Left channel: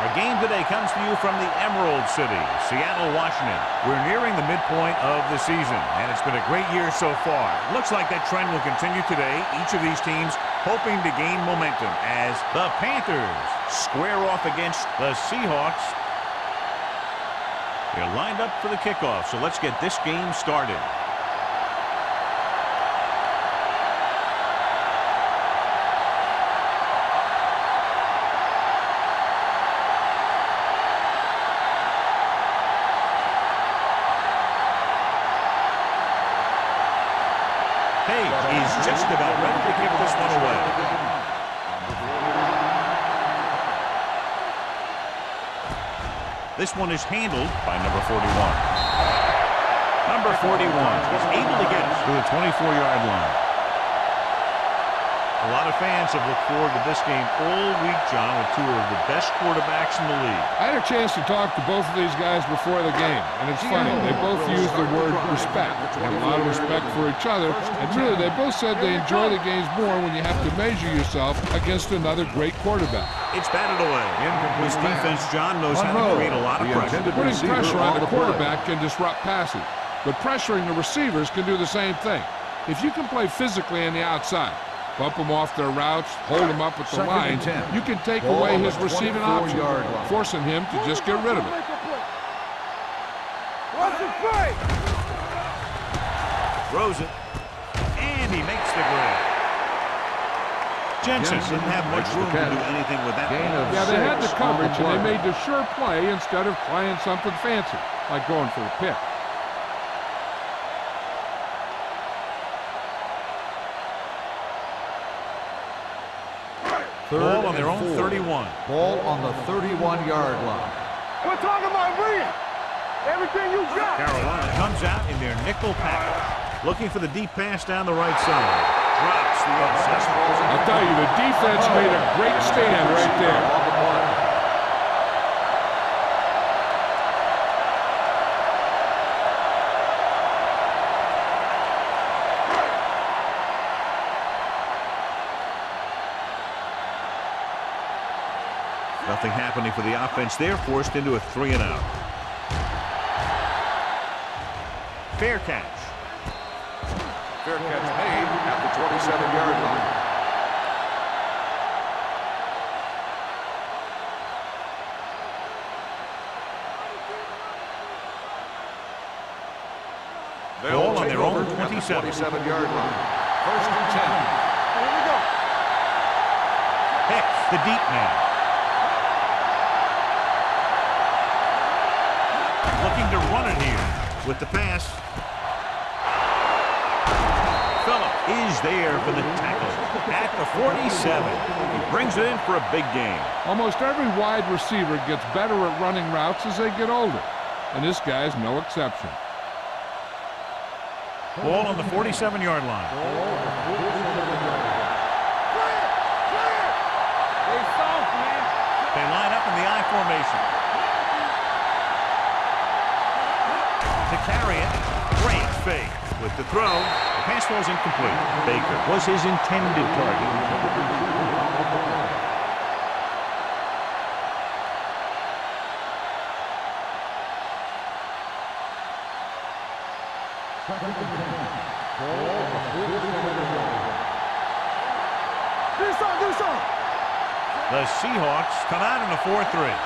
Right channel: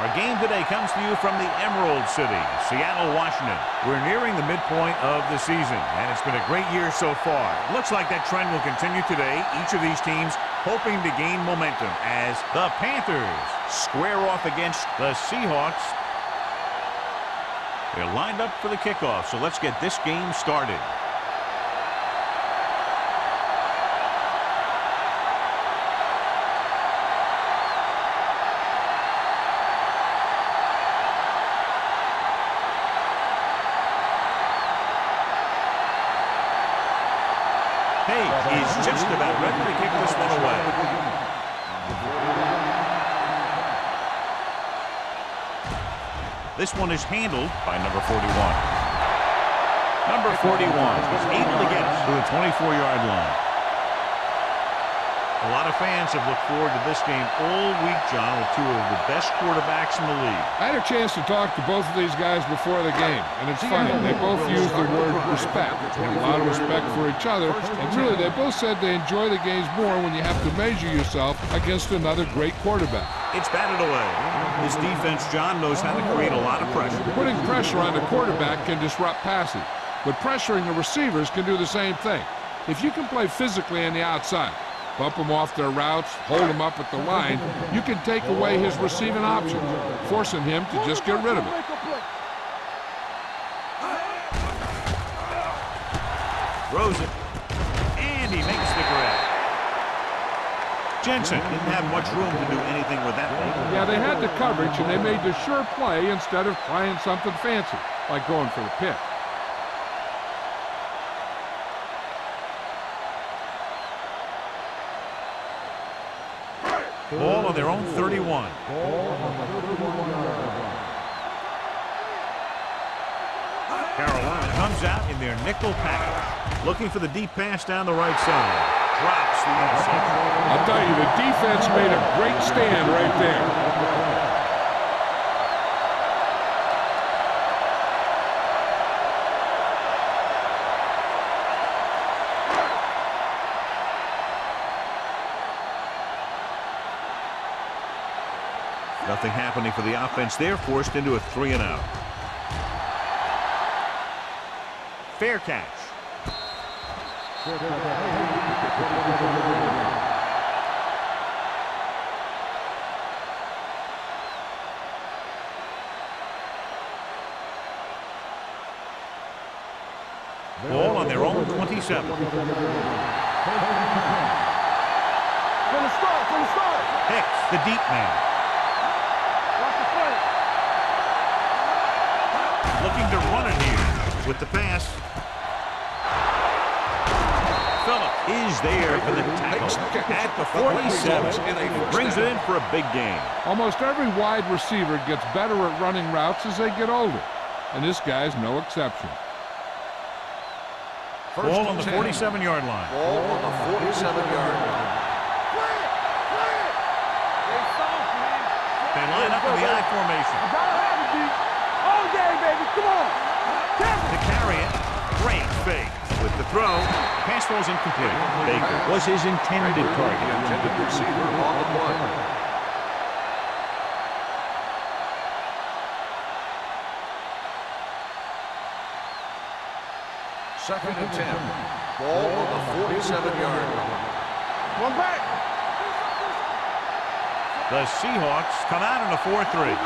Our game today comes to you from the Emerald City, Seattle, Washington. We're nearing the midpoint of the season, and it's been a great year so far. It looks like that trend will continue today. Each of these teams hoping to gain momentum as the Panthers square off against the Seahawks. They're lined up for the kickoff, so let's get this game started. He's just about ready to kick this one away. This one is handled by number 41. Number 41 is able to get it to the 24-yard line. A lot of fans have looked forward to this game all week, John, with two of the best quarterbacks in the league. I had a chance to talk to both of these guys before the game, and it's funny. They both use the word respect. They have a lot of respect for each other, and really they both said they enjoy the games more when you have to measure yourself against another great quarterback. It's batted away. This defense, John, knows how to create a lot of pressure. Putting pressure on the quarterback can disrupt passing, but pressuring the receivers can do the same thing. If you can play physically on the outside, bump them off their routes, hold them up at the lines, you can take away his receiving options, forcing him to just get rid of it. Throws it, and he makes the grab. Jensen didn't have much room to do anything with that one. Yeah, they had the coverage, and they made the sure play instead of trying something fancy, like going for the pick. Ball on their own 31. Ball on the 31-yard line. We're talking about bring it. Everything you got. Carolina comes out in their nickel package, looking for the deep pass down the right side. Drops the interception. I'll tell you, the defense made a great stand right there. Nothing happening for the offense. They're forced into a 3-and-out. Fair catch. Fair catch made at the 27-yard line. Ball on their own 27. 27-yard line. First and 10. Hicks, the deep man. Looking to run it here with the pass. Phillips is there for the tackle at the 47. He brings it in for a big gain. Almost every wide receiver gets better at running routes as they get older, and this guy's no exception. Ball on the 47-yard line. Ball on the 47-yard line. Play it. They soft, man. They line up in the I formation. To carry it, great fake with the throw. The pass falls incomplete. Baker was his intended target. Second and 10. Ball on the 47-yard line. The Seahawks come out in a 4-3.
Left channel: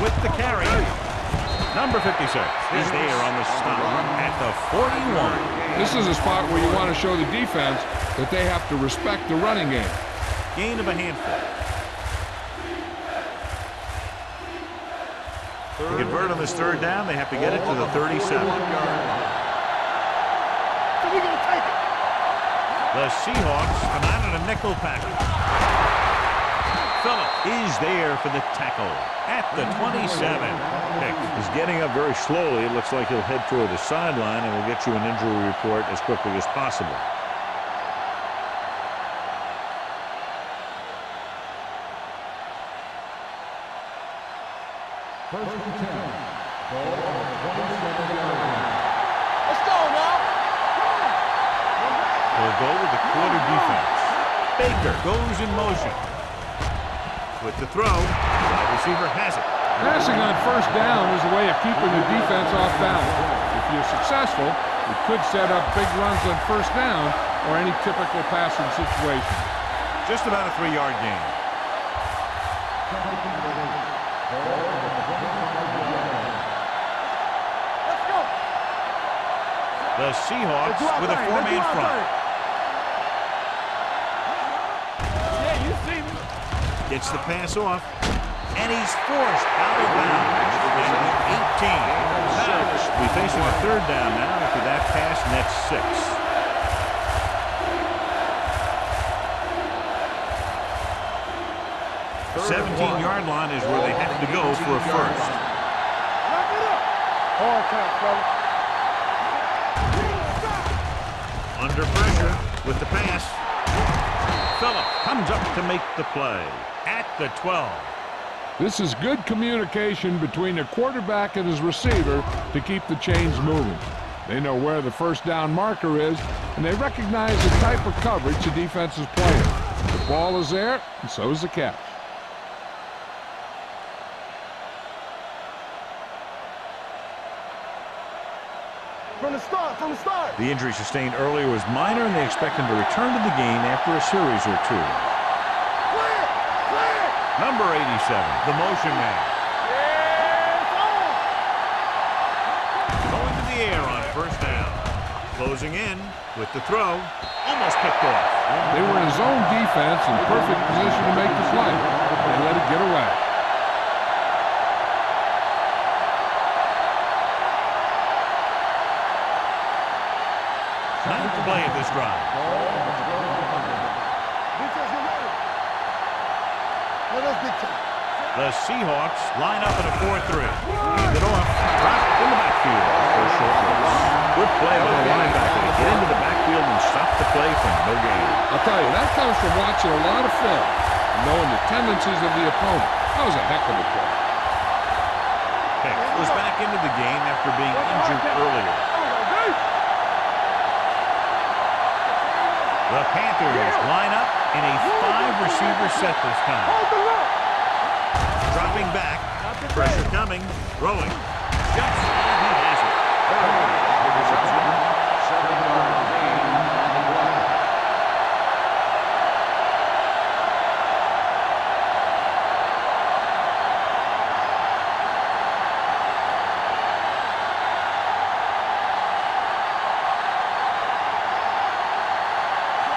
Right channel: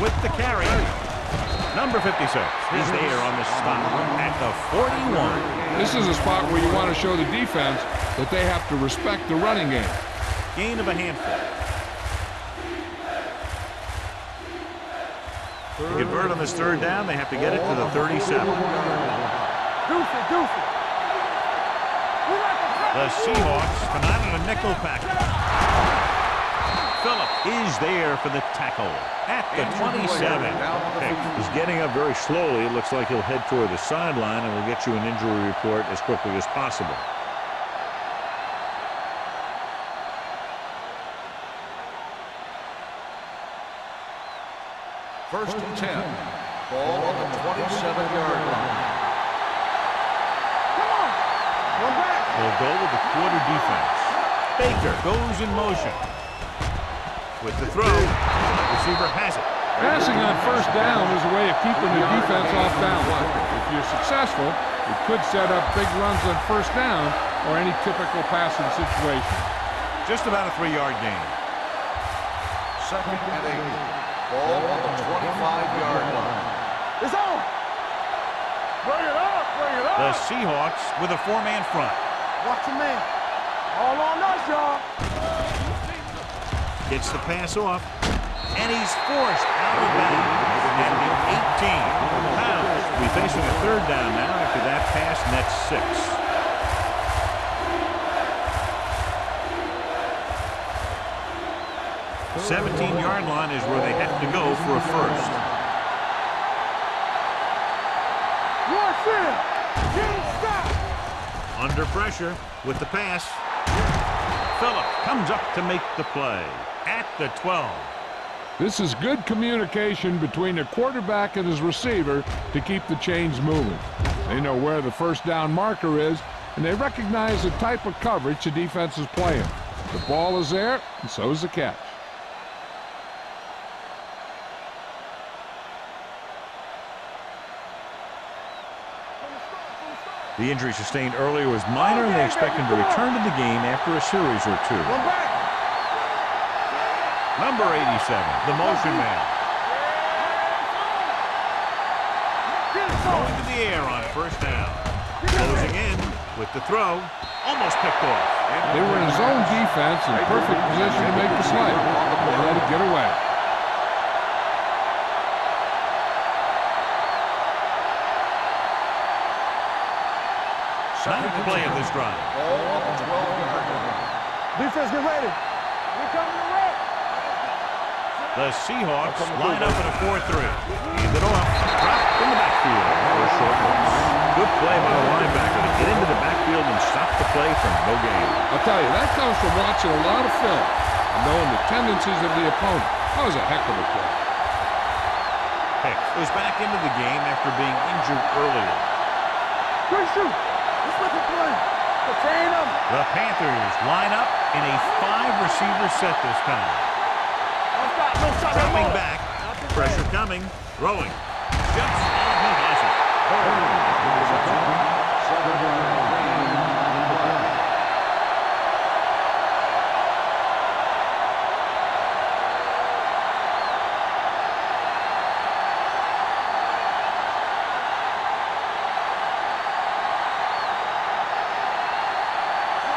With the carry. Number 56 is there on the stop at the 41. This is a spot where you want to show the defense that they have to respect the running game. Gain of a handful. To convert on this third down, they have to get it to the 37. The Seahawks come out in a nickel package. Phillips is there for the tackle at the 27. Hicks is getting up very slowly. It looks like he'll head toward the sideline, and we'll get you an injury report as quickly as possible. First and 10. Ball on the 27-yard line. Let's go now. Come on. We're back. They'll go with the quarter defense. Baker goes in motion. With the throw, the wide receiver has it. Passing on first down is a way of keeping the defense off balance. If you're successful, it could set up big runs on first down or any typical passing situation. Just about a 3-yard gain. Second and 8. Ball on the 25-yard line. It's on. Let's go. Bring it up. Bring it up. The Seahawks with a 4-man front. Watch your man. All on us, y'all. Yeah, you see me. Gets the pass off. And he's forced out of bounds at the 18. Pounds. We facing a 3rd down now after that pass nets 6. The 17-yard line is where they have to go for a first. Under pressure with the pass. Phillips comes up to make the play at the 12. This is good communication between the quarterback and his receiver to keep the chains moving. They know where the first down marker is, and they recognize the type of coverage the defense is playing. The ball is there, and so is the catch. From the start. The injury sustained earlier was minor, and they expect him to return to the game after a series or 2. Come back. Number 87, the motion man. Going to the air on first down. Closing in with the throw. Almost picked off. They were in zone defense in perfect position to make the play. They let it get away. Ninth play of this drive. Defense, get ready. The Seahawks line up in a 4-3. Hand it off. Dropped in the backfield for a short loss. Good play by the linebacker to get into the backfield and stop the play for no gain. I'll tell you, that comes from watching a lot of film and knowing the tendencies of the opponent. That was a heck of a play. Pick was back into the game after being injured earlier. The Panthers line up in a 5-receiver set this time. Dropping back, pressure coming, throwing, jumps, and he has it. On the reception, 7-yard gain on the play.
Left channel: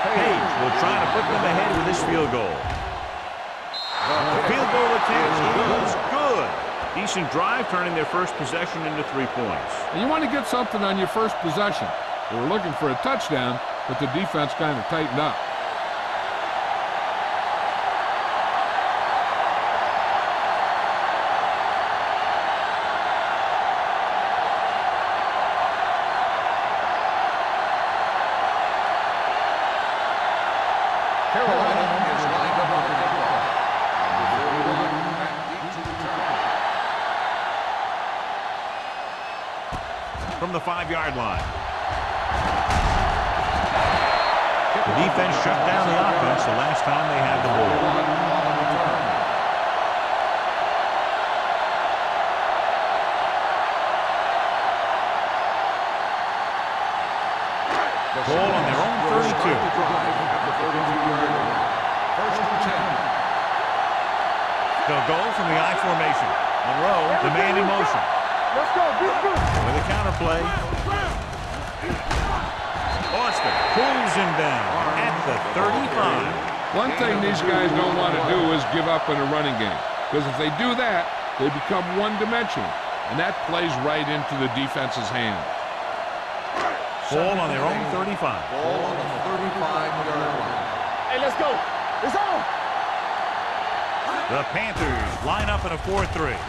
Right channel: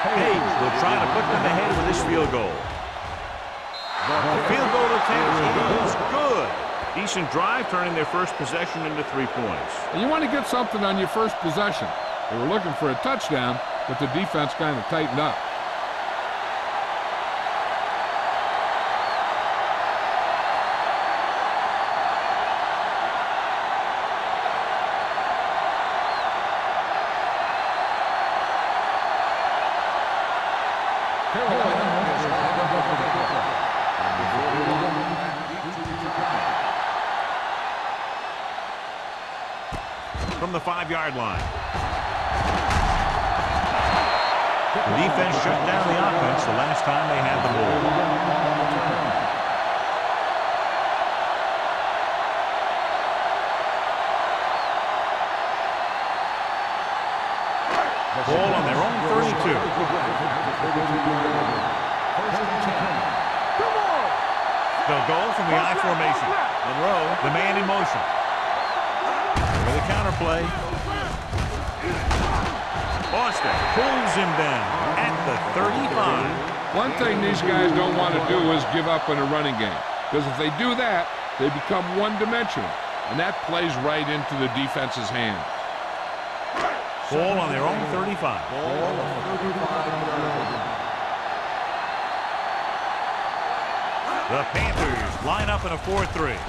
Page will try to put them ahead with this field goal. The field goal attempt is good. Decent drive, turning their first possession into 3 points. And you want to get something on your first possession. They were looking for a touchdown, but the defense kind of tightened up. Carolina is lined up with the football. Number 41, back deep to return. From the 5-yard line. The defense shut down the offense the last time they had the ball. On the return. Ball on their own 32. Start the drive at the 32-yard line. First and 10. They'll go from the I formation. Monroe, the man in motion. With a counter play. Austin pulls him down at the 35. One thing these guys don't want to do is give up in a running game. Because if they do that, they become one-dimensional. And that plays right into the defense's hands. Ball on their own 35. Ball on the 35-yard line. Hey, let's go. It's on. The Panthers line up in a 4-3.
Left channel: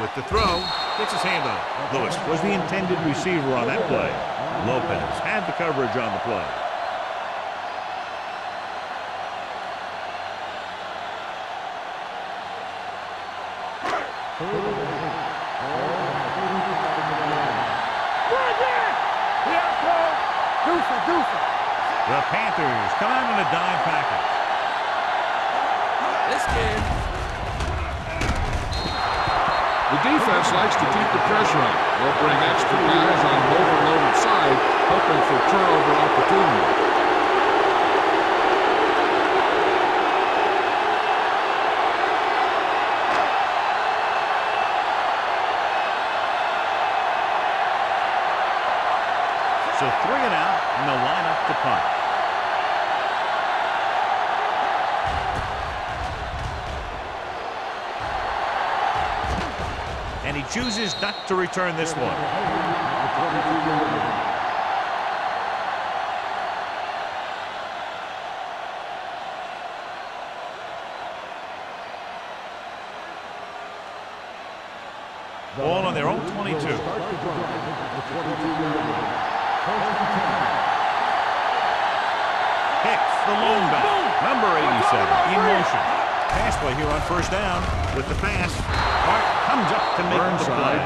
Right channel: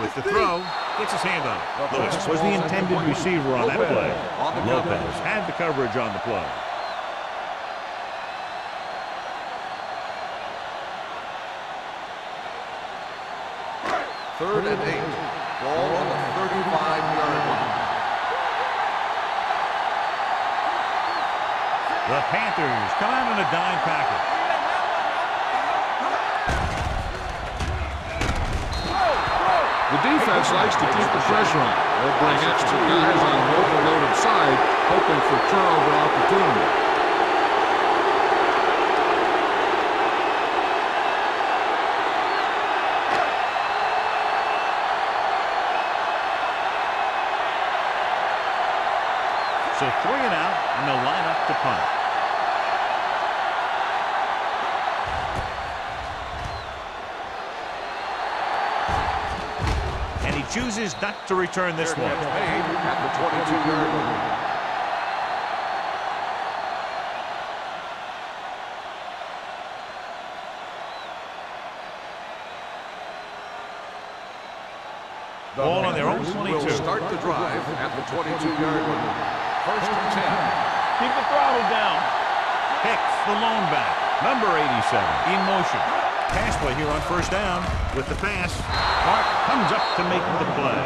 With the throw, gets his hand on it. Lewis was the intended receiver on that play. Lopez had the coverage on the play. Third and 8. Ball on the 35-yard line. The Panthers come out in a dime package. The defense likes to keep the pressure on. They'll bring extra guys on an overloaded side, hoping for turnover opportunity. So 3 and out, and they'll line up to punt. And he chooses not to return this one. Ball on their own 22. Start the drive at the 22-yard line. First and 10. Keep the throttle down. Hicks, the lone back, number 87, in motion. Pass play here on first down with the pass. Mark comes up to make the play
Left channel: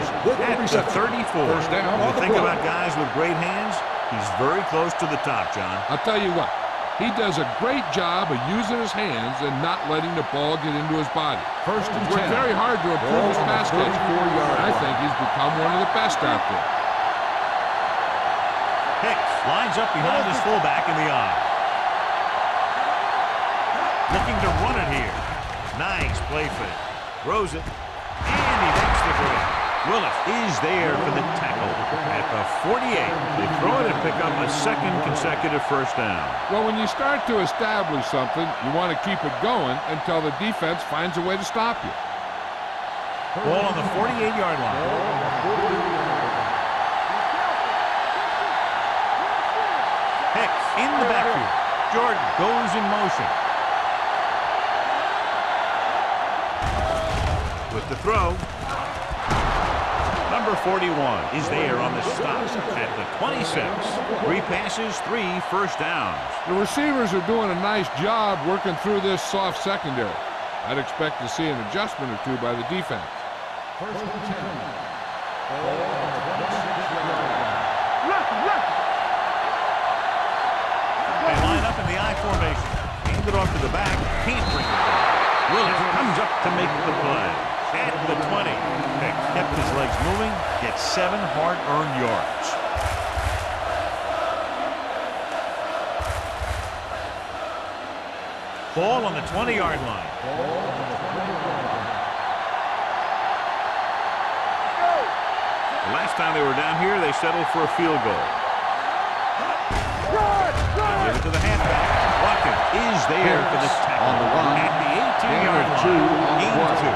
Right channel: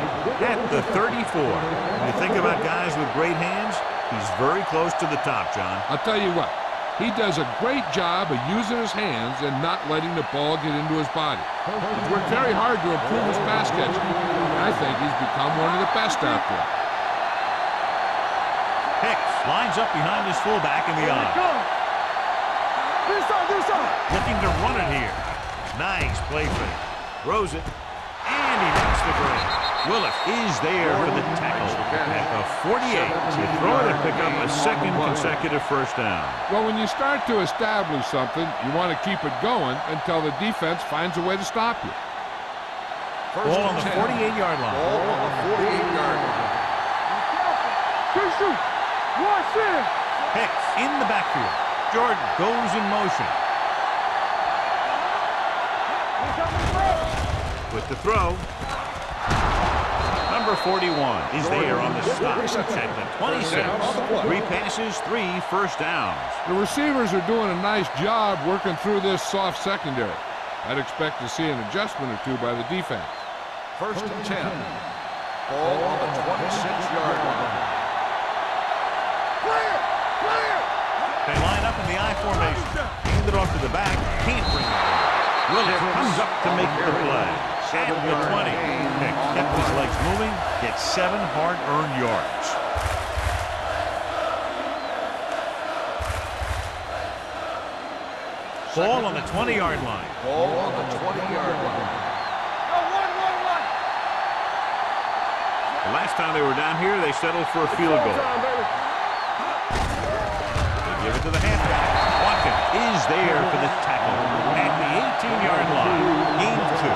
at the 34. When you think about guys with great hands, he's very close to the top, John. I'll tell you what, he does a great job of using his hands and not letting the ball get into his body. He's worked very hard to improve his pass catching, and I think he's become one of the best out there. Hicks lines up behind his fullback in the eye. Looking to run it here. Nice play fake. Throws it, and he makes the grab. Willis is there for the tackle at the 48. They throw it and pick up a second consecutive first down. Well, when you start to establish something, you want to keep it going until the defense finds a way to stop you. Ball on the 48-yard line. Hicks in the backfield. Jordan goes in motion. With the throw. Number 41 is there on the stop at the 26. 3 passes, 3 first downs. The receivers are doing a nice job working through this soft secondary. I'd expect to see an adjustment or two by the defense. First and 10. Ball on the 26-yard line. They line up in the I formation. Hand it off to the back. Can't bring it down. Willis comes up to make the play. At the 20. Hicks kept his legs moving. Gets 7 hard-earned yards. Ball on the 20-yard line. Ball on the 20-yard line. The last time they were down here, they settled for a field goal. They give it to the halfback. Watkins is there for the tackle at the 18-yard line. Gain of 2.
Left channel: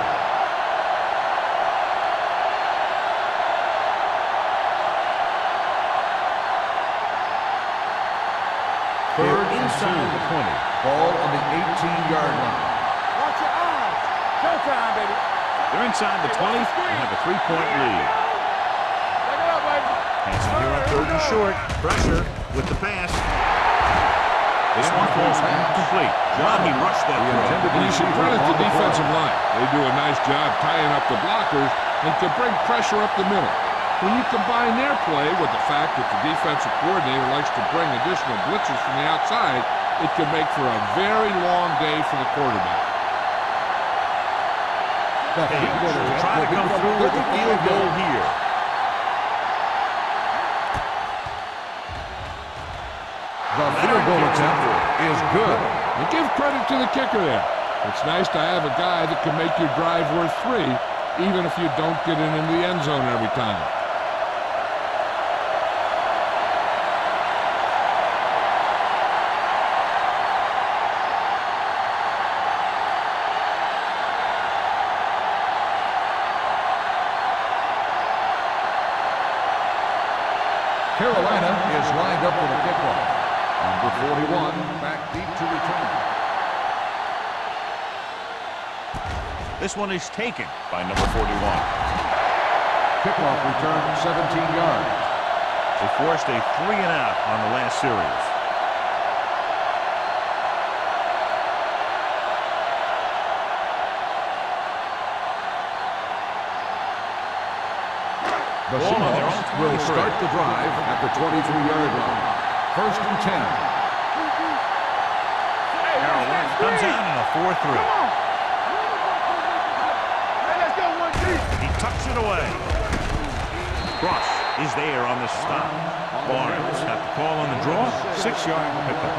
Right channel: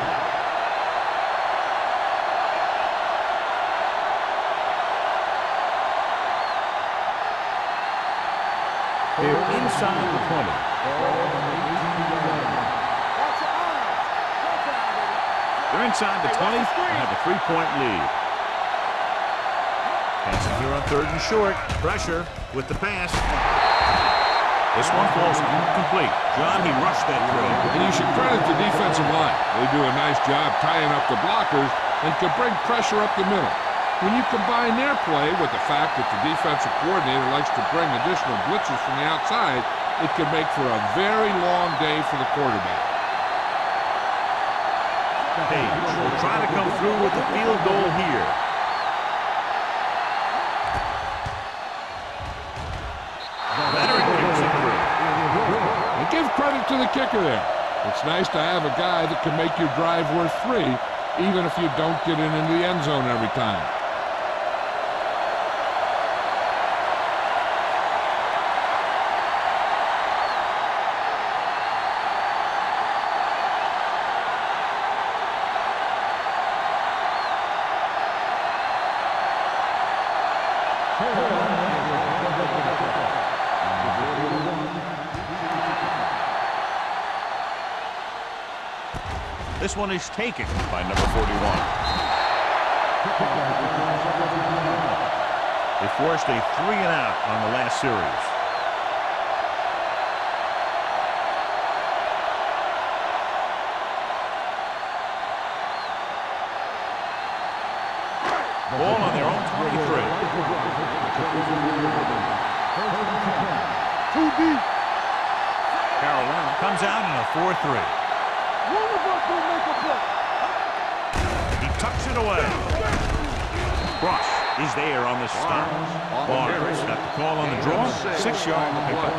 They're inside the 20. Ball on the 18-yard line. Watch your eyes. Showtime, baby. They're inside the 20 and have a 3-point lead. Passing here on 3rd and short. Pressure with the pass. This one falls incomplete. John, he rushed that throw. And you should credit the defensive line. They do a nice job tying up the blockers and can bring pressure up the middle. When you combine their play with the fact that the defensive coordinator likes to bring additional blitzers from the outside, it can make for a very long day for the quarterback. Page will try to come through with the field goal here. Leonard kicks it through. Is good. And give credit to the kicker there. It's nice to have a guy that can make your drive worth 3, even if you don't get it into the end zone every time. Carolina is lined up with a kickoff. Number 41 back deep to return. This one is taken by number 41. Kickoff return 17 yards. They forced a 3 and out on the last series. Ball on their own 23. Start the drive at the 23-yard line. First and 10. Carolina comes out in a 4-3. He tucks it away. Cross is there on the stop. Barnes got the call on the draw. 6-yard pickup.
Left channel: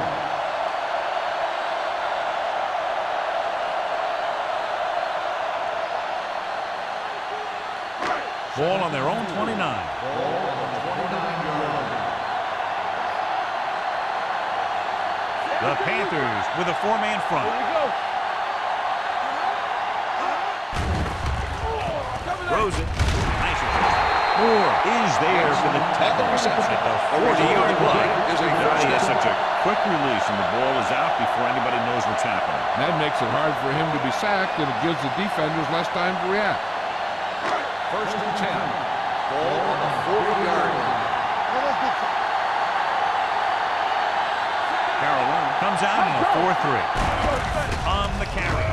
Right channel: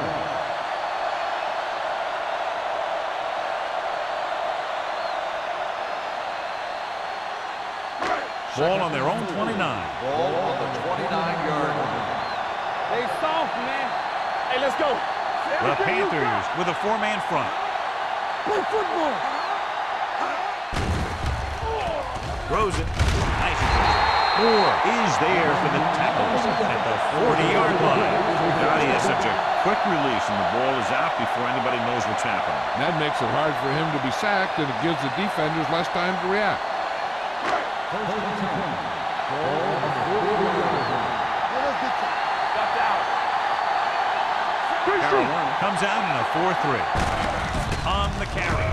Ball on their own 29. Ball on the 29-yard line. Hey, soft, man. Hey, let's go. The Panthers with a 4-man front. Throws it. Nice adjustment. Moore is there for the tackle at the 40-yard line. He has such a quick release, and the ball is out before anybody knows what's happening. That makes it hard for him to be sacked, and it gives the defenders less time to react. First and 10. Ball on the 40-yard line. Carolina comes out in a 4-3. On the carry.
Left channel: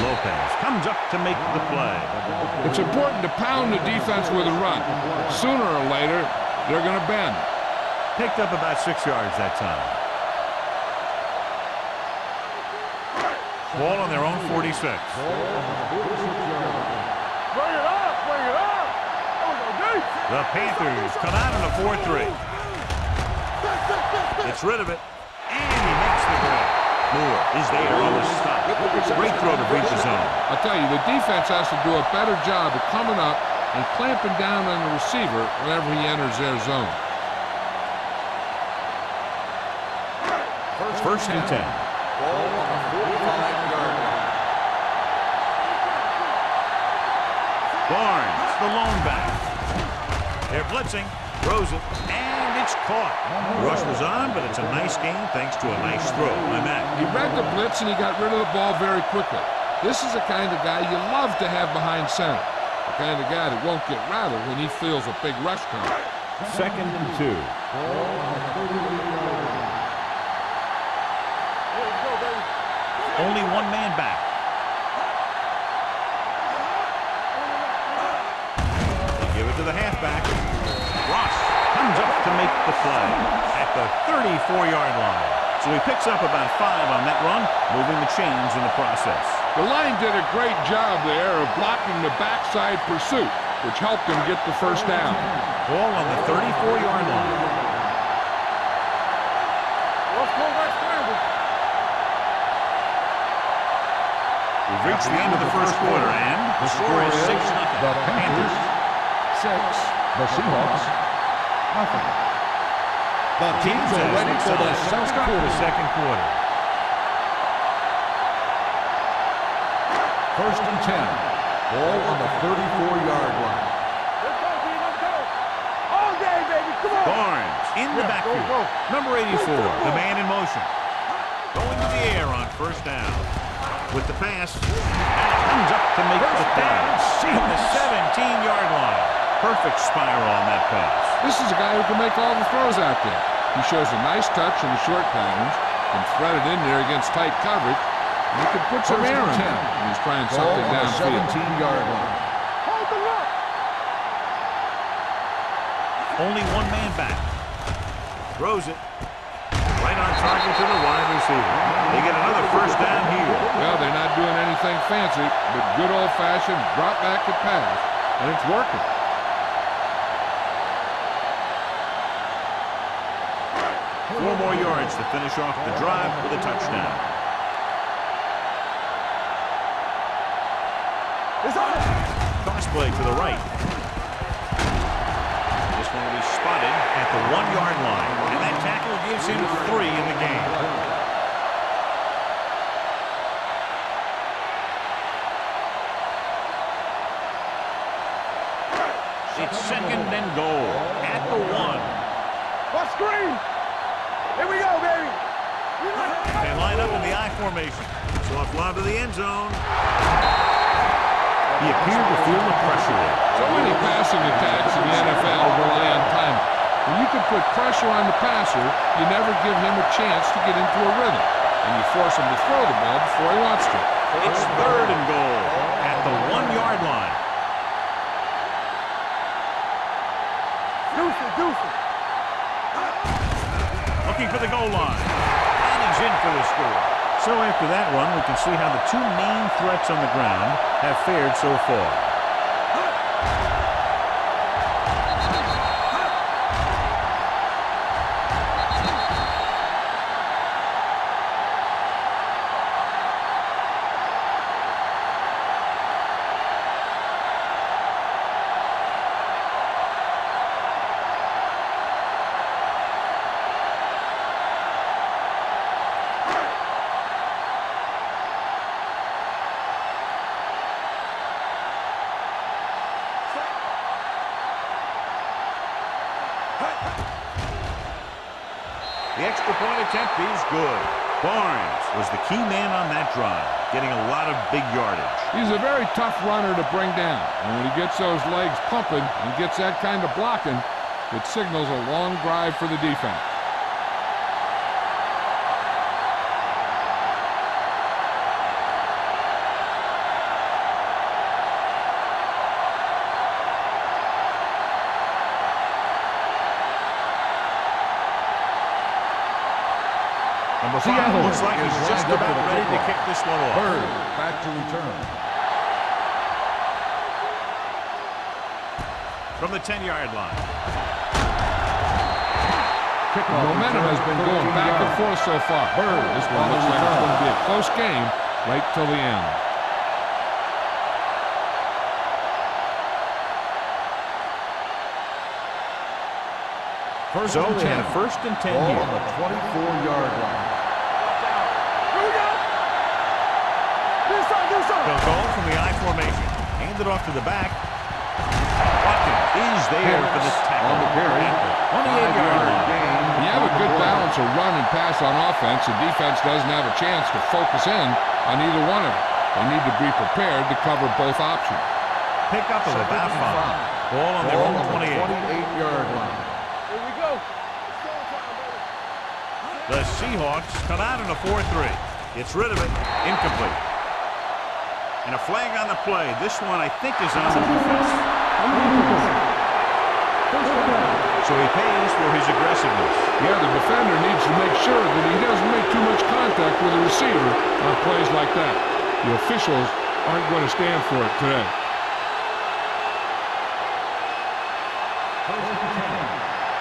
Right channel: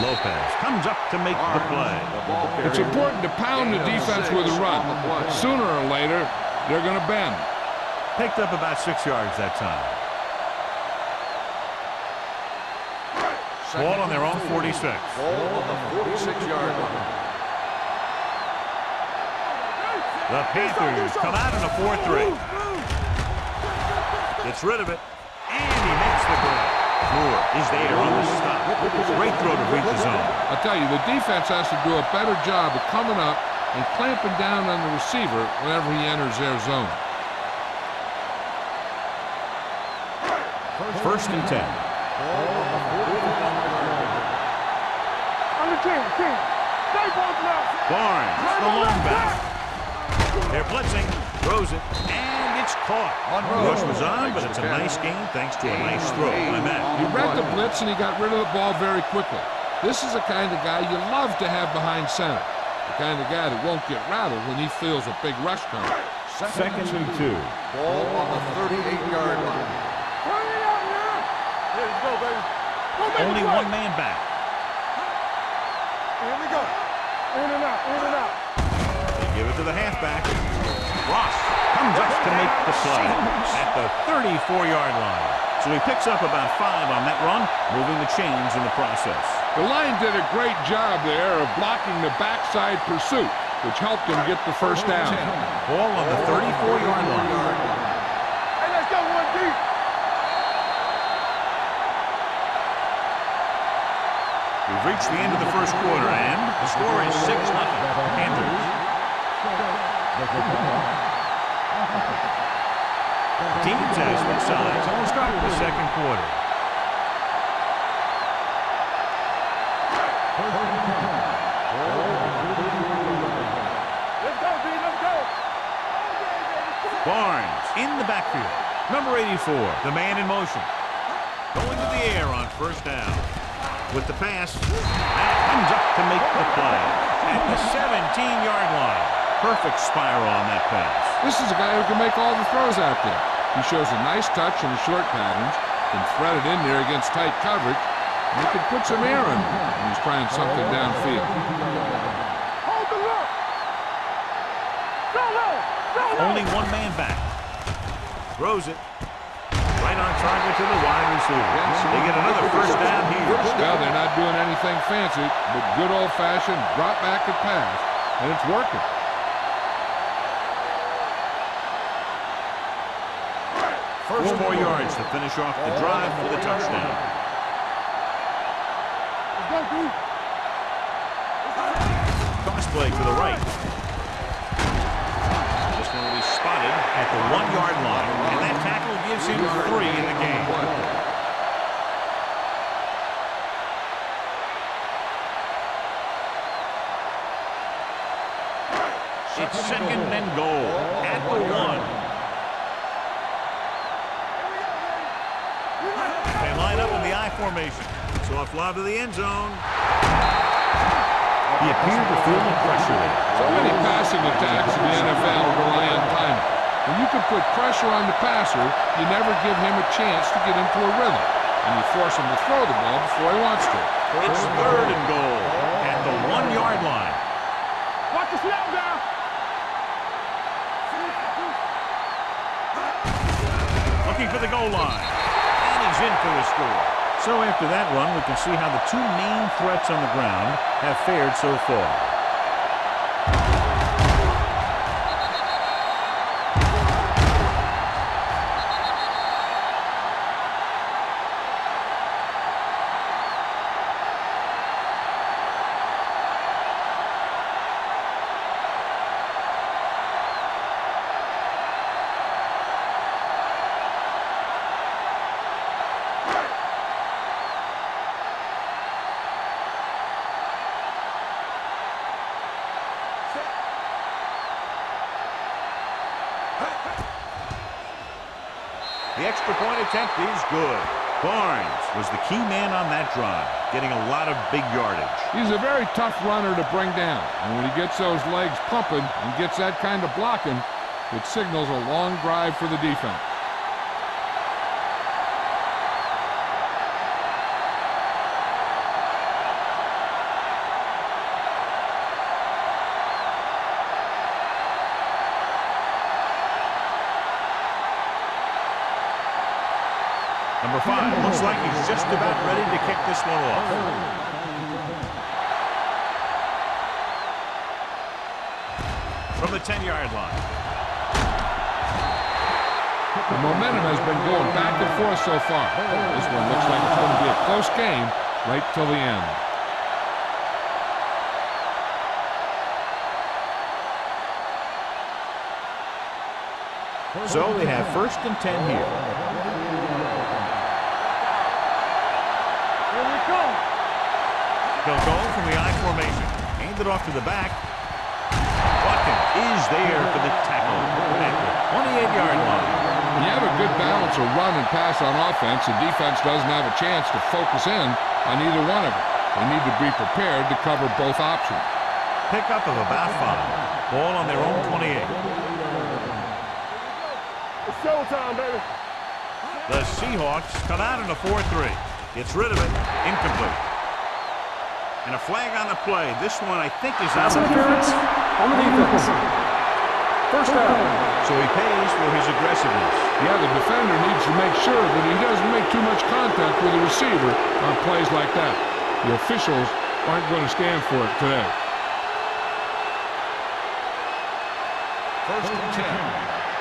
Lopez comes up to make the play. It's important to pound the defense with a run. Sooner or later, they're going to bend. Picked up about 6 yards that time. Ball on their own 46. Ball on the 46-yard line. The Panthers come out in a 4-3. Gets rid of it, and he makes the grab. Moore is there on the stop. Great throw to reach the zone. I'll tell you, the defense has to do a better job of coming up and clamping down on the receiver whenever he enters their zone. First and 10. Ball on the 45-yard line. Barnes, the lone back. They're blitzing, throws it, and it's caught. Rush was on, but it's a nice gain thanks to a nice throw by Mack. He read the blitz and he got rid of the ball very quickly. This is the kind of guy you love to have behind center. The kind of guy that won't get rattled when he feels a big rush coming. Second and 2. Ball on the 38-yard line. Yeah, let's go, baby. Only one man back. In and out, in and out. They give it to the halfback. Ross comes up to make the play at the 34-yard line. So he picks up about 5 on that run, moving the chains in the process. The line did a great job there of blocking the backside pursuit, which helped him get the first down. Ball on the 34-yard line. We've reached the end of the first quarter, and the score is 6-0. Panthers. 6. The Seahawks. Nothing. The teams as switch sides will start the second quarter. First and 10. Ball on the 34-yard line. Let's go, B, let's go. All day, baby, come on. Barnes in the backfield. Number 84, the man in motion. Going to the air on first down. With the pass, Matt comes up to make the play at the 17-yard line. Perfect spiral on that pass. This is a guy who can make all the throws out there. He shows a nice touch in the short patterns, can thread it in there against tight coverage, and he can put some air in it when he's trying something downfield. 17-yard line. Hold the look. Only one man back. Throws it. Right on target to the wide receiver. They get another first down here. Well, they're not doing anything fancy, but good old-fashioned drop back and pass, and it's working. Four more yards to finish off the drive with a touchdown. Toss play to the right. This one will be spotted at the 1-yard line, and that tackle gives him 3 in the game. It's second and goal at the 1. What screen? Here we go, baby. They line up in the I formation. Soft lob to the end zone. He appeared to feel the pressure there. So many passing attacks in the NFL rely on timing. When you can put pressure on the passer, you never give him a chance to get into a rhythm, and you force him to throw the ball before he wants to. It's third and goal at the 1-yard line. Watch the snap down. Looking for the goal line. And he's in for the score. So after that run, we can see how the two main threats on the ground have fared so far. The extra point attempt is good. Barnes was the key man on that drive, getting a lot of big yardage. He's a very tough runner to bring down, and when he gets those legs pumping and gets that kind of blocking, it signals a long drive for the defense. Number 5 looks like he's just about ready to kick this one off. Back to return. From the 10-yard line. The momentum has been going back and forth so far. This one looks like it's going to be a close game right till the end. So they have 1st and 10 here. 24-yard line. They'll go from the I formation. Hand it off to the back. Watkins is there for the tackle at the 28-yard line. When you have a good balance of run and pass on offense, the defense doesn't have a chance to focus in on either one of them. They need to be prepared to cover both options. Pickup of about 5. Ball on their own 28. 28-yard line. Here we go. It's showtime, baby. The Seahawks come out in a 4-3. Gets rid of it. Incomplete. And a flag on the play. This one, I think, is on the defense. On the defense. First down. So he pays for his aggressiveness. Yeah, the defender needs to make sure that he doesn't make too much contact with the receiver on plays like that. The officials aren't going to stand for it today. 1st and 10.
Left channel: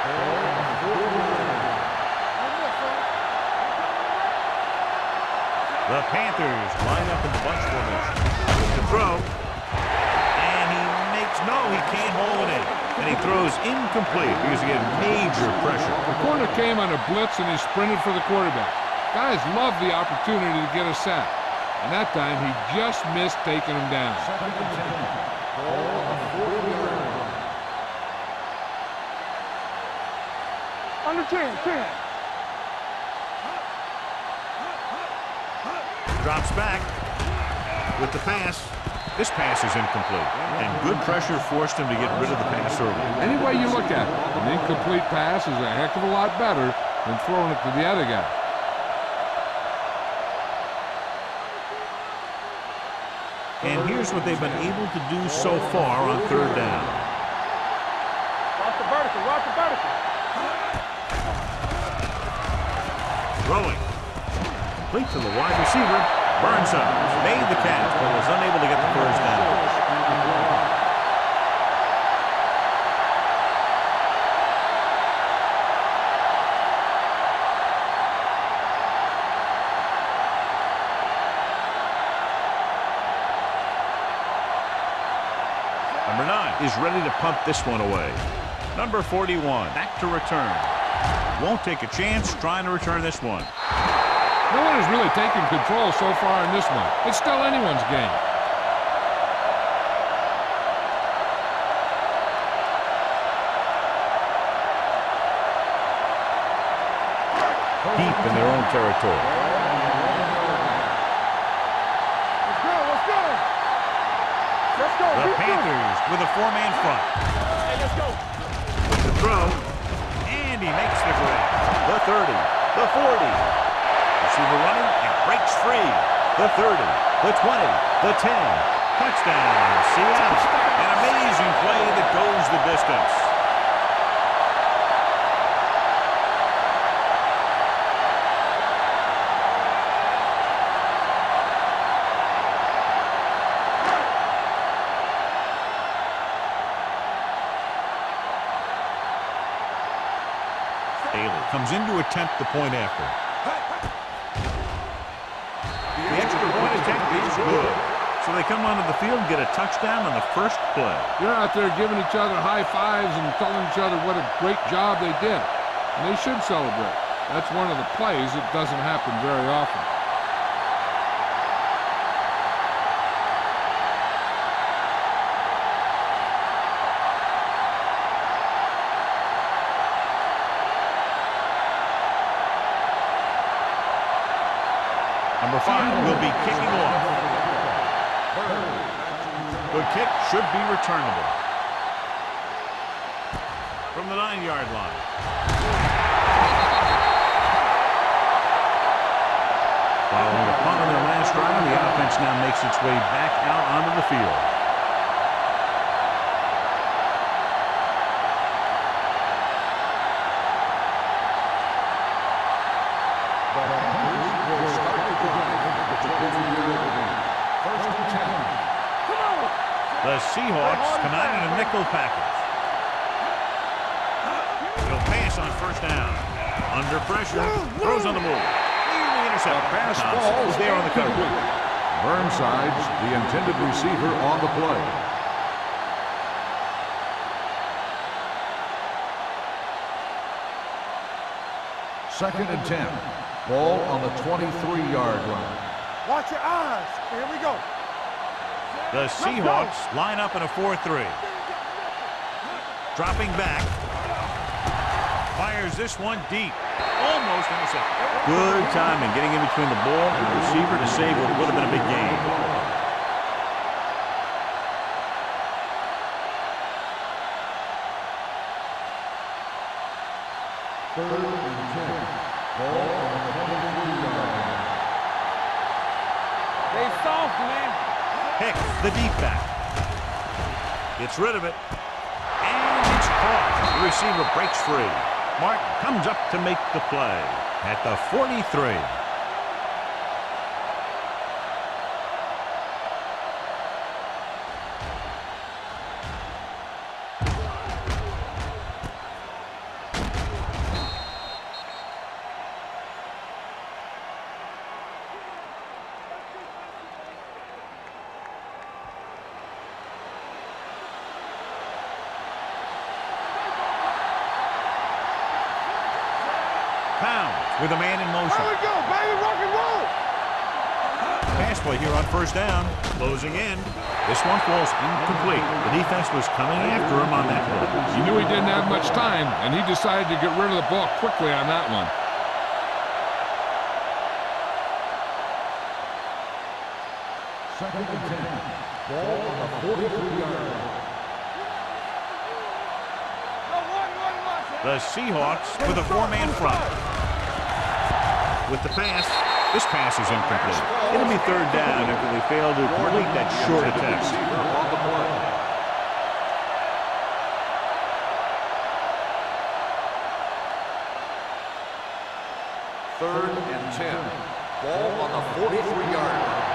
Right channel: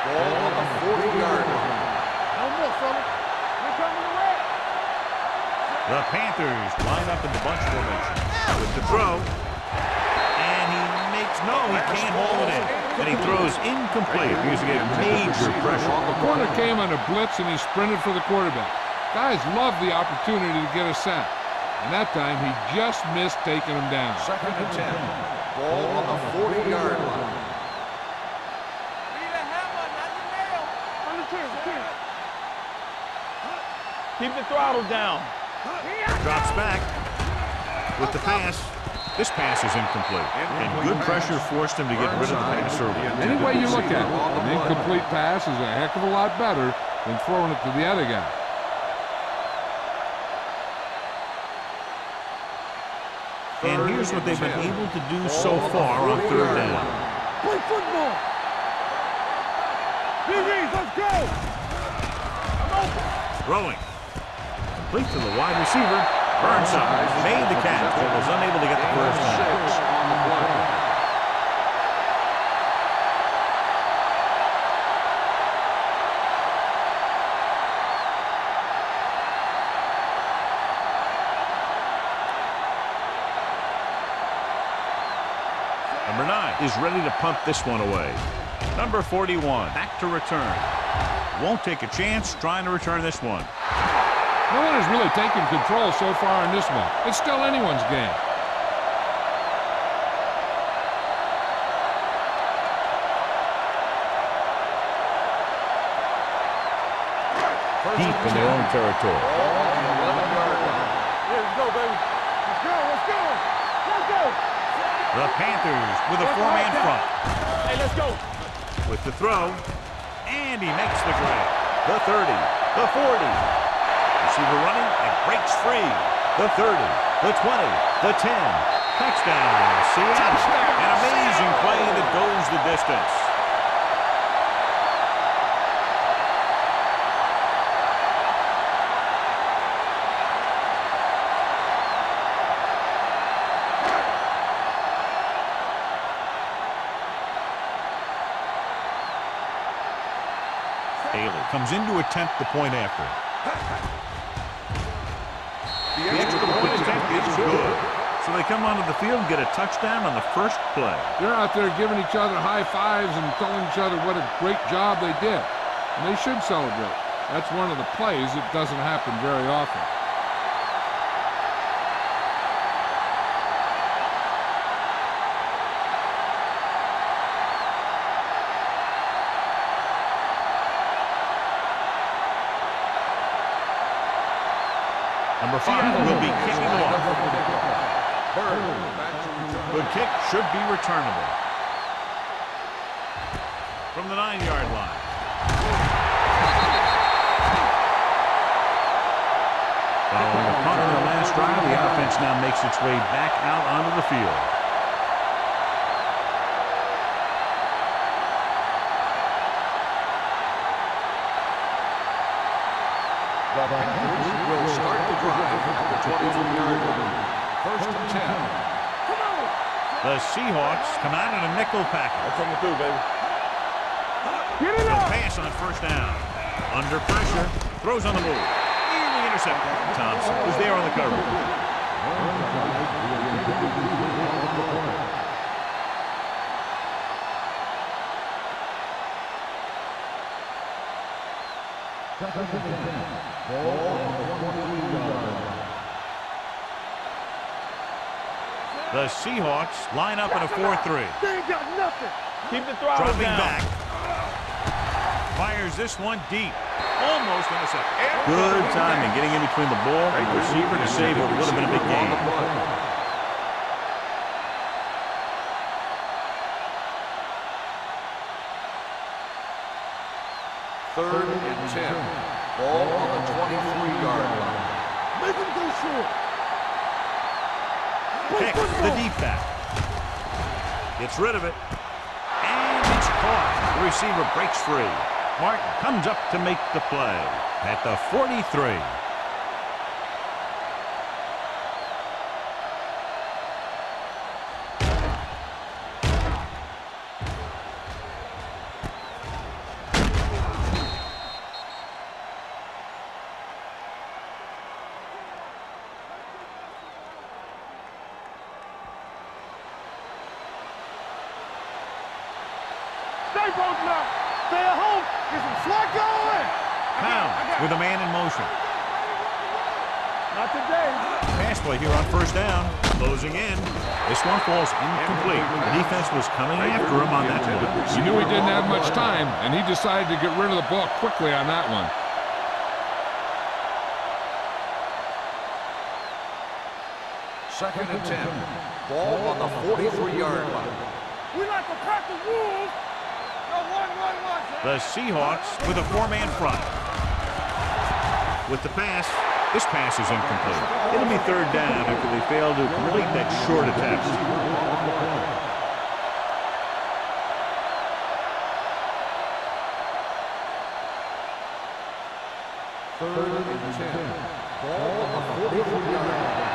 Ball on the 40-yard line. No more, fella. Ain't coming to red. The Panthers line up in the bunch formation. With the throw. And he makes he can't hold it in. And he throws incomplete because he gets major pressure. The corner came on a blitz and he sprinted for the quarterback. Guys love the opportunity to get a sack. And that time he just missed taking him down. 2nd and 10. Ball on the 40-yard line. Under 10. Keep the throttle down. Drops back with the pass. This pass is incomplete. And good pressure forced him to get rid of the pass early. Any way you look at it, an incomplete pass is a heck of a lot better than throwing it to the other guy. And here's what they've been able to do so far on 3rd down. Play football. Watch the vertical. Watch the vertical. Let's go. Throwing. Complete to the wide receiver. Burnside made the catch, but was unable to get the first down. Number 9 is ready to punt this one away. Number 41 back to return. Won't take a chance trying to return this one. No one has really taken control so far in this one. It's still anyone's game. Deep in their own territory. Let's go. The Panthers with a 4-man front. Hey, let's go. With the throw. And he makes the grab. The 30. The 40. Receiver running and breaks free. The 30. The 20. The 10. Touchdown, Seattle. An amazing play that goes the distance. Haley Comes in to attempt the point after. The extra point attempt is good. So they come onto the field and get a touchdown on the first play. They're out there giving each other high fives and telling each other what a great job they did. And they should celebrate. That's one of the plays that doesn't happen very often. Number 5 will be kicking off. Good kick, should be returnable. From the 9-yard line. Following a punt on their last drive, the offense now makes its way back out onto the field. The Panthers will start the drive at the 23-yard line. 1st and 10. Come on. The Seahawks come out in a nickel package. Get it They'll up. pass on 1st down. Under pressure, throws on the move. Nearly intercepted. Thompson was there on the coverage. Burnside's the intended receiver on the play. Second and 10. Ball on the 23-yard line. Watch your eyes. Here we go. The Seahawks line up in a 4-3. They ain't got nothing. Keep the throttle Dropping down. back. Fires this one deep. Almost intercepted. Good timing getting in between the ball and the receiver to save what would have been a big gain. Third and 10. Ball on the 23-yard line. Make them go short. They soft, man. Pick the deep back. Gets rid of it. And it's caught. The receiver breaks free. Martin comes up to make the play at the 43. Stay at home. Is it Flacco? Pounds with a man in motion. Here we go, baby. Rock and roll. Not today. Pass play here on 1st down. Closing in. This one falls incomplete. The defense was coming after him on that play. He knew he didn't have much time, and he decided to get rid of the ball quickly on that one. Second and 10. Ball on the 43-yard line. We like to cut the rules. No, 1-1-1. The Seahawks with a 4-man front. With the pass, this pass is incomplete. It'll be 3rd down after they fail to complete that short attempt. Receiver on the play. Third and 10. Ball on the 43-yard line.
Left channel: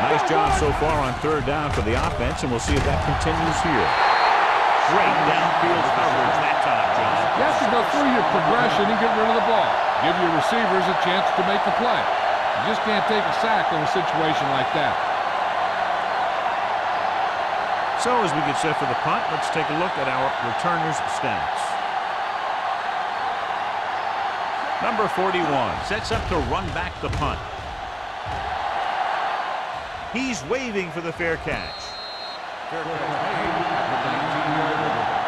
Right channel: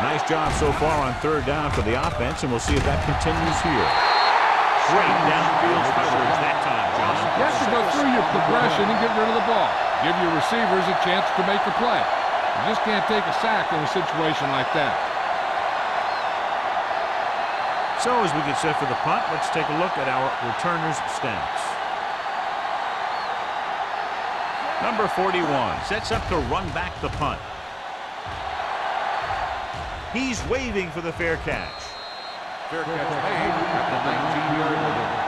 Nice job so far on 3rd down for the offense, and we'll see if that continues here. Great downfield coverage that time, John. You have to go through your progression and get rid of the ball. Give your receivers a chance to make a play. You just can't take a sack in a situation like that. So as we get set for the punt, let's take a look at our returners' stats. Number 41 sets up to run back the punt. He's waving for the fair catch. Fair catch made at the 19-yard line.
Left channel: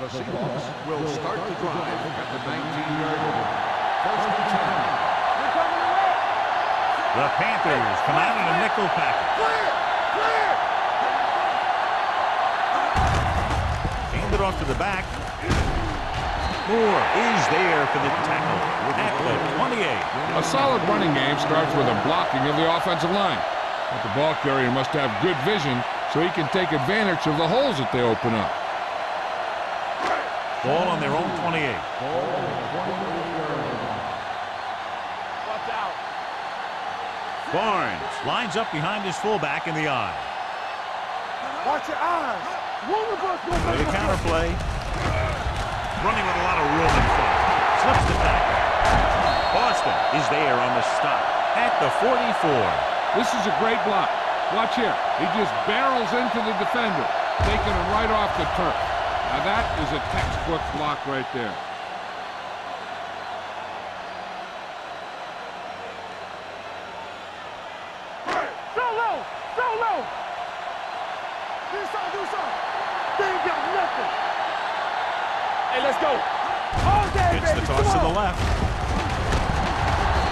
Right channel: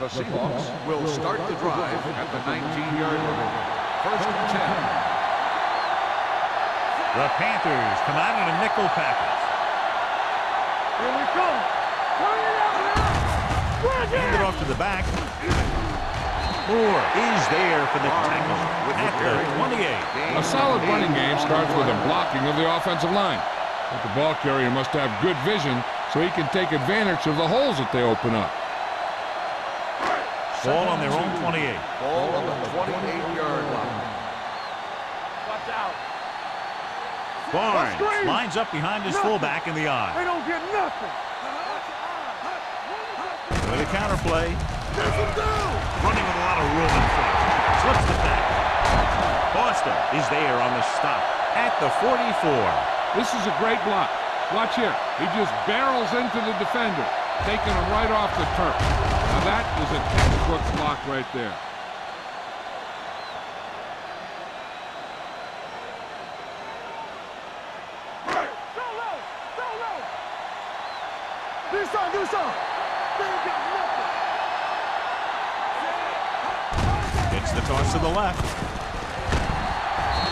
The Seahawks will start the drive at the 19-yard line. 1st and 10. The Panthers come out in a nickel package. Here we come. Hand it off to the back. Moore is there for the tackle at the 28. A solid running game starts with a blocking of the offensive line. But the ball carrier must have good vision so he can take advantage of the holes that they open up. Ball on their own 28. Ball on the 28-yard line. Watch out. Barnes lines up behind his fullback in the They eye. don't get nothing. Watch your eyes. With a counter play. Running with a lot of room in front. Slips the tackle. Boston is there on the stop at the 44. This is a great block. Watch here. He just barrels into the defender, taking him right off the turf. Now that is a textbook block right there. Go low. Do something. They ain't got nothing. Hey, let's go. It's the toss to the left.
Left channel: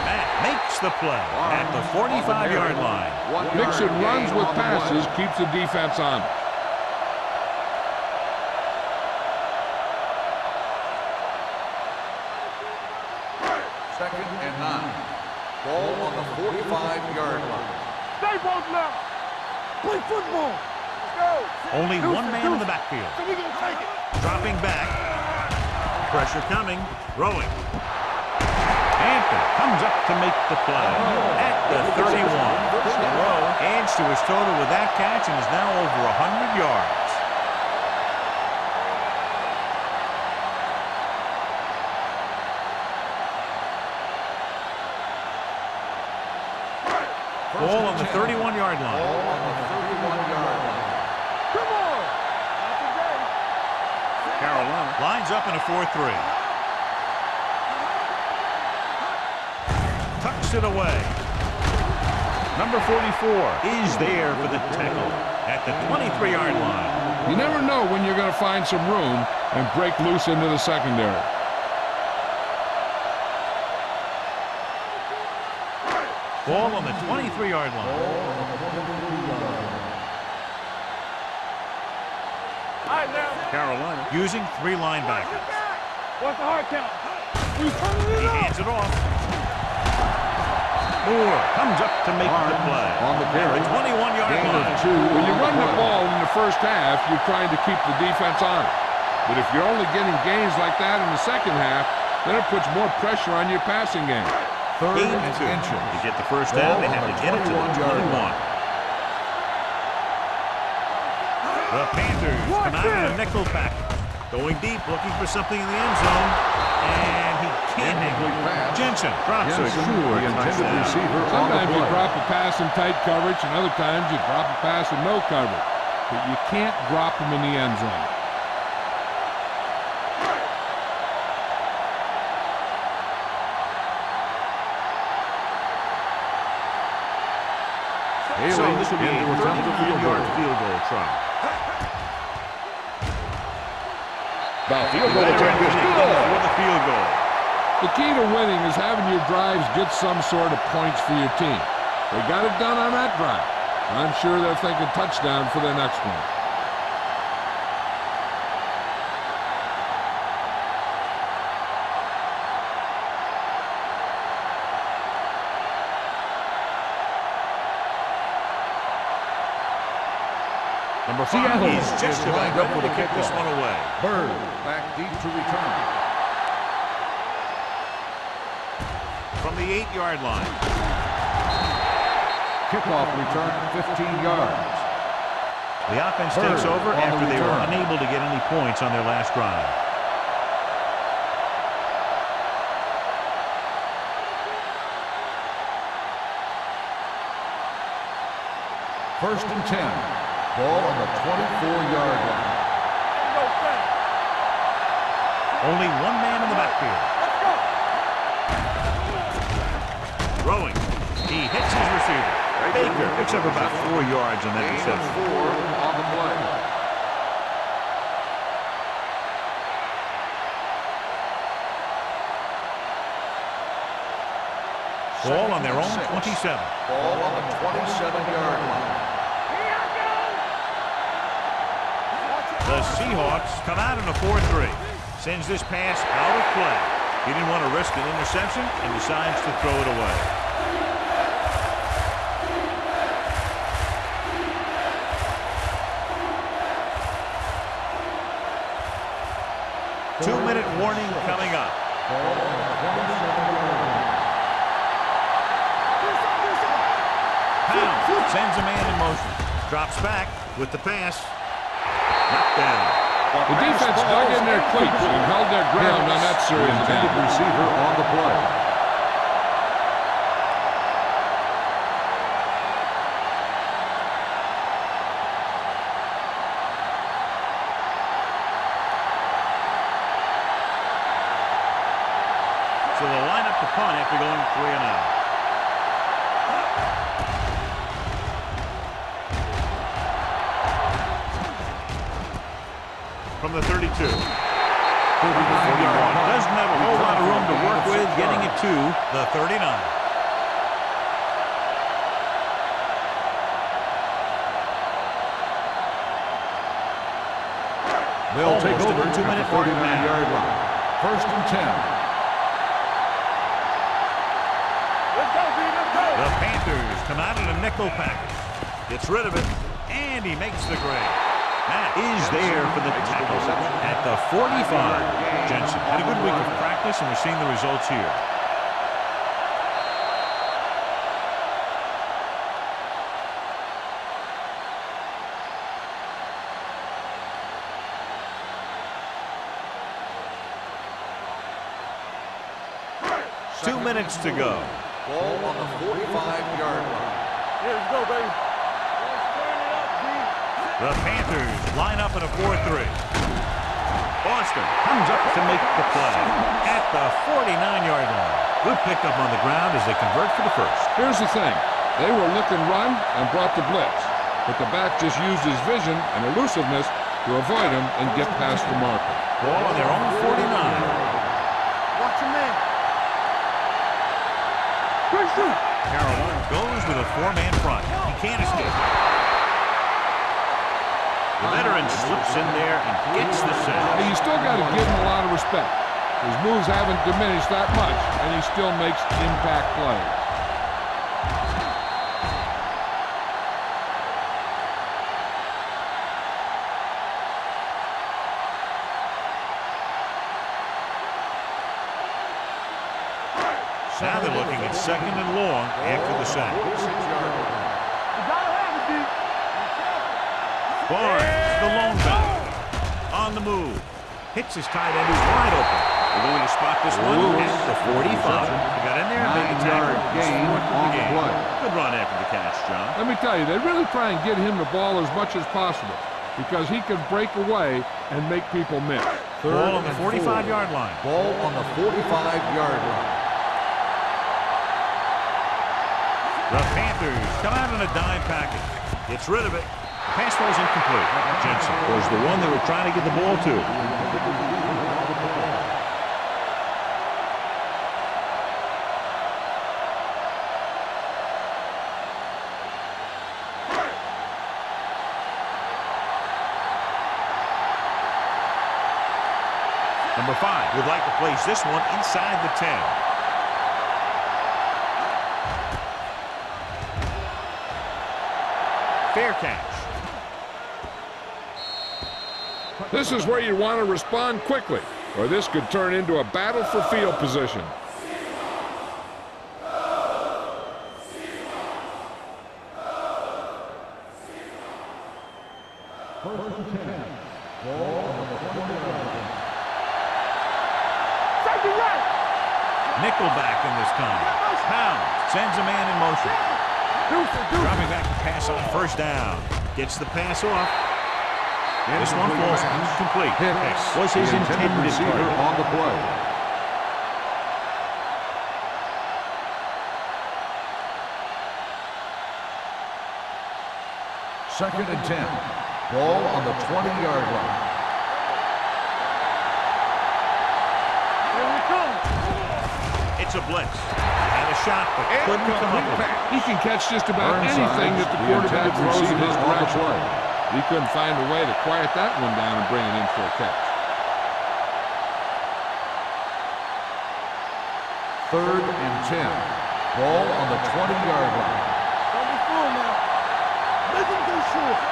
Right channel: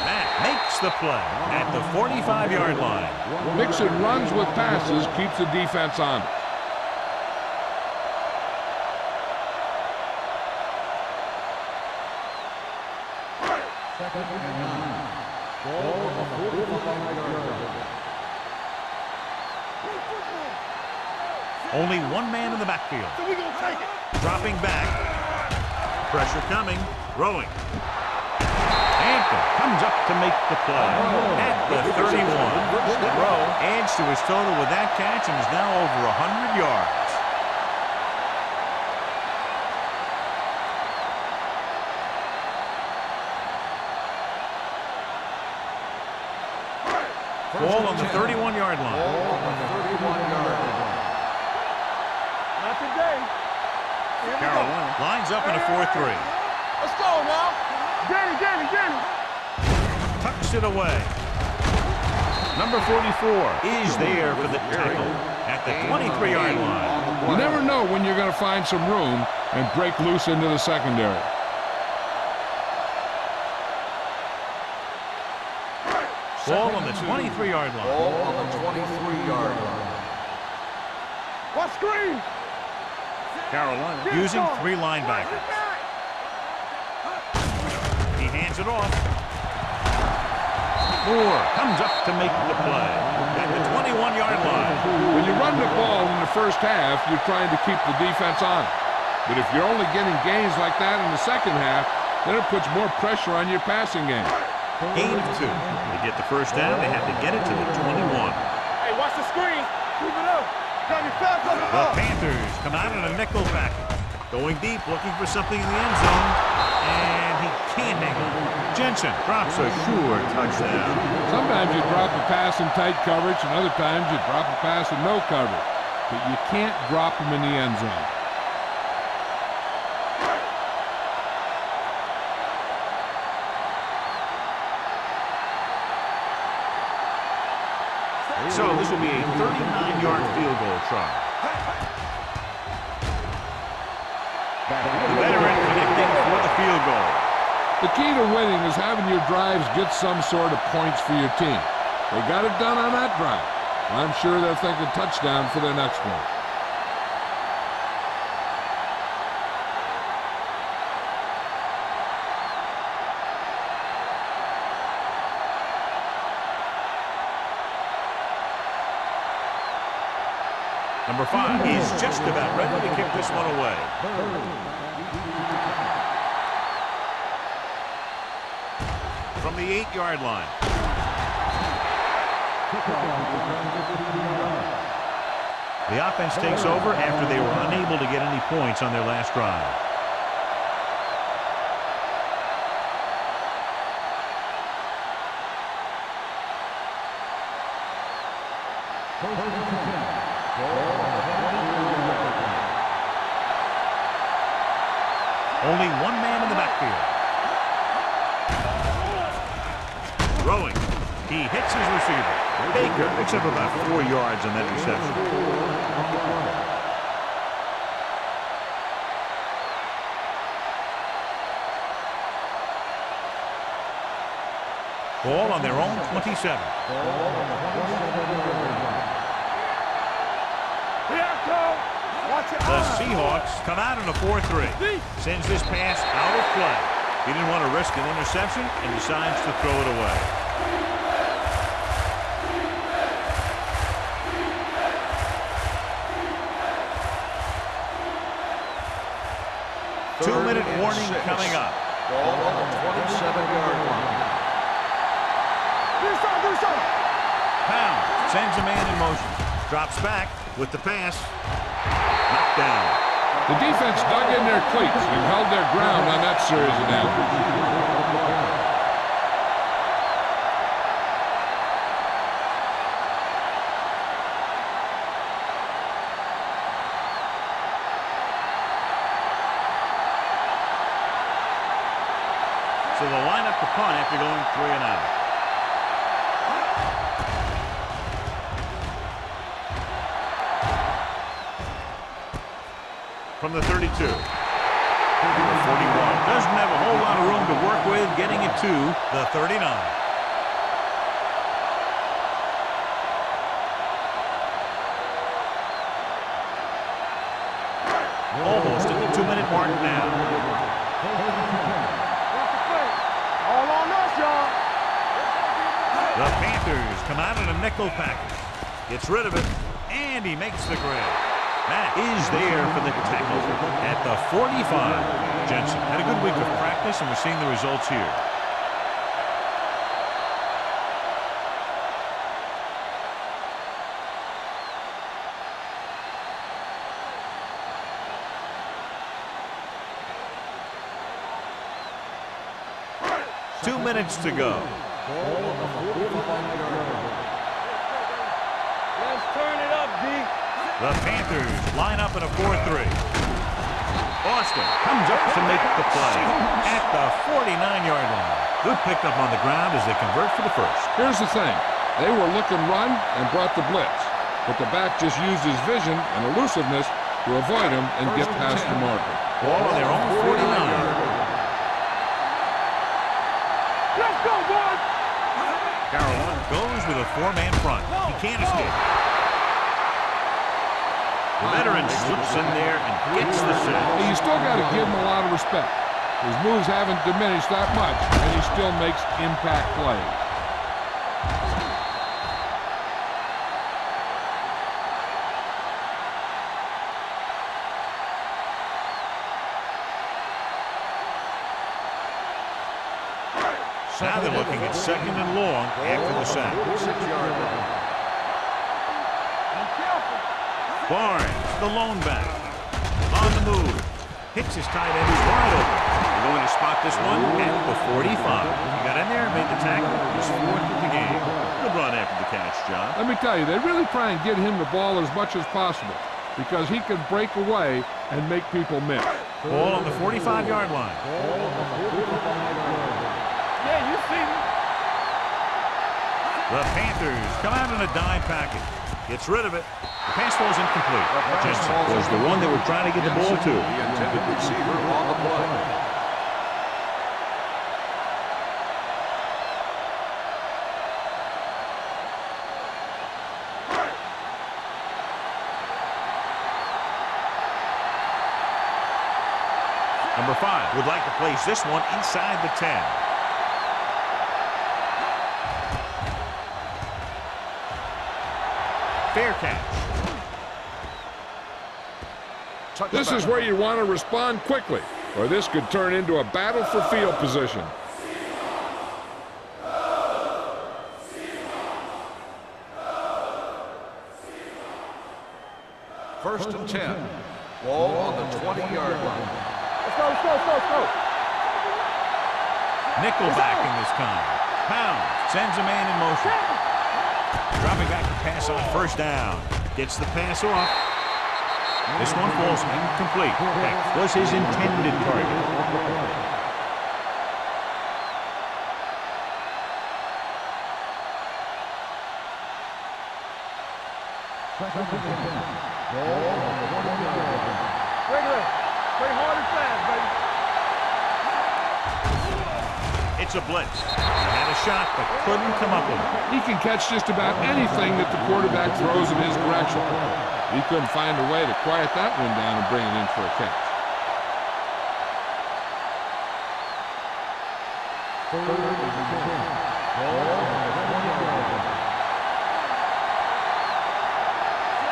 Matt makes the play at the 45-yard line. Mixing runs with passes keeps the defense honest. Second and 9. Ball on the 45-yard line. Stay both left. Play football. Only one man in the backfield. So we gonna take it. Dropping back. Pressure coming. Throwing. Hampton comes up to make the play at the 31. Monroe adds to his total with that catch and is now over 100 yards. Ball on the 31-yard line. Ball on the 31-yard line. Come on. Not today. Carolina lines up in a 4-3. Let's go now. Danny. Tucks it away. Number 44 is there for the tackle at the 23-yard line. You never know when you're going to find some room and break loose into the secondary. Ball on the 23-yard line. Ball on the 23-yard line. What screen? Carolina using 3 linebackers. What's the hard count? He hands it off. Moore comes up to make the play at the 21-yard line. When you run the ball in the first half, you're trying to keep the defense honest. But if you're only getting gains like that in the second half, then it puts more pressure on your passing game. Gain of 2. To get the first down, they have to get it to the 21. Hey, watch the screen. Keep it up. The Panthers come out in a nickel package. Going deep, looking for something in the end zone. And he can't hang it. Jensen drops a sure touchdown. Sometimes you drop a pass in tight coverage, and other times you drop a pass in no coverage. But you can't drop them in the end zone. So this will be a 39-yard field goal try. The veteran connecting for the field goal. The key to winning is having your drives get some sort of points for your team. They got it done on that drive. I'm sure they're thinking touchdown for their next one. Number 5 is just about ready to kick this one away. Bird back deep to return. From the 8-yard line. Kickoff return 15 yards. The offense takes over after they were unable to get any points on their last drive. First and 10. Ball on the 24-yard line. Only one man in the backfield. Throwing. He hits his receiver. Baker picks up about 4 yards on that reception. 4 on the play. Ball on their own 27. Ball on the 27-yard line. The Seahawks come out in a 4-3. Sends this pass out of play. He didn't want to risk an interception and decides to throw it away. Two-minute warning coming up. Ball on the 27-yard line. Pound sends a man in motion. Drops back with the pass. Knocked down. The defense dug in their cleats and held their ground on that series of downs. Receiver on the play. So they'll line up the punt after going 3 and out. From the 32. Number 41 doesn't have a whole lot of room to work with, getting it to the 39. Almost at the 2-minute mark now. First and 10. The Panthers come out in a nickel package. Gets rid of it, and he makes the grab. Matt is there for the tackle at the 45. Jensen had a good week of practice, and we're seeing the results here. Two minutes to go. Ball on the 45-yard line. Let's go, baby. Let's turn it up, D. The Panthers line up in a 4-3. Austin comes up to make the play at the 49-yard line. Good pickup on the ground as they convert for the first. Here's the thing. They were looking run and brought the blitz, but the back just used his vision and elusiveness to avoid him and get past the marker. Ball on their own 49. Watch him in. Let's go, boys. Pursue. Carolina goes with a 4-man front. He can't escape. The veteran slips in there and gets the sack. Hey, you still got to give him a lot of respect. His moves haven't diminished that much, and he still makes impact plays. Now they're looking at 2nd and long after the sack. 46-yard line. Barnes, the lone back, on the move. Hits his tight end who's wide open. They're going to spot this one at the 45. He got in there and made the tackle. He's 4th of the game. Good run after the catch, John. Let me tell you, they really try and get him the ball as much as possible because he can break away and make people miss. Ball on the 45-yard line. Ball on the 45-yard line. The Panthers come out in a dime package. Gets rid of it. The pass ball's incomplete. Jensen was the one they were trying to get the ball to. The intended receiver on the play. Number 5 would like to place this one inside the 10. Fair catch. This is where you want to respond quickly, or this could turn into a battle for field position. First and 10. Ball on the 20-yard line. Let's go. Safety right. Nickelback in this time. Pound sends a man in motion. Dropping back to pass on 1st down. Gets the pass off. This one falls incomplete. X was his intended target. On the play. Second and 10. Ball on the 20-yard line. Play hard and fast, baby. It's a blitz. He had a shot, but couldn't come up with it. He can catch just about anything that the quarterback throws in his direction. He couldn't find a way to quiet that one down and bring it in for a catch. Third and 10. Ball on the 20-yard line.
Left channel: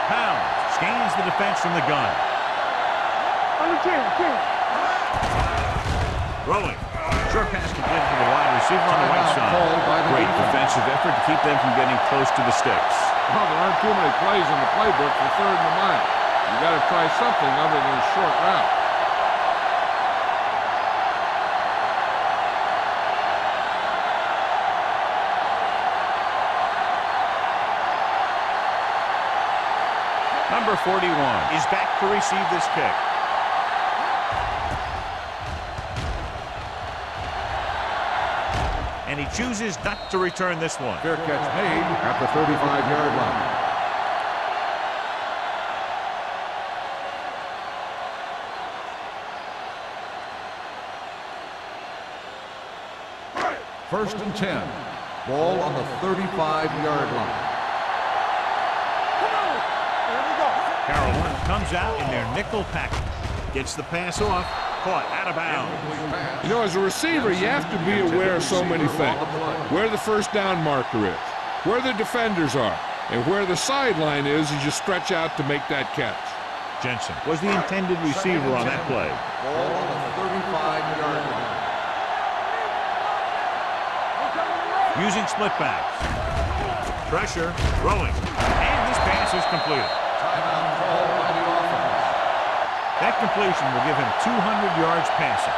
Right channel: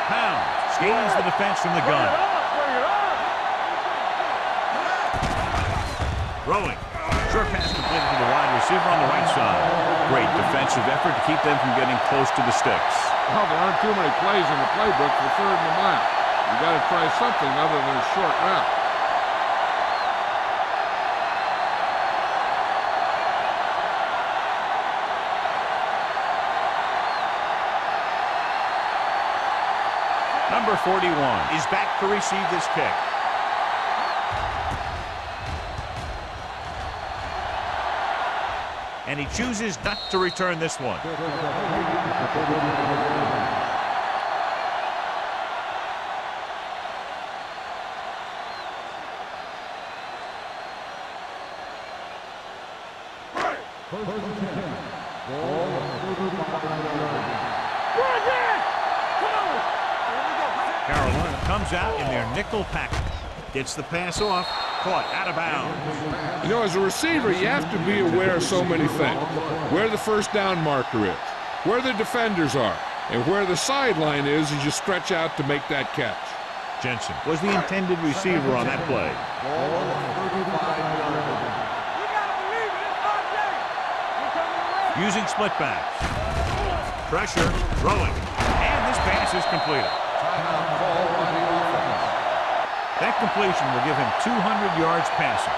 Pound scans the defense from the gun. Throwing Short pass completed to the wide receiver on the right side. Great defensive effort to keep them from getting close to the sticks. Well, there aren't too many plays in the playbook for 3rd and a mile. You got to try something other than a short route. Number 41 is back to receive this kick. And he chooses not to return this one. Fair catch made at the 35-yard line. 1st and 10. Ball on the 35-yard line. Come on. Here we go. Carolina comes out in their nickel package. Gets the pass off. Caught out of bounds. You know, as a receiver, you have to be aware of so many things. Where the first down marker is, where the defenders are, and where the sideline is as you stretch out to make that catch. Jensen was the intended receiver on that play. Ball on the 35-yard line. Using split backs. Pressure, throwing, and this pass is completed. Timeout called by the offense. That completion will give him 200 yards passing.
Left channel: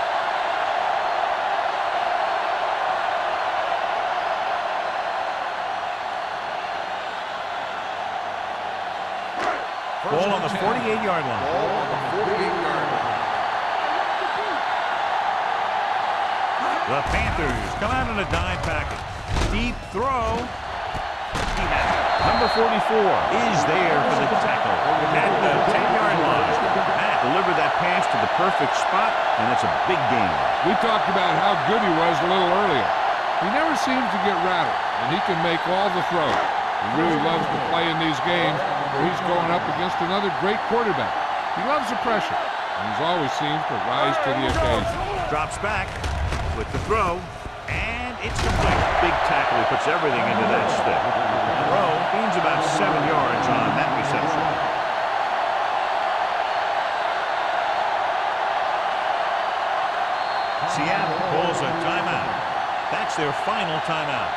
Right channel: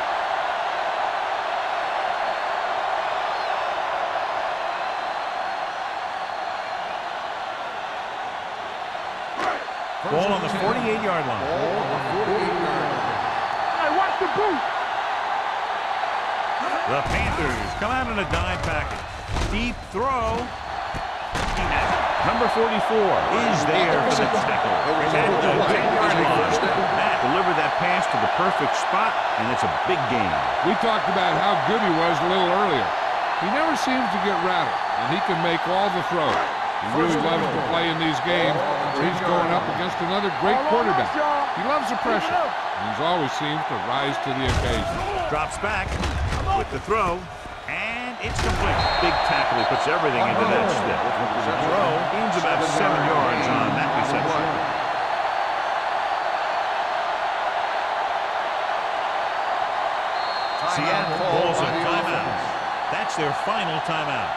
Ball on the 48-yard line. Ball on the 48-yard line. I want the boot. The Panthers come out in a dime package. Deep throw. He has it. Number 44 is there for the tackle. At the 10-yard line. Matt delivered that pass to the perfect spot, and it's a big gain. We talked about how good he was a little earlier. He never seems to get rattled, and he can make all the throws. He really loves to play in these games where he's going up against another great quarterback. He loves the pressure, and he's always seems to rise to the occasion. Drops back with the throw, and it's complete. Big tackle. He puts everything into that stick. Monroe gains about 7 yards on that reception. Seattle calls a timeout. That's their final timeout.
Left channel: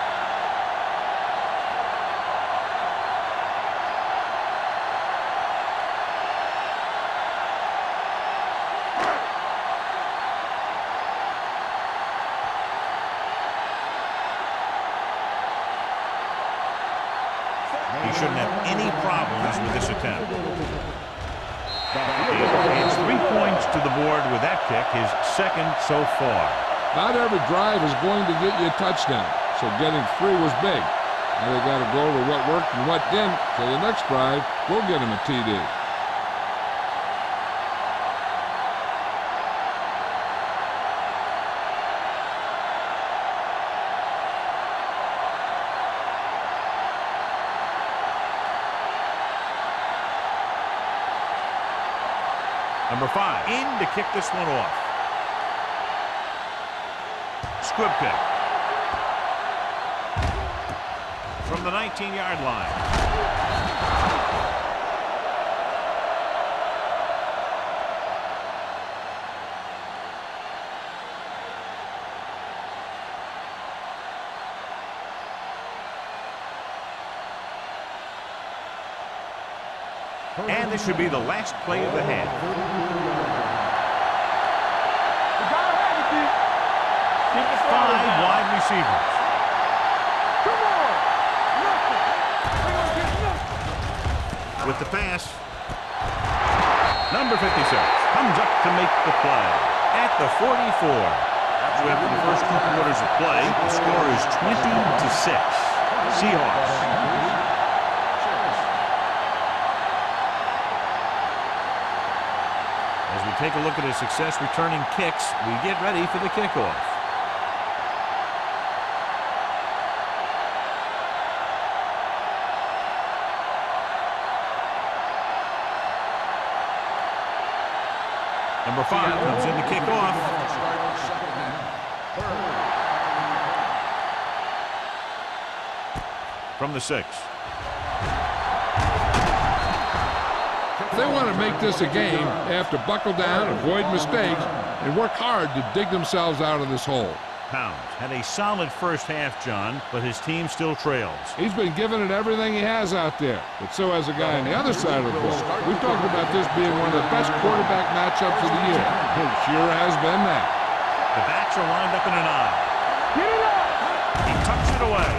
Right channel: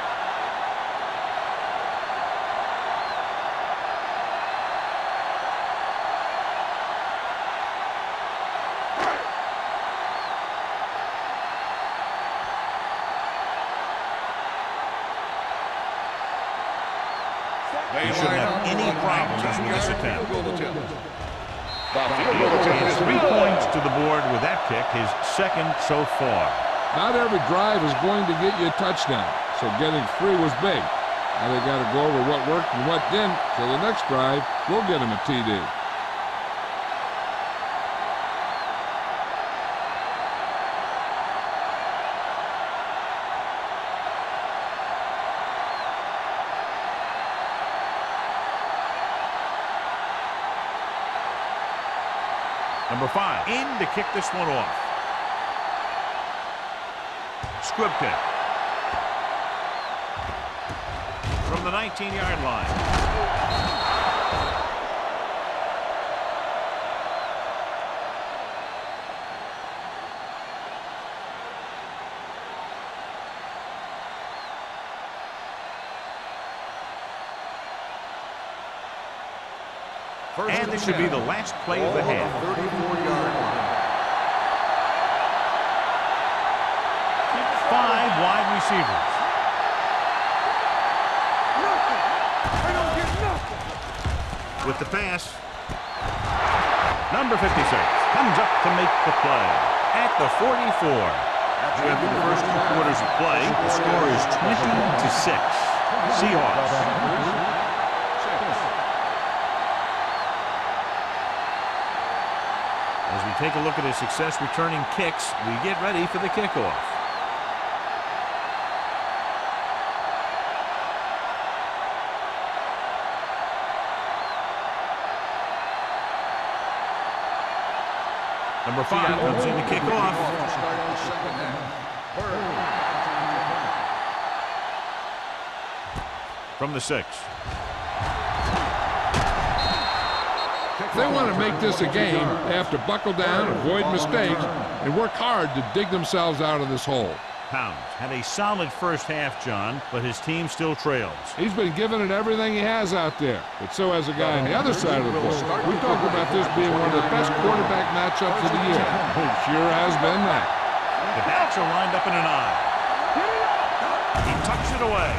He shouldn't have any problems with this attempt. He adds 3 points to the board with that kick, his second so far. Not every drive is going to get you a touchdown, so getting 3 was big. Now they got to go over what worked and what didn't, so the next drive will get him a TD. Number 5 in to kick this one off. Squib kick. From the 19-yard line. And this should be the last play of the half. 5 wide receivers. With the pass. Number 56 comes up to make the play at the 44. After the first 2 quarters of play, the score is 20-6. Seahawks. As we take a look at his success returning kicks, we get ready for the kickoff. Number 5 comes in to kick off. To start the second half. From the 6. If they want to make this a game, they have to buckle down, avoid mistakes, and work hard to dig themselves out of this hole. Pounds had a solid first half, John, but his team still trails. He's been giving it everything he has out there, but so has a guy on the other side of the ball. We talked about this being one of the best quarterback matchups of the year. It sure has been that. The backs are lined up in an I. He tucks it away.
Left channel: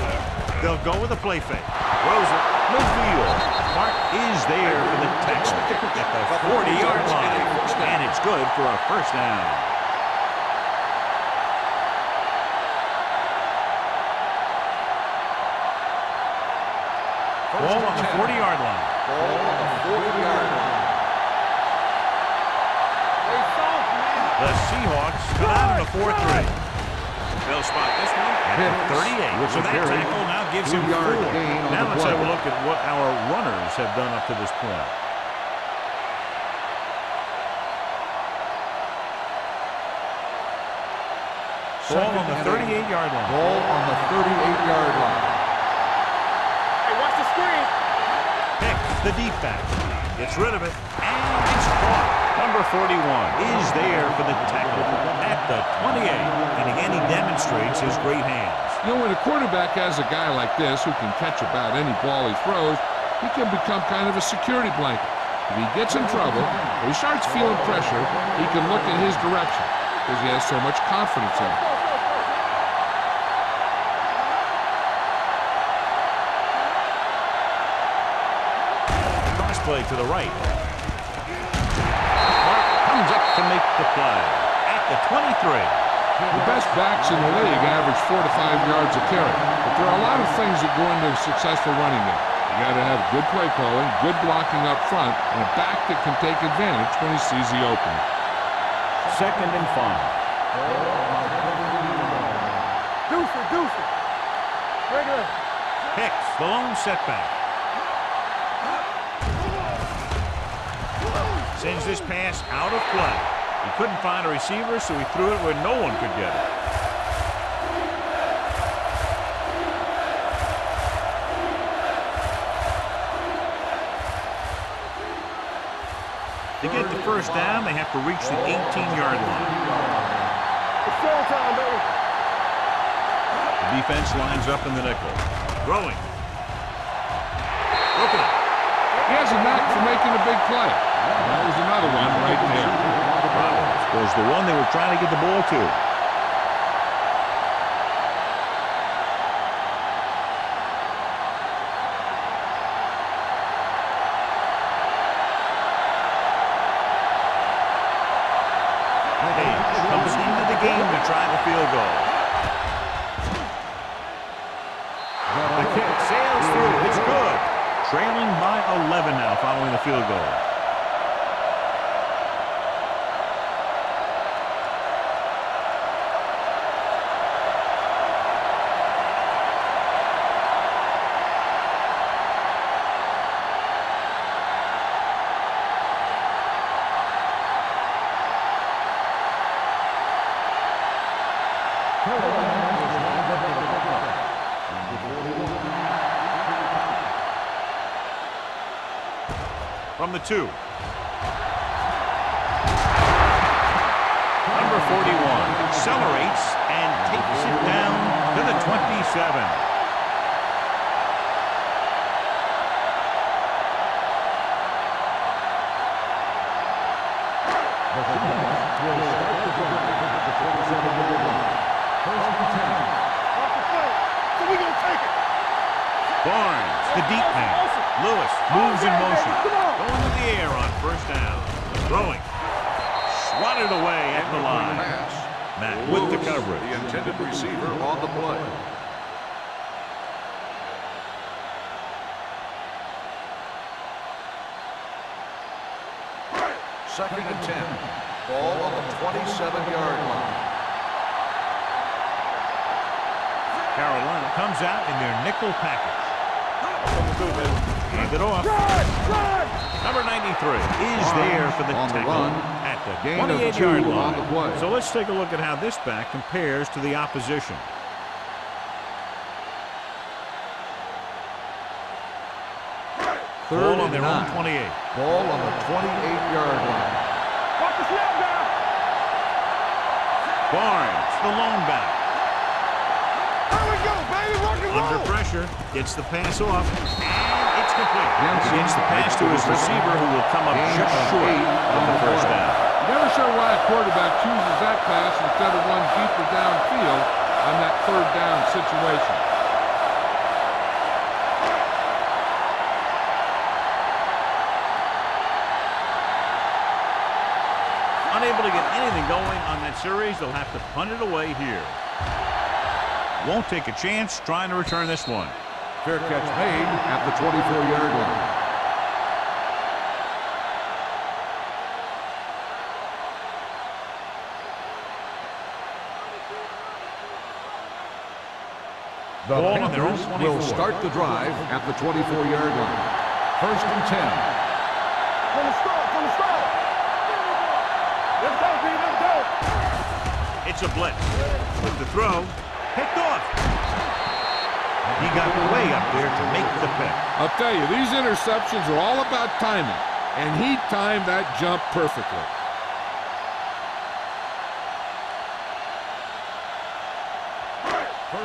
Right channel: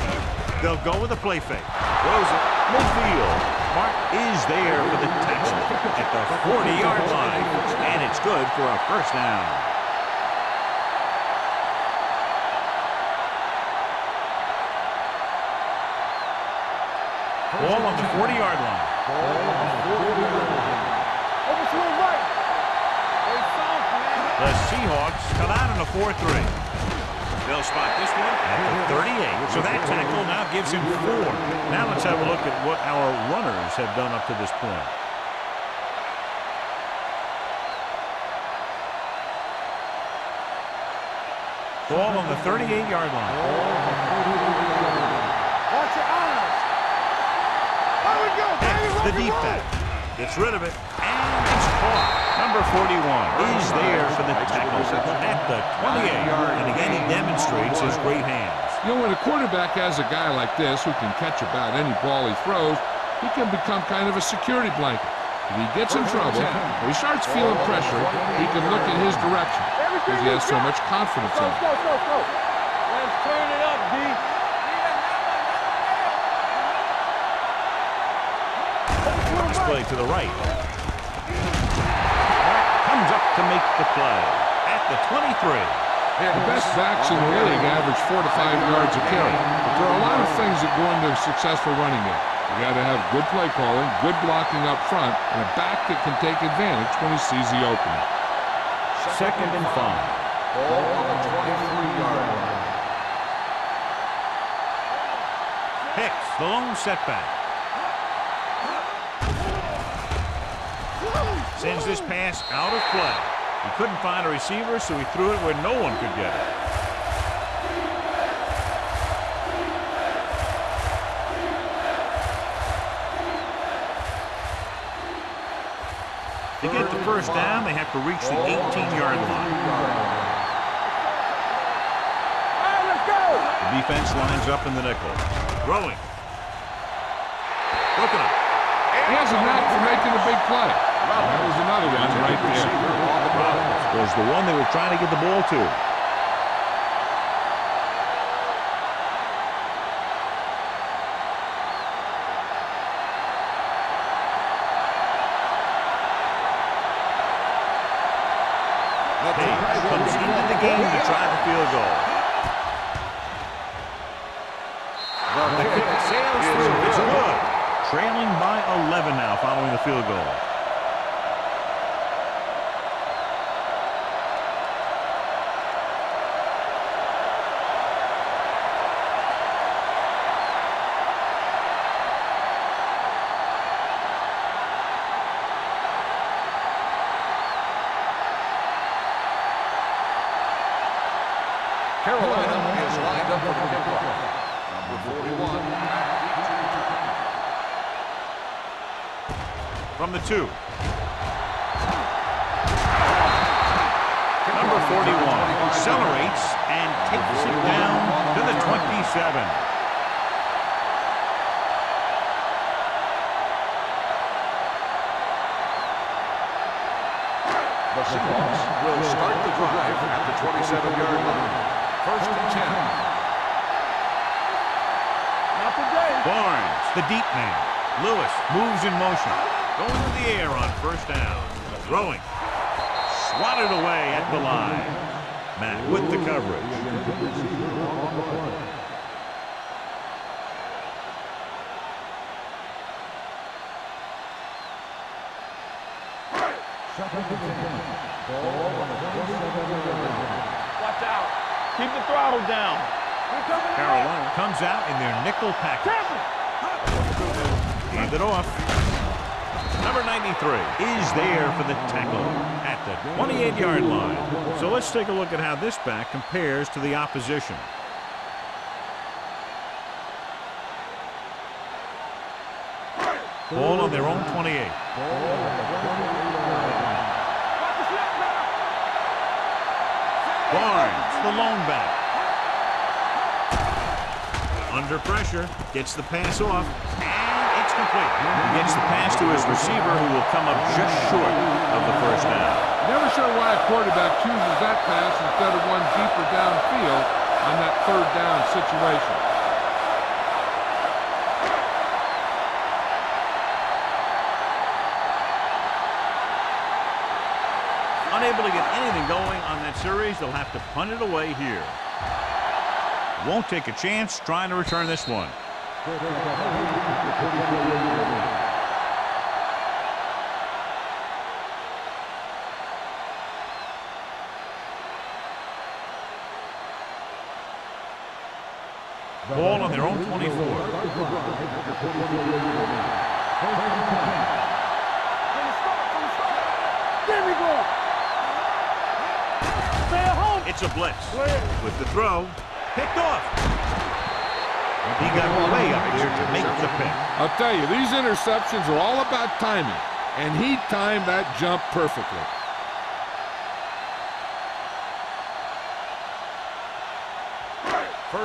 They'll go with a play fake. Throws it midfield. Mark is there for the tackle at the 40-yard line, and it's good for a first down. Ball on the 40-yard line. Ball on the 40-yard line. The Seahawks come out in a 4-3. They'll spot this one at the 38. So that tackle now gives him 4. Now let's have a look at what our runners have done up to this point. Ball on the 38-yard line. Ball on the 38-yard line. Watch your eyes. Hey, watch the screen. There we go. Hicks, the deep back, gets rid of it, and it's caught. Number 41 is there for the tackle at the 28. And again, he demonstrates his great hands. You know, when a quarterback has a guy like this who can catch about any ball he throws, he can become kind of a security blanket. If he gets in trouble or he starts feeling pressure, he can look in his direction because he has so much confidence in him. Go. Let's train it up, D. Cross play to the right. Mark comes up to make the play at the 23. The best backs in the league average 4 to 5 yards a carry, but there are a lot of things that go into a successful running game. You got to have good play calling, good blocking up front, and a back that can take advantage when he sees the opening. 2nd and 5. Ball on the 23-yard line. Deuce it. Regular. Hicks, the lone setback. Sends this pass out of play. He couldn't find a receiver, so he threw it where no one could get it. To get the first down, they have to reach the 18-yard line. The defense lines up in the nickel. Throwing. Broken up. He has a knack for making a big play. And that was another one right there. Robbins was the one they were trying to get the ball to. Page comes into the game to try the field goal. The kick sails through. It's good. Trailing by 11 now following the field goal. Carolina is lined up for the kickoff. Number 41. From the 2. Number 41 accelerates and takes it down to the 27. The Seahawks will start the drive at the 27-yard line. 1st and 10. Off the play. So we gonna take it. Not today. Barnes, the deep man. Lewis moves in motion. Going to the air on first down. Throwing. Swatted away at the line. Matt with the coverage. The intended receiver on the play. Second and 10. Ball on the 27-yard line. Keep the throttle down. Carolina comes out in their nickel package. Hand it off. Number 93 is there for the tackle at the 28-yard line. So let's take a look at how this back compares to the opposition. Ball on their own 28. Ball on the 28-yard line. Watch the snap now. Barnes, the lone back. Under pressure, gets the pass off, and it's complete. He gets the pass to his receiver, who will come up just short of the first down. Never sure why a quarterback chooses that pass instead of one deeper downfield on that third down situation. Unable to get anything going on that series, they'll have to punt it away here. Won't take a chance trying to return this one. Fair catch made at the 24-yard line. Ball on their own 24. Will start the drive at the 24-yard line. First and 10. From the start. Give me one. Let's go, B. Let's go. Stay at home. It's a blitz. With the throw, picked off. He got way up there to make the pick. I'll tell you, these interceptions are all about timing, and he timed that jump perfectly.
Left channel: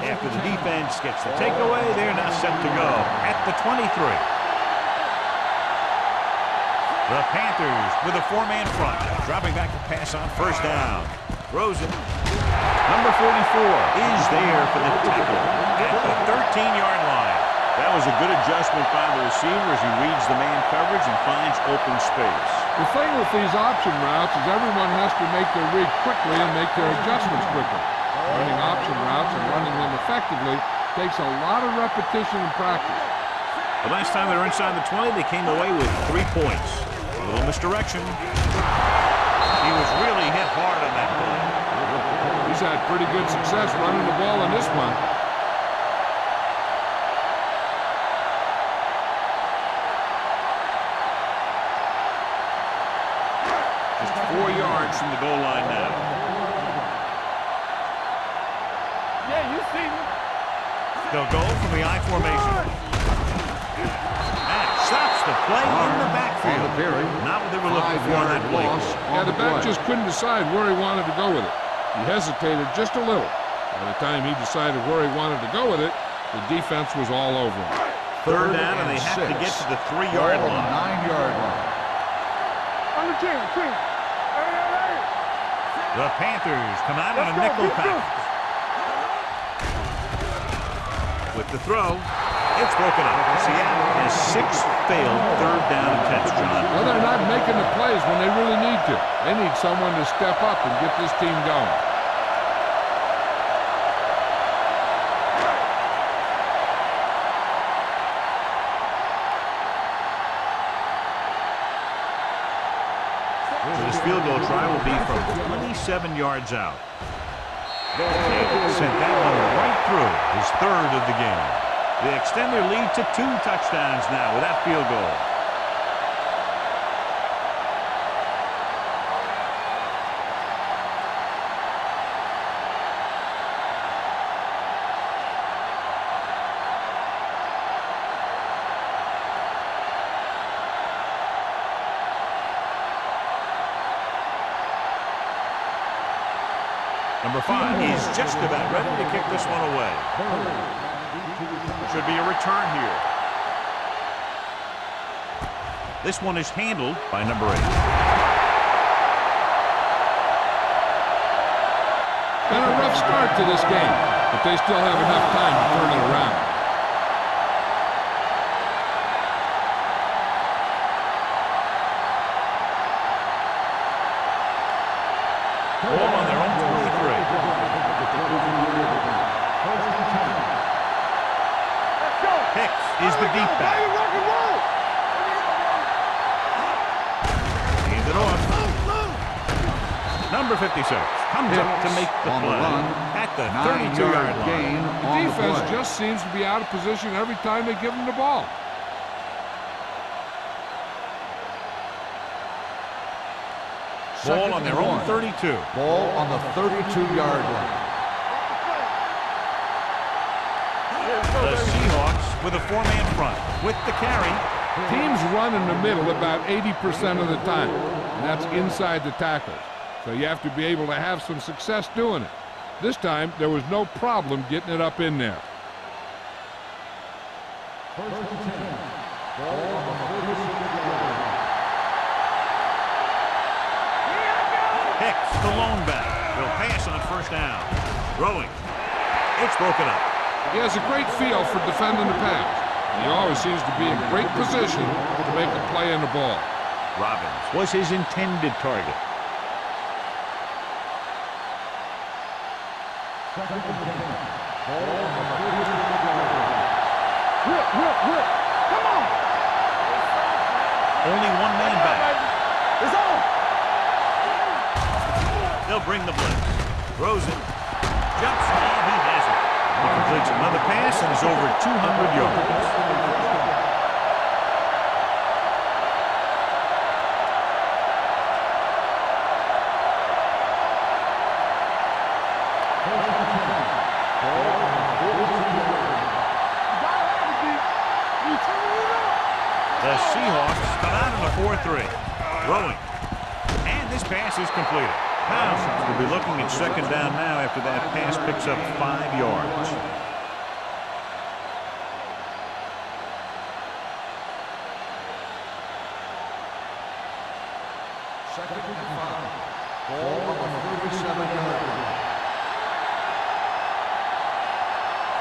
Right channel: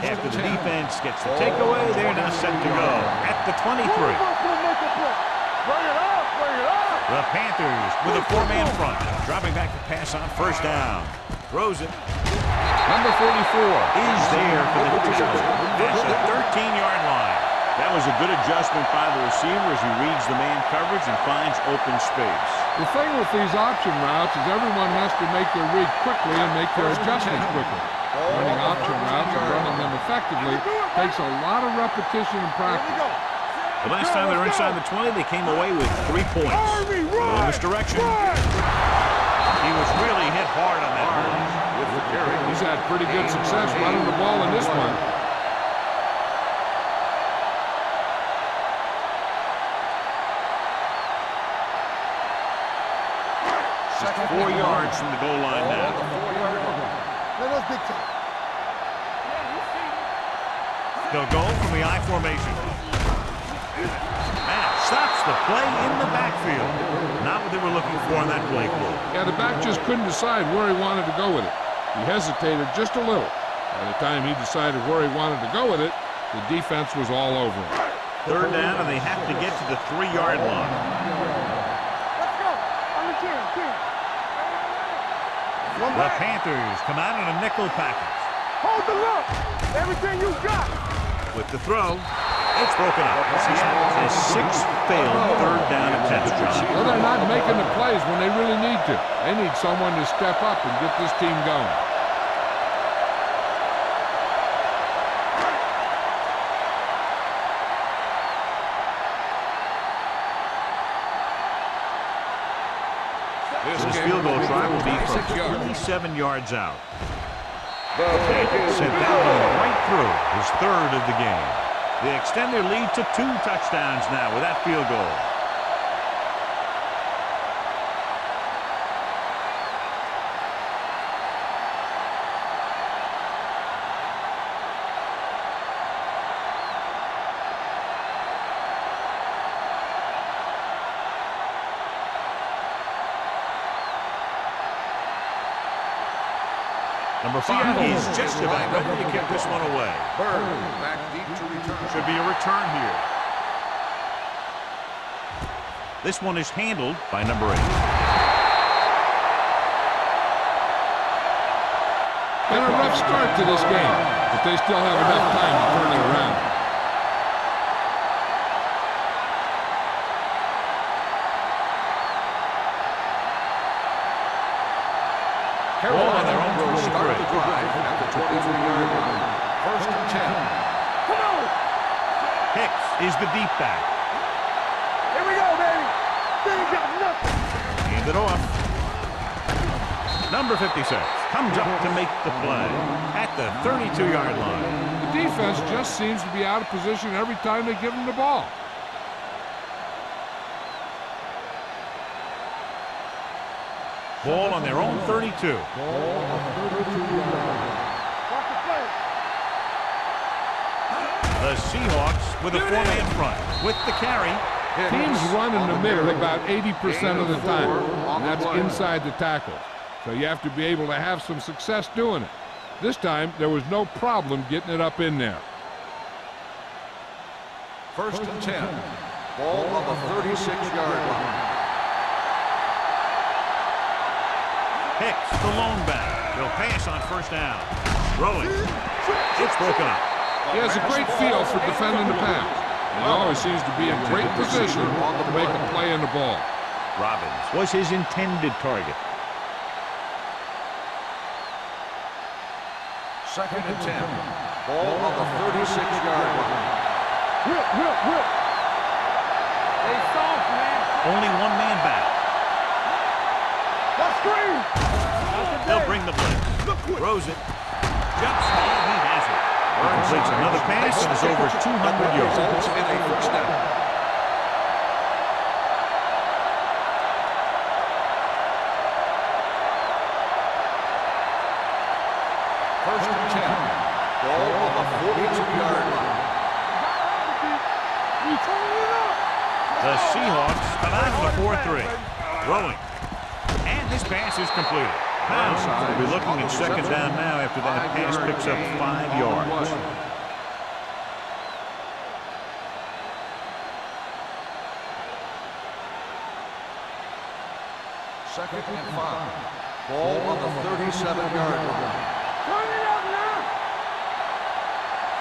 After the defense gets the takeaway, they're now set to go at the 23. The Panthers with a four-man front, dropping back to pass on first down. Throws it. Number 44 is there for the tackle at the 13-yard line. That was a good adjustment by the receiver as he reads the man coverage and finds open space. The thing with these option routes is everyone has to make their read quickly and make their adjustments quickly. Running option routes and running them effectively takes a lot of repetition and practice. The last time they were inside the 20, they came away with 3 points. A little misdirection. He was really hit hard on that play. He's had pretty good success running the ball in this one. Just 4 yards from the goal line now. Yeah, you see me. They'll go from the I formation. That stops the play in the backfield. Not what they were looking for on that play call. Yeah, the back just couldn't decide where he wanted to go with it. He hesitated just a little. By the time he decided where he wanted to go with it, the defense was all over him. Third down, and they have to get to the 3-yard line. 9-yard line. Let's go. On the 10. Hey. The Panthers come out in a nickel package. Hold the look. Everything you got. With the throw, it's broken up. Seattle has 6 failed third down attempts, John. Well, they're not making the plays when they really need to. They need someone to step up and get this team going. So this field goal try will be from 27 yards out. They sent that one right through, his third of the game. They extend their lead to 2 touchdowns now with that field goal. Number 5 is just about ready to kick this one away. Should be a return here. This one is handled by number 8. Been a rough start to this game, but they still have enough time to turn it around. Ball on their own 23. Hicks is the deep back. Here we go, baby. Hand it off. Number 56 comes up to make the play at the 32-yard line. The defense just seems to be out of position every time they give them the ball. Ball on their own 32. Ball on the 32-yard line. The Seahawks with a 4-man front. With the carry, Teams run in the middle about 80% of the time, and that's inside the tackles. So you have to be able to have some success doing it. This time, there was no problem getting it up in there. 1st and 10. Ball on the 36-yard line. Hicks, the lone back. He'll pass on 1st down. Throwing. It's broken up. He has a great feel for defending the pass, and he always seems to be in great position to make a play in the ball. Robbins was his intended target. 2nd and 10. Ball on the 36-yard line. Whip. Come on. They soft, man. Only one man back. It's on. On screen. They'll bring the blitz. Throws it. Jumps, and he has it. He completes another pass and is over 200 yards. In a 1st down. First and 10. Ball on the 42-yard line. You gotta have it, D. You turning it up. The Seahawks come out in the 4-3. Throwing. And this pass is completed. Pounds will be looking at 2nd down now after that pass picks up 5 yards. Second and 5. Ball on the 37-yard line.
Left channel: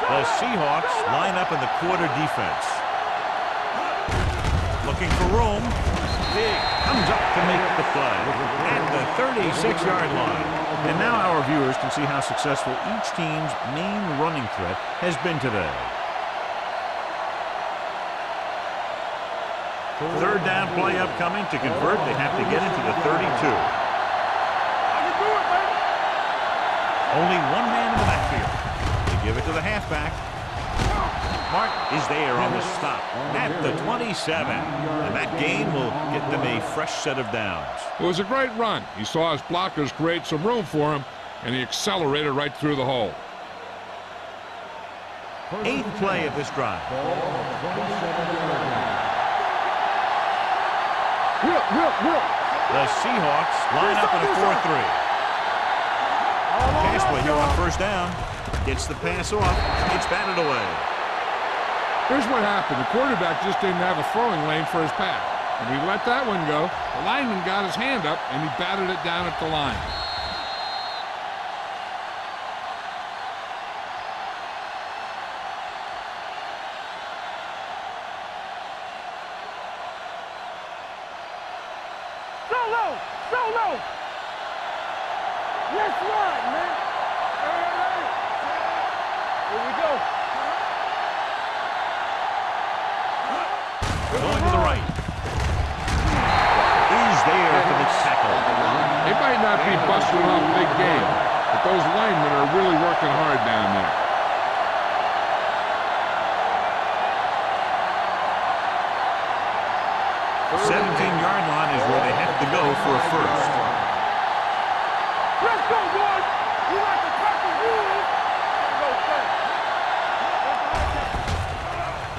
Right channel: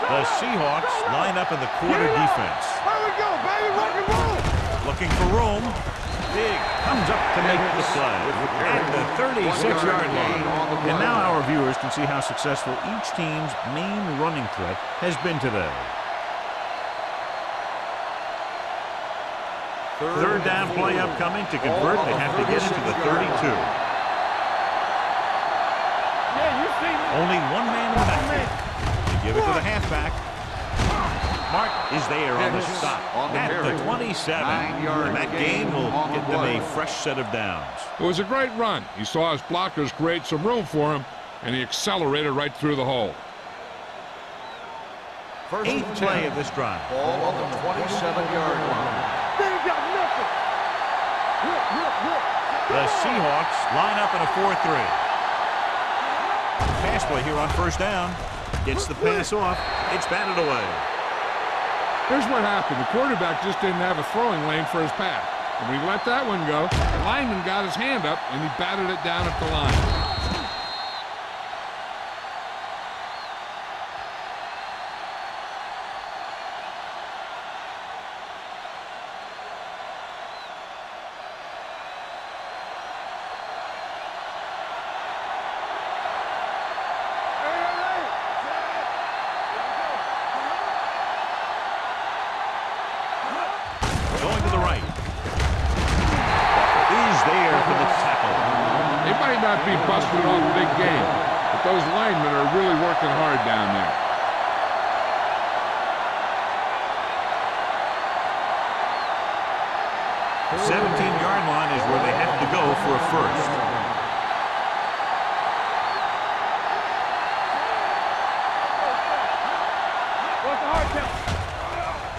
The Seahawks line up in the quarter defense. Looking for room. Big comes up to make the play at the 36-yard line. And now our viewers can see how successful each team's main running threat has been today. 3rd down play upcoming. To convert, they have to get into the 32. Only one man in the backfield. They give it to the halfback. Martin is there on the stop at the 27. And that gain will get them a fresh set of downs. It was a great run. He saw his blockers create some room for him, and he accelerated right through the hole. 8th play of this drive. Ball on the 27-yard line. Whip. The Seahawks line up in a 4-3. Pass play here on 1st down. Gets the pass off. It's batted away. Here's what happened. The quarterback just didn't have a throwing lane for his pass. And when he let that one go, the lineman got his hand up, and he batted it down at the line. Solo. Let's run, man. Hey. Here we go. Going to the right. Walker is there for the tackle. They might not be busting off big game, but those linemen are really working hard down there. The 17-yard line is where they have to go for a first. Let's go, boys. We like to cut the wheels and go fast. What's the hard count?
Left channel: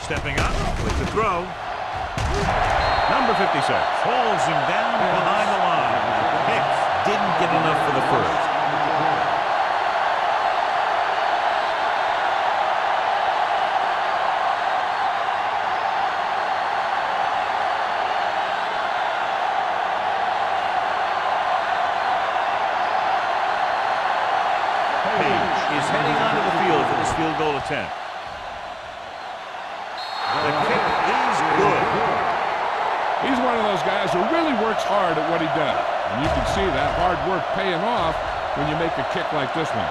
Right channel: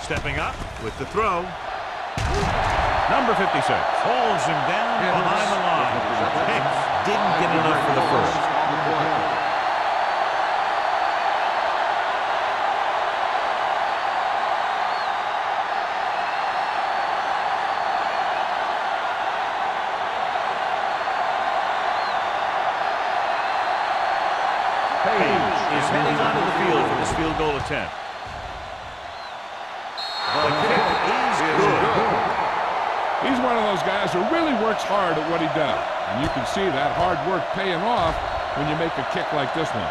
Stepping up with the throw. Number 56 holds him down behind the line. Hicks didn't get enough for the first. Page is heading onto the field for this field goal attempt. The kick is good. He's one of those guys who really works hard at what he does. And you can see that hard work paying off when you make a kick like this one.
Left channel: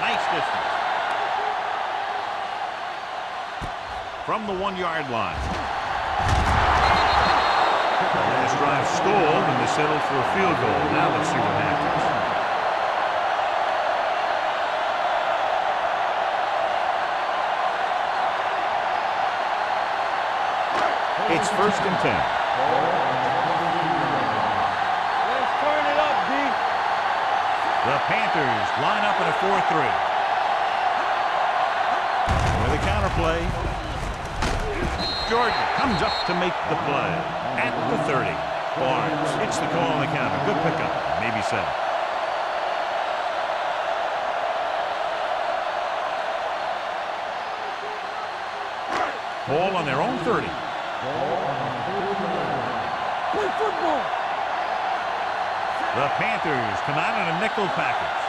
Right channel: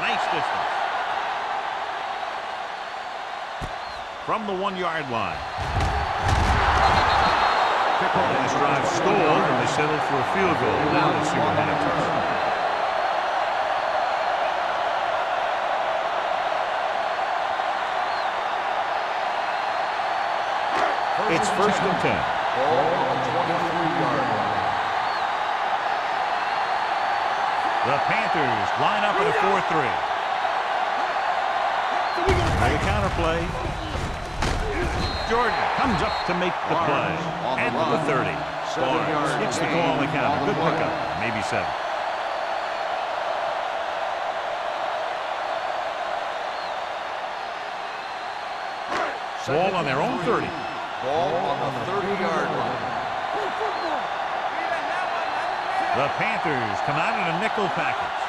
Nice distance. From the 1-yard line. The last drive stalled, and they settled for a field goal. Now let's see what happens. It's 1st and 10. Ball on the 23-yard line. Let's turn it up, D. The Panthers line up in a 4-3. With a counterplay. Jordan comes up to make the play at the 30. Barnes hits the call on the counter. Good pickup. Maybe 7. Ball on their own 30. Ball on the 30-yard line. Play football. The Panthers come out in a nickel package.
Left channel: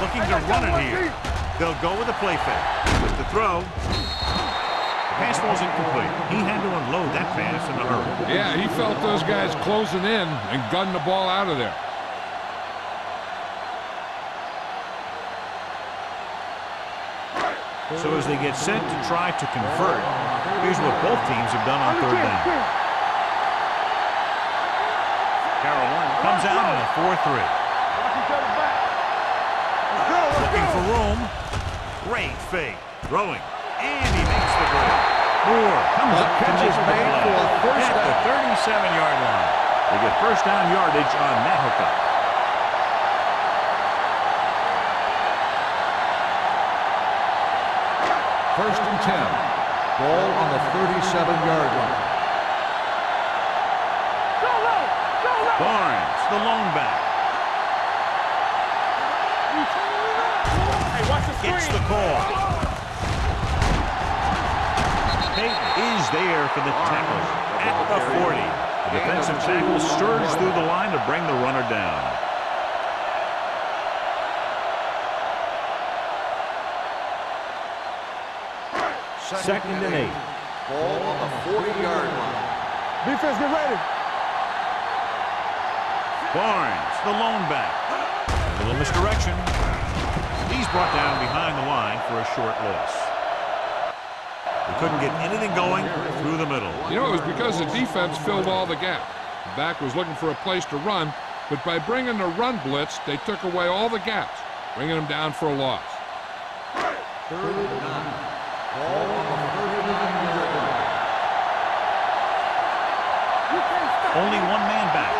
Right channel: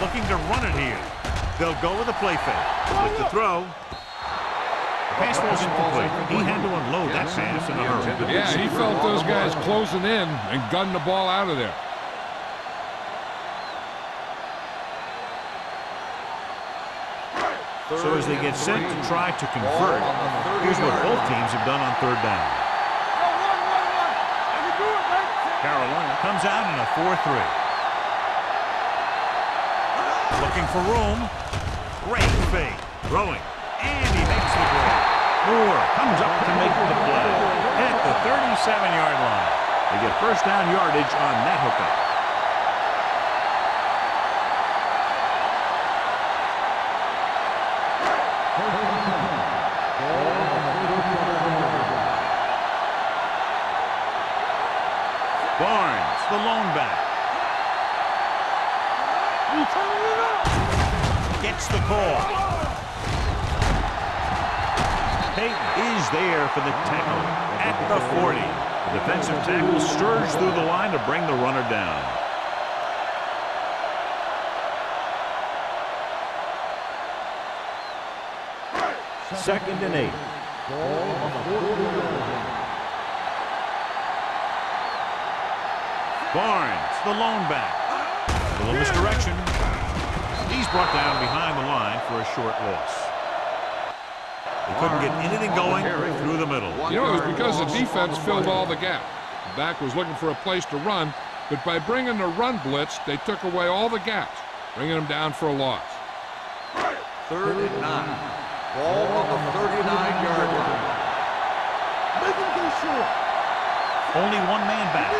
Looking to run it here. They'll go with a play fake. With the throw. The pass falls incomplete. He had to unload that pass in a hurry. Yeah, he felt those guys closing in and gunned the ball out of there. So as they get set to try to convert, here's what both teams have done on 3rd down. Carolina comes out in a 4-3. Looking for room. Great fake. Throwing. And he makes the grade. Moore comes up to make the play at the 37-yard line. They get 1st down yardage on that hookup. First and 10. Ball on the 37-yard line. Barnes, the lone back. Gets the call. Payton is there for the tackle at the 40. The defensive tackle surged through the line to bring the runner down. Second and 8. Ball on the 40-yard line. Defense, get ready. Barnes, the lone back. A little misdirection. He's brought down behind the line for a short loss. They couldn't get anything going through the middle. You know, it was because the defense filled all the gap. The back was looking for a place to run, but by bringing the run blitz, they took away all the gaps, bringing them down for a loss. 3rd and 9. Ball on the 39-yard line. Only one man back.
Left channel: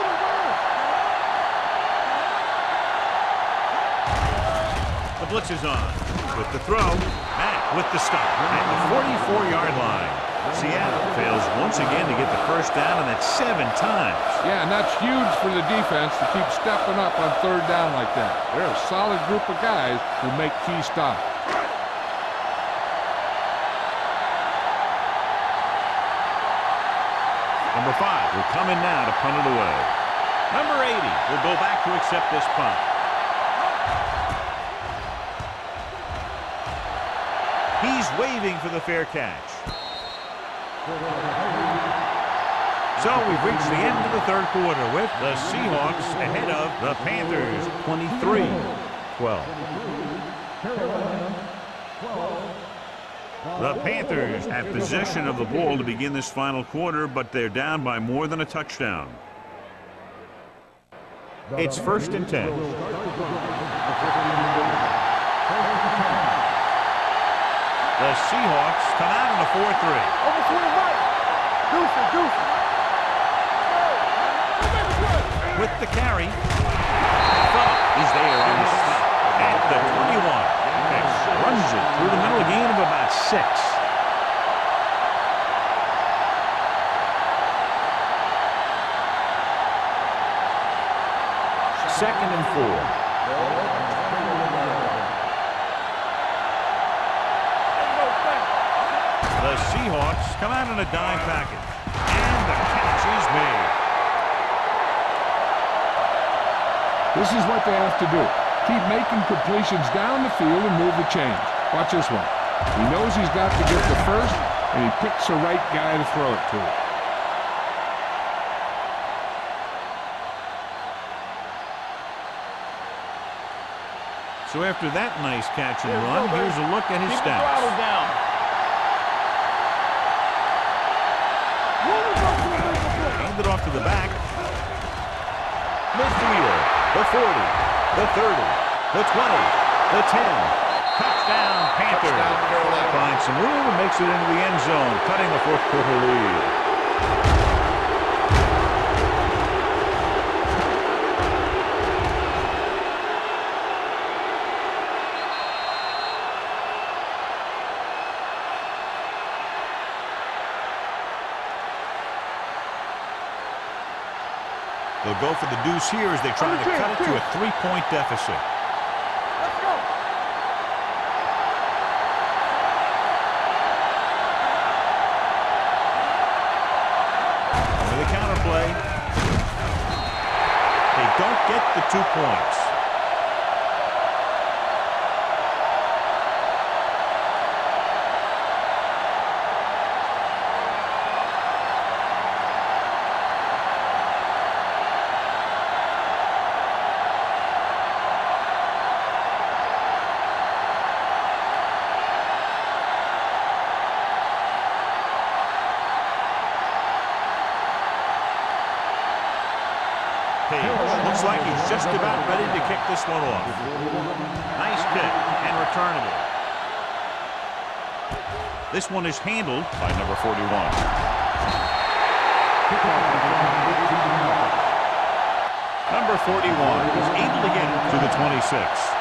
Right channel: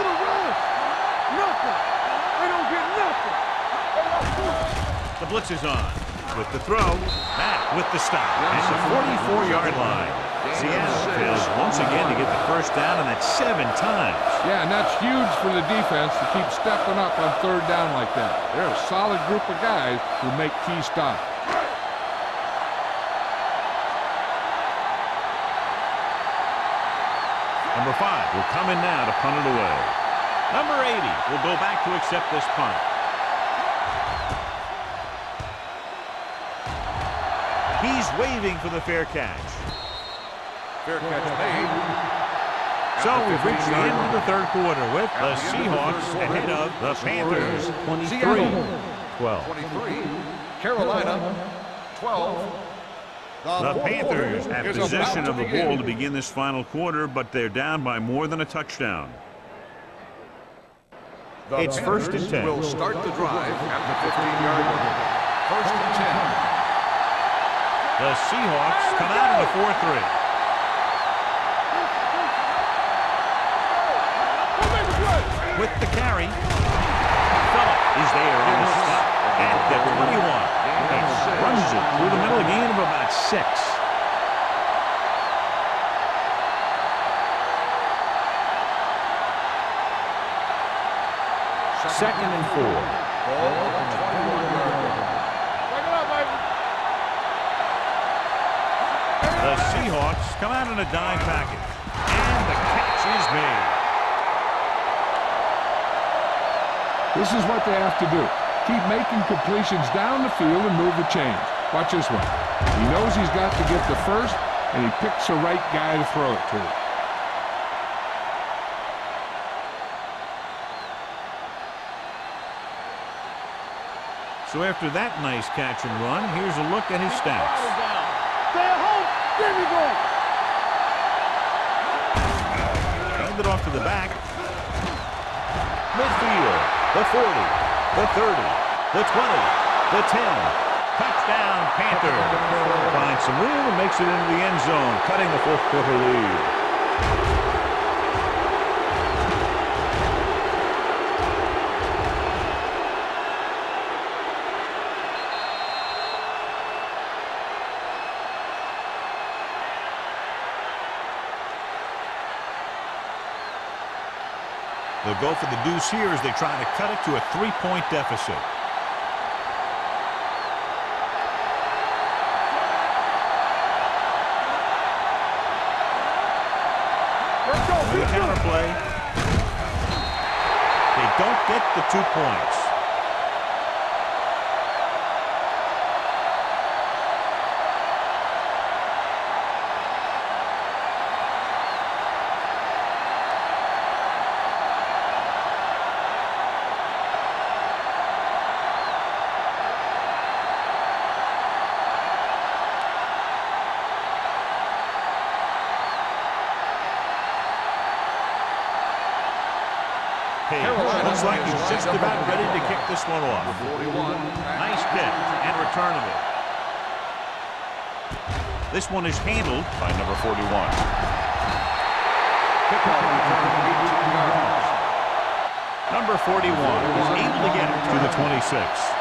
The blitz is on. With the throw, Mack with the stop at the 44-yard line. Seattle fails once again to get the 1st down, and that's 7 times. Yeah, and that's huge for the defense to keep stepping up on 3rd down like that. They're a solid group of guys who make key stops. Number 5 will come in now to punt it away. Number 80 will go back to accept this punt. He's waving for the fair catch. Fair catch made. So we've reached the end of the 3rd quarter with the Seahawks ahead of the Panthers 23-12. 23. Carolina 12. The Panthers have possession of the ball to begin this final quarter, but they're down by more than a touchdown. It's 1st and 10. Will start the drive at the 15-yard line. 1st and 10. The Seahawks come out in a 4-3. With the carry, Phillip is there on the stop at the 21. And runs it through the middle, a gain of about 6. Second and 4. Ball on the 21-yard line. The Seahawks come out in a dime package, and the catch is made. This is what they have to do. Keep making completions down the field and move the chains. Watch this one. He knows he's got to get the 1st, and he picks the right guy to throw it to. So after that nice catch and run, here's a look at his stats. hand it off to the back. Midfield, the 40, the 30, the 20, the 10. Touchdown, Panther. Finds some room and makes it into the end zone, cutting the fourth quarter lead. They'll go for the deuce here as they try to cut it to a 3-point deficit. With a counter play, they don't get the 2 points. Looks like he's just about ready to kick this one off. Nice kick and returnable. This one is handled by number 41. Number 41 is able to get it to the 26.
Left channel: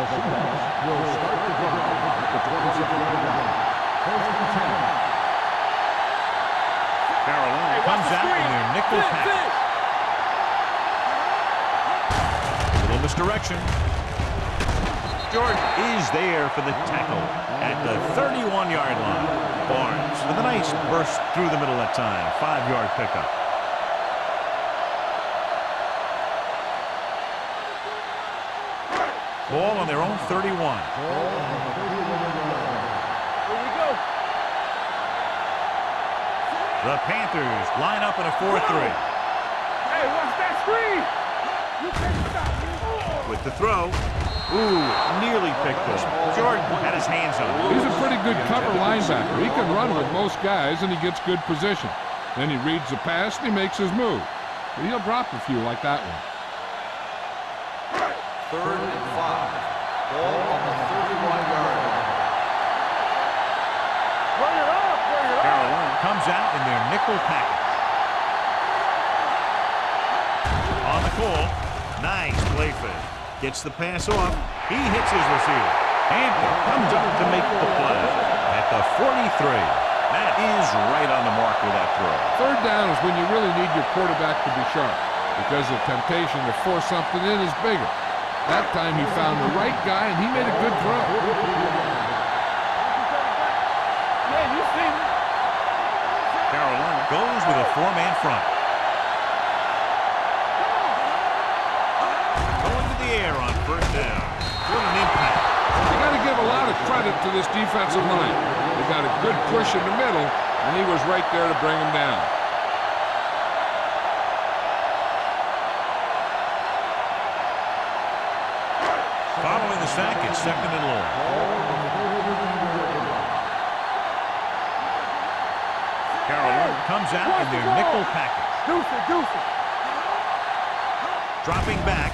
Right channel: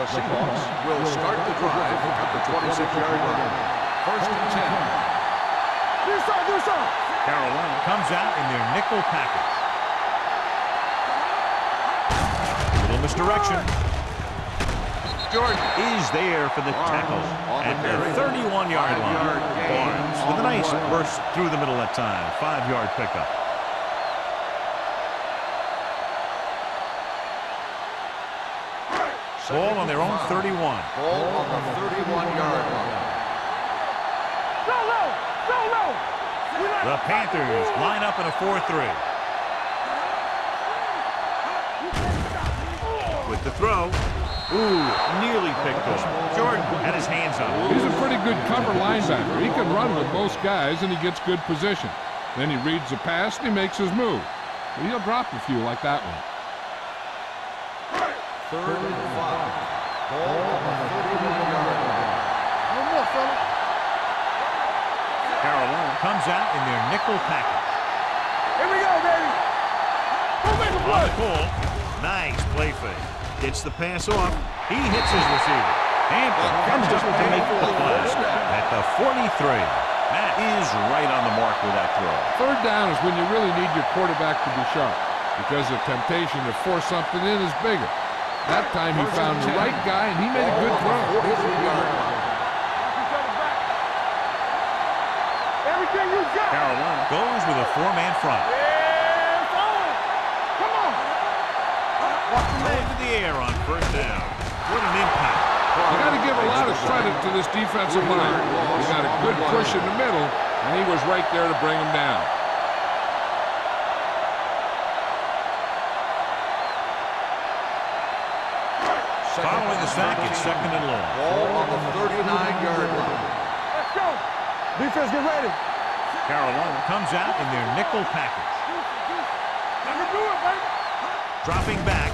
The Seahawks will start the drive at the 26-yard line. First and 10. Carolina comes out in their nickel package. A little misdirection. Jordan is there for the tackle at the 31-yard line. Barnes with a nice burst through the middle that time. 5-yard pickup. Ball on their own 31. Ball on the 31-yard line. The Panthers line up in a 4-3. With the throw. Ooh, nearly picked off. Jordan had his hands on it. He's a pretty good cover linebacker. He can run with most guys, and he gets good position. Then he reads the pass, and he makes his move. But he'll drop a few like that one. 3rd and 5. Ball on the 31-yard line. Carolina comes out in their nickel package. On the call. Nice play fake. Gets the pass off. He hits his receiver. Hampton comes up to make the play at the 43. That is right on the mark with that throw. 3rd down is when you really need your quarterback to be sharp because the temptation to force something in is bigger. That time he found the right guy, and he made a good throw. Carolina goes with a 4-man front. Going to the air on 1st down. What an impact. You got to give a lot of credit to this defensive line. They got a good push in the middle, and he was right there to bring him down. Following the sack, it's 2nd and long. Ball on the 39-yard line. Let's go. Defense, get ready. Carolina comes out in their nickel package. Dropping back,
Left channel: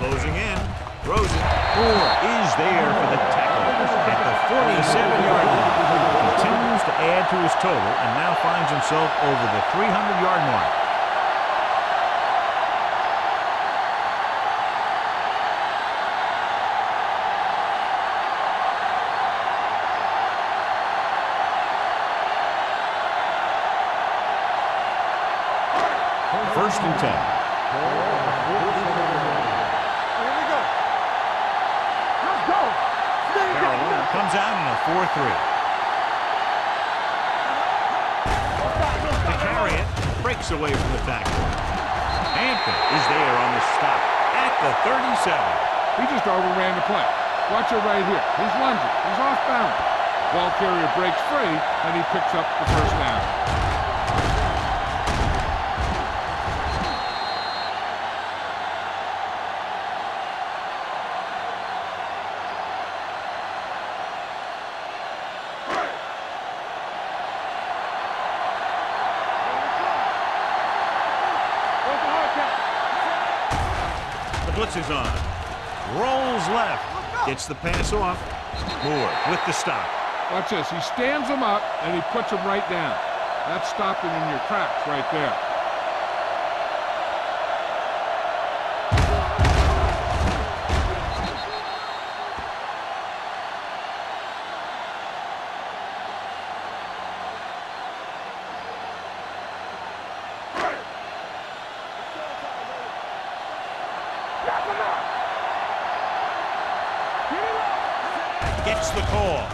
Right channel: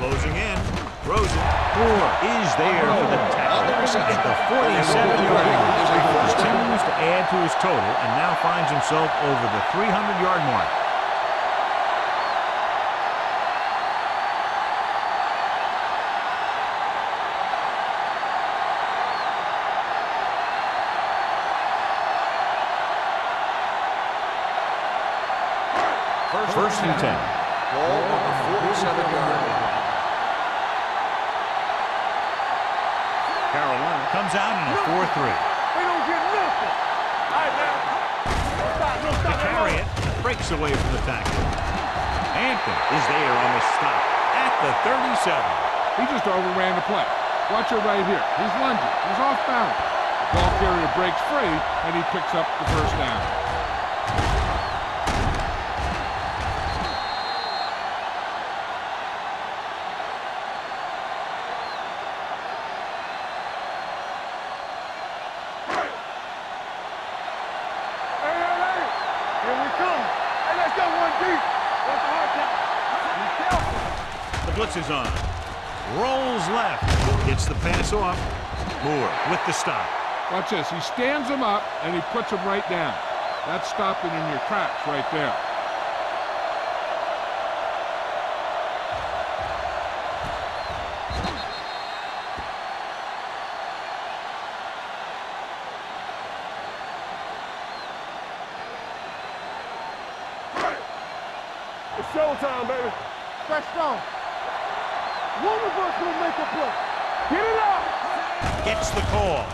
closing in, throws it. Moore is there for the tackle at the 47-yard line. Continues to add to his total and now finds himself over the 300-yard mark. First and 10. Ball on the 47-yard line. Carolina comes out in a 4-3. To carry it, breaks away from the tackle. Hampton is there on the stop at the 37. He just overran the play. Watch it right here. He's lunging. He's off balance. The ball carrier breaks free, and he picks up the 1st down. What's the hard count? The blitz is on. Rolls left. Gets the pass off. Moore with the stop. Watch this. He stands him up, and he puts him right down. That's stopping in your tracks right there. It's showtime, baby. Fresh start. Knock him out. One of us will make a play. Get it up. Gets the call.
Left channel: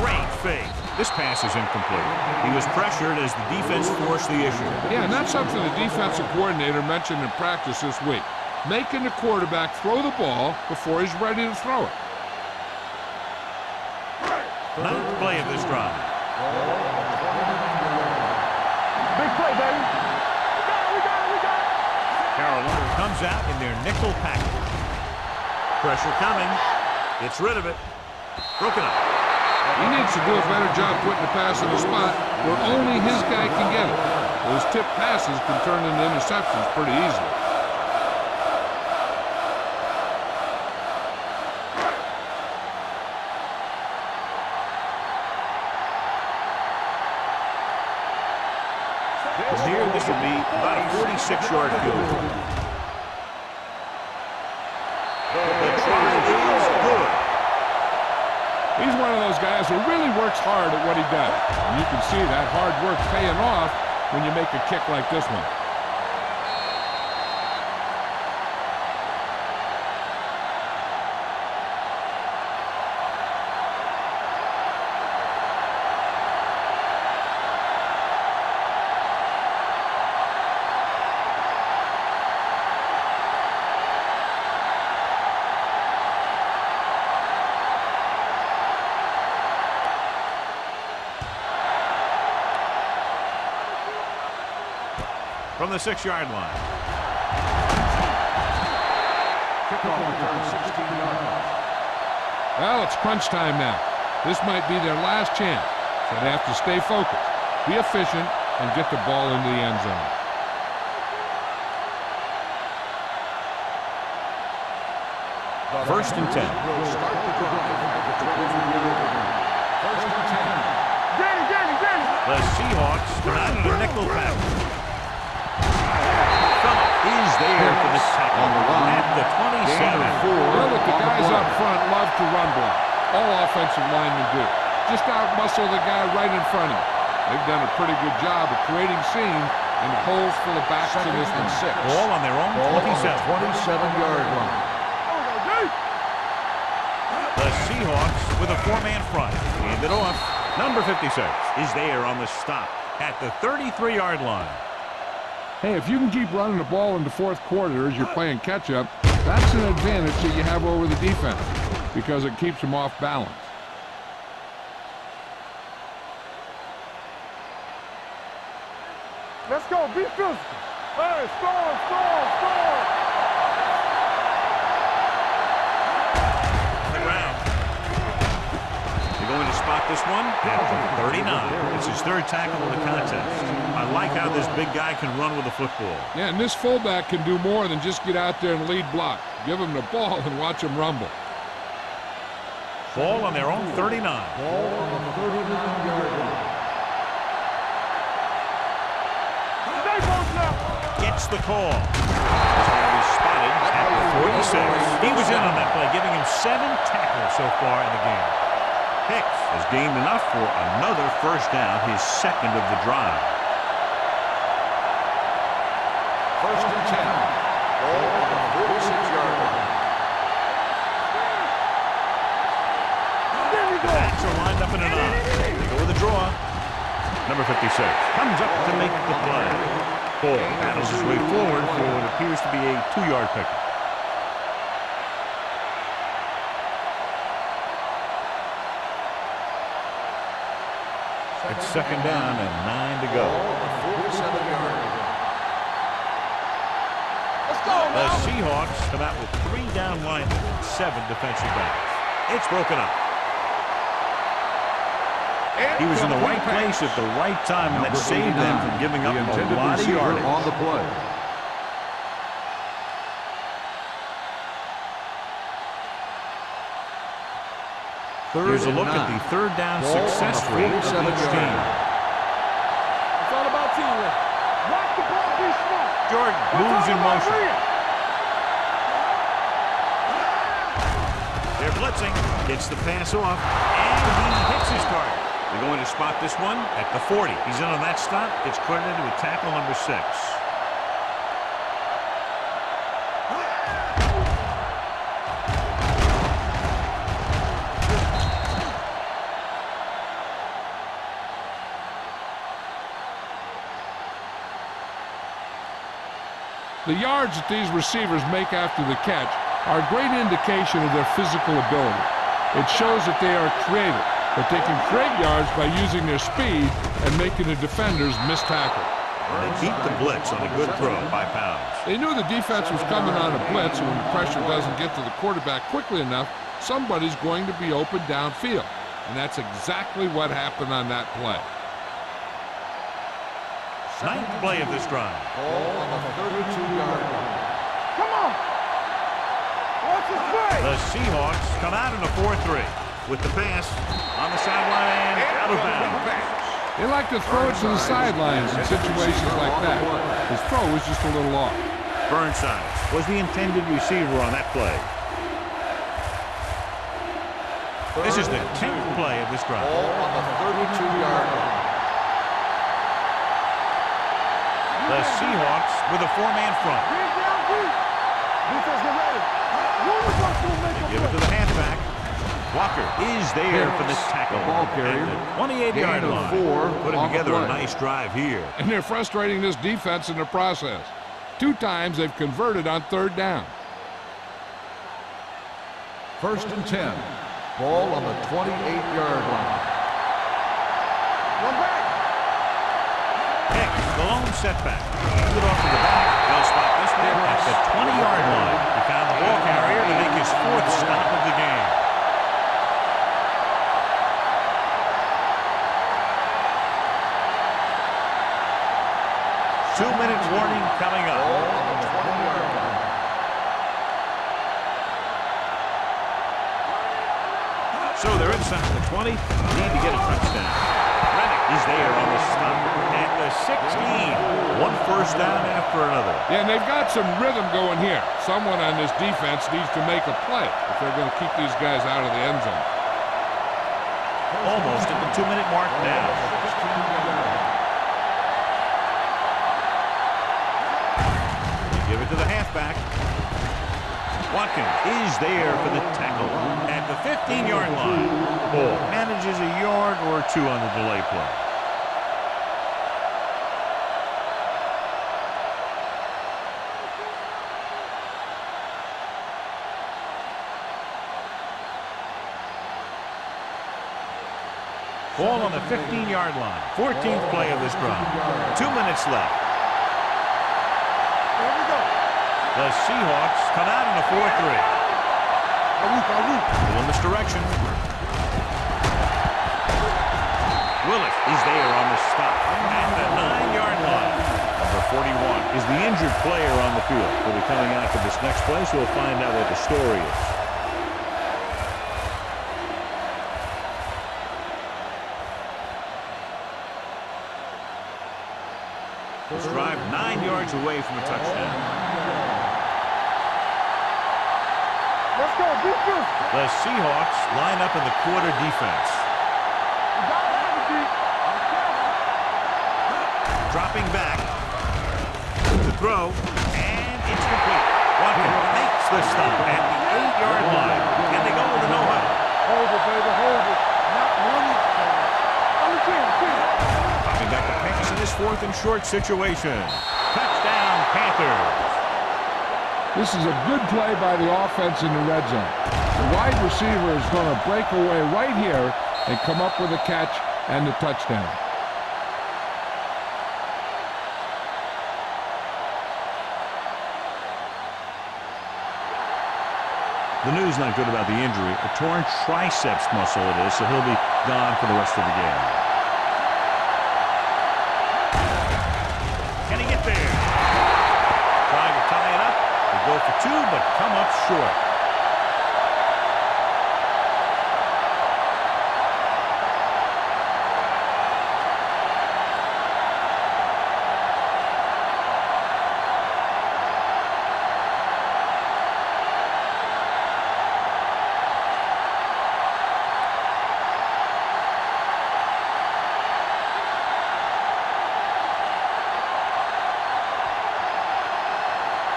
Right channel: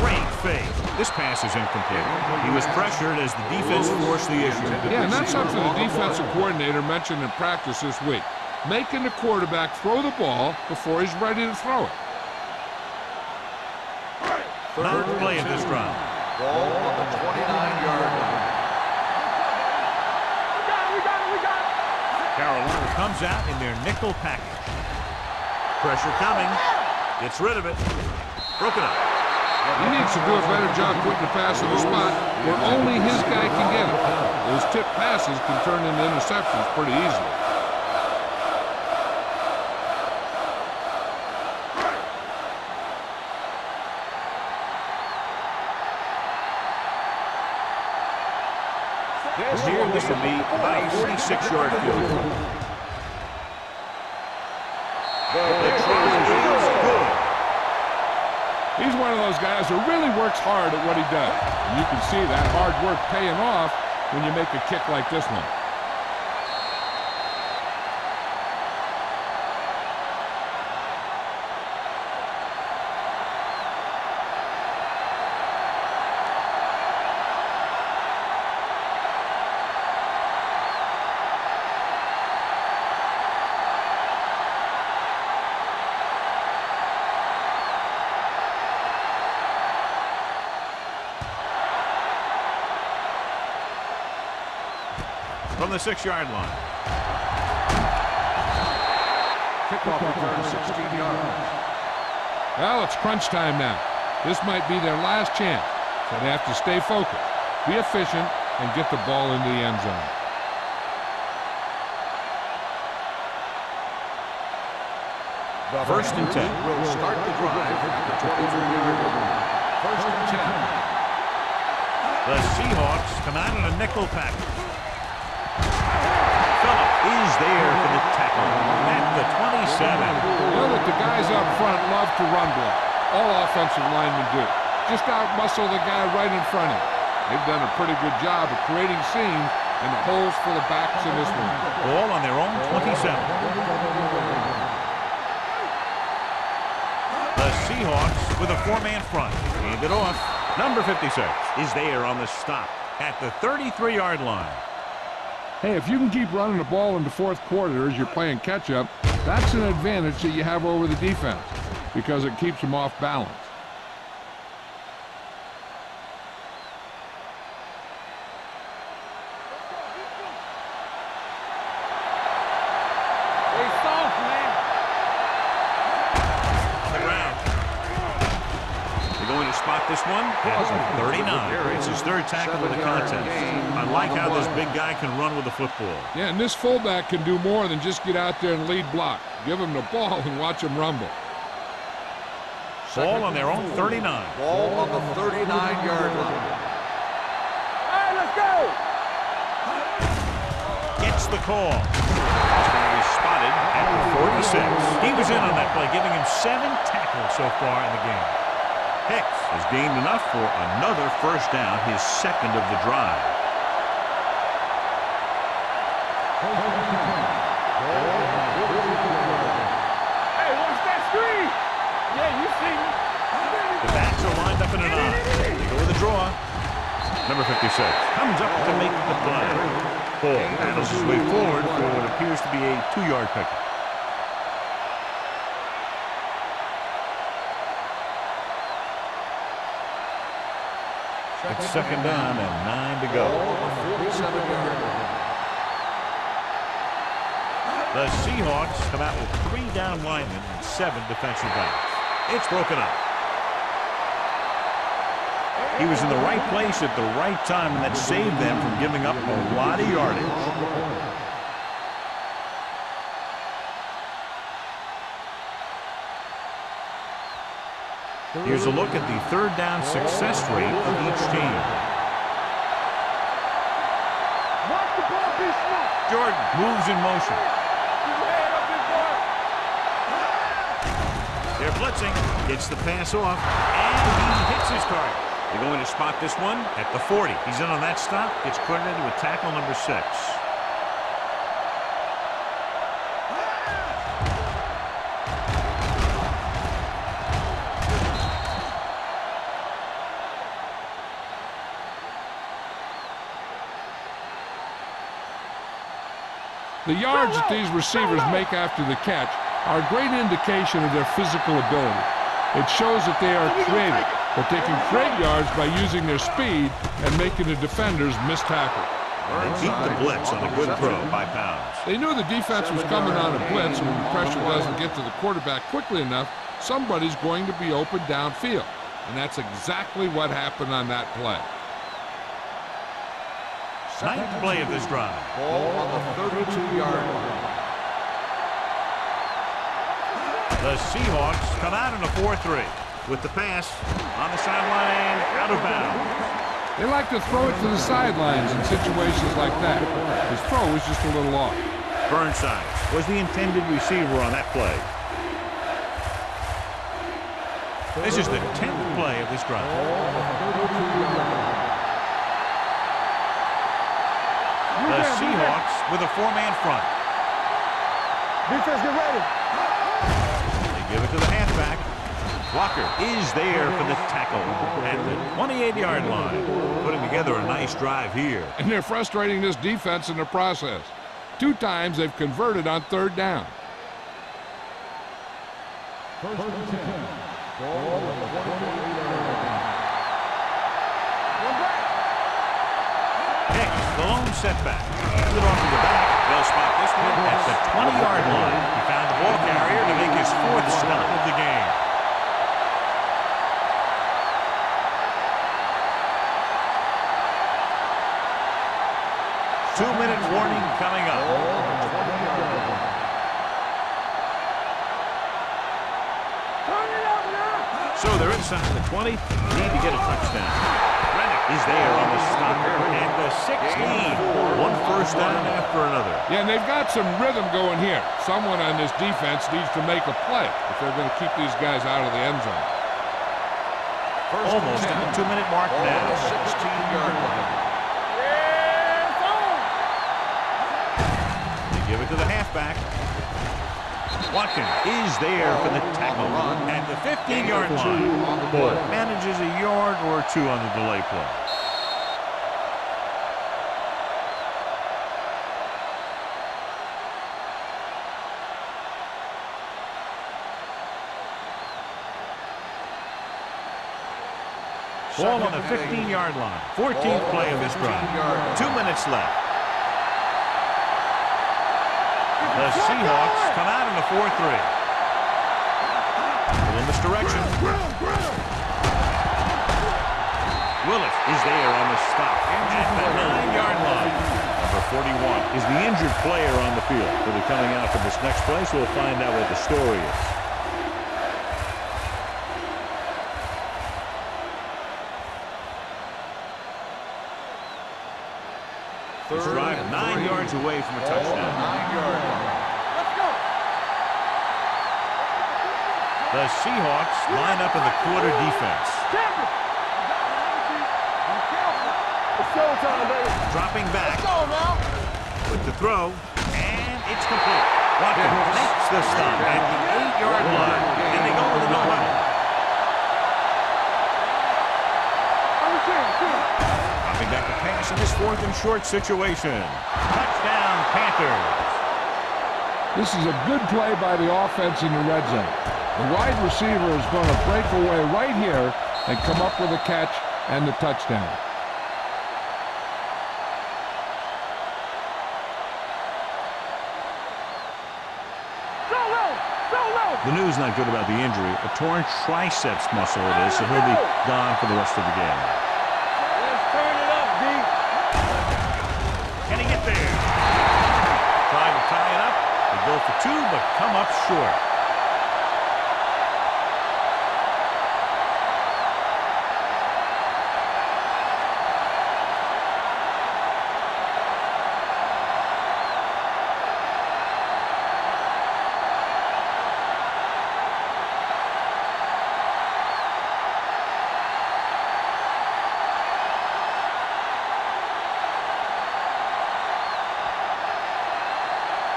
Great fake. This pass is incomplete. He was pressured as the defense forced the issue. Yeah, and that's something the defensive coordinator mentioned in practice this week. Making the quarterback throw the ball before he's ready to throw it. Ninth play of this drive. Ball on the 29-yard line. Big play, baby. We got it, we got it, we got it. Carolina comes out in their nickel package. Pressure coming. Gets rid of it. Broken up. He needs to do a better job putting the pass in a spot where only his guy can get it. Those tip passes can turn into interceptions pretty easily. From here, this will be about a 46-yard field goal. The try is good. He's one of those guys who really works hard at what he does. And you can see that hard work paying off when you make a kick like this one. From the 6-yard line. Kickoff return 16 yards. Well, it's crunch time now. This might be their last chance, so they have to stay focused, be efficient, and get the ball into the end zone. The First and 10. Will start the drive at the 23-yard line. First and 10. The Seahawks come out in a nickel package. Phillip is there for the tackle at the 27. You know that the guys up front love to run block. All offensive linemen do. Just out-muscle the guy right in front of you. They've done a pretty good job of creating seams and the holes for the backs in this one. Ball on their own 27. 27-yard line. The Seahawks with a 4-man front. Hand it off. Number 56 is there on the stop at the 33-yard line. Hey, if you can keep running the ball in the fourth quarter as you're playing catch-up, that's an advantage that you have over the defense because it keeps them off balance. Let's go, be physical. Hey, score. On the ground. They're going to spot this one at the 39. It's his third tackle of the contest. I like how this big guy can run with the football. Yeah, and this fullback can do more than just get out there and lead block. Give him the ball and watch him rumble. Ball on their own 39. Ball on the 39-yard line. Hey, let's go. Gets the call. He's going to be spotted at the 46. He was in on that play, giving him 7 tackles so far in the game. Hicks has gained enough for another first down, his second of the drive. First and 10. Ball on the 46-yard line. The backs are lined up in an I. They go with a draw. Number 56 comes up to make the play. Paul battles his way forward for what appears to be a 2-yard pickup. It's second down and 9 to go. Ball on the 47-yard line. The Seahawks come out with 3 down linemen and 7 defensive backs. It's broken up. He was in the right place at the right time, and that saved them from giving up a lot of yardage. On the play. Here's a look at the third down success rate of each team. It's all about teamwork. Watch the ball be smart. Jordan moves in motion. They're blitzing. Gets the pass off, and he hits his target. They're going to spot this one At the 40. He's in on that stop. Gets credited with tackle number 6. The yards that these receivers make after the catch are a great indication of their physical ability. It shows that they are creative, that they can create yards by using their speed and making the defenders miss tackle. They beat the blitz on a good throw by Pounds. They knew the defense was coming on a blitz, and when the pressure doesn't get to the quarterback quickly enough, somebody's going to be open downfield. And that's exactly what happened on that play. Ninth play of this drive. Ball on the 32-yard line. Come on. What's the play? The Seahawks come out in a 4-3 with the pass on the sideline and out of bounds. They like to throw it to the sidelines in situations like that. His throw was just a little off. Burnside was the intended receiver on that play. This is the 10th play of this drive. Ball on the 32-yard line. The Seahawks with a 4-man front. Defense, get ready. They give it to the halfback. Walker is there for the tackle at the 28-yard line. Putting together a nice drive here. And they're frustrating this defense in the process. 2 times they've converted on 3rd down. 1st and 10. Ball on the 28-yard line. One back. Hicks, the lone setback. Hands it off to the back. They'll spot this one at the 20-yard line. He found the ball carrier to make his 4th stop of the game. Two-minute warning coming up. Ball on the 20-yard line. Turn it up now. So they're inside the 20. Need to get a touchdown. Rennick is there on the stop at the 16. One first down after another. Yeah, and they've got some rhythm going here. Someone on this defense needs to make a play if they're going to keep these guys out of the end zone. Almost at the 2-minute mark Ball on now. the 16-yard line. They give it to the halfback. Watkins is there for the tackle at the 15-yard line. Ball manages a yard or 2 on the delay play. Ball on the 15-yard line. 14th play of this drive. 2 minutes left. The Seahawks come out in a 4-3. Little misdirection. Willis is there on the stop at the 9-yard line. Number 41 is the injured player on the field. He'll be coming out for this next play, so we'll find out what the story is. This drive 9 yards away from a touchdown. 9-yard line. Let's go. Defense. The Seahawks line up in the quarter defense. You got to have it deep. Be careful. It's showtime, baby. Dropping back with the throw, and it's complete. Watkins makes the stop at the 8-yard line, and they go with a no-huddle. Hold it, baby. Hold it. Not one. Understand, team. Dropping back the pass in this 4th and short situation. Touchdown, Panthers. This is a good play by the offense in the red zone. The wide receiver is going to break away right here and come up with a catch and the touchdown. The news not good about the injury. A torn triceps muscle it is, so he'll be gone for the rest of the game. Can he get there? Trying to tie it up. They go for 2, but come up short.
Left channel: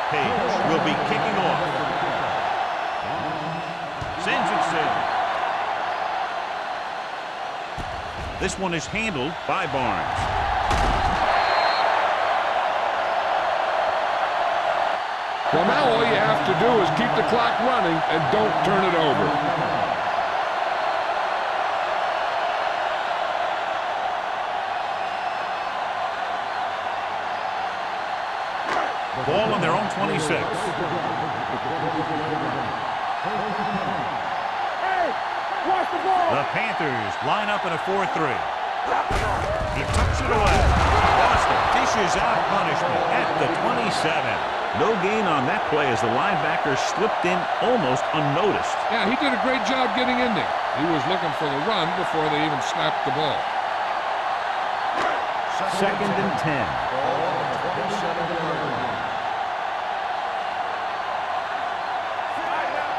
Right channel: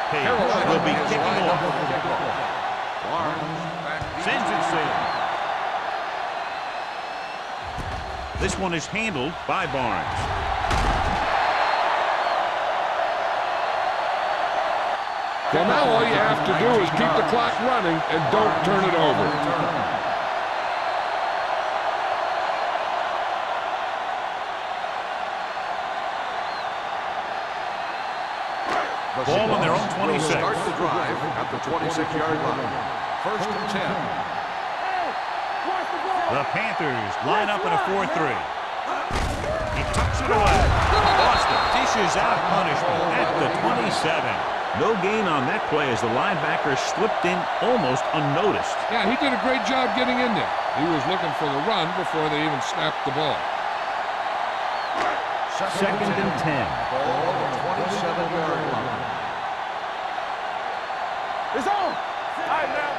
Page will be kicking off. Sends it sailing. This one is handled by Barnes. Well, now all you have to do is keep the clock running and don't turn it over. Ball on their own 26. Starts the drive at the 26-yard line. First and 10. Hey, watch the ball. The Panthers line up in a 4-3. He tucks it away. Boston dishes out punishment at the 27. No gain on that play as the linebacker slipped in almost unnoticed. Yeah, he did a great job getting in there. He was looking for the run before they even snapped the ball. Second and 10. Ball on the 27-yard line. It's on. All right, now.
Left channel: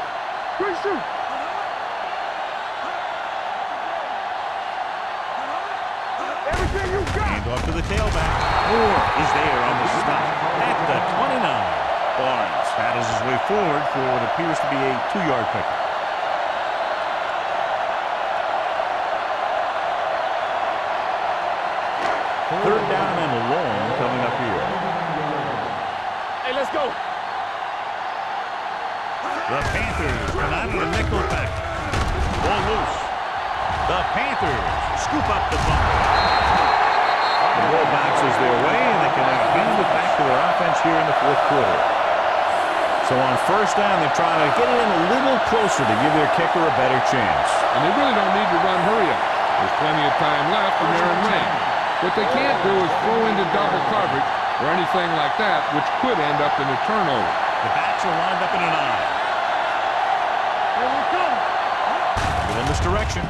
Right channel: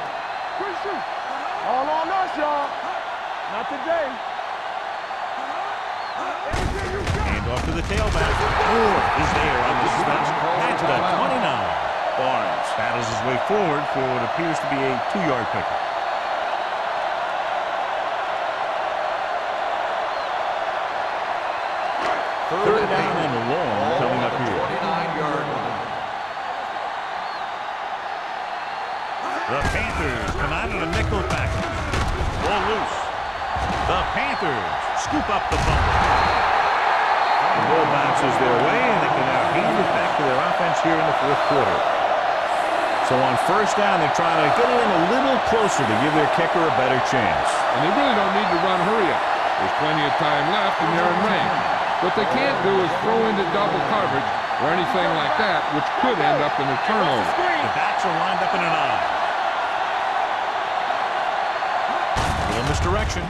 Quick shoot. All on us, y'all. Not today. Everything you got. Hand off to the tailback. Moore is there on the stop at the 29. Barnes battles his way forward for what appears to be a 2-yard pickup. Third down and long coming up here. Hey, let's go. The Panthers come out of the nickel package. Ball loose. The Panthers scoop up the fumble. The ball bounces their way, and they can now hand it back to their offense here in the fourth quarter. So on first down, they're trying to get it in a little closer to give their kicker a better chance. And they really don't need to run hurry up. There's plenty of time left and they're in range. What they can't do is throw into double coverage or anything like that, which could end up in a turnover. The backs are lined up in an I. Little misdirection.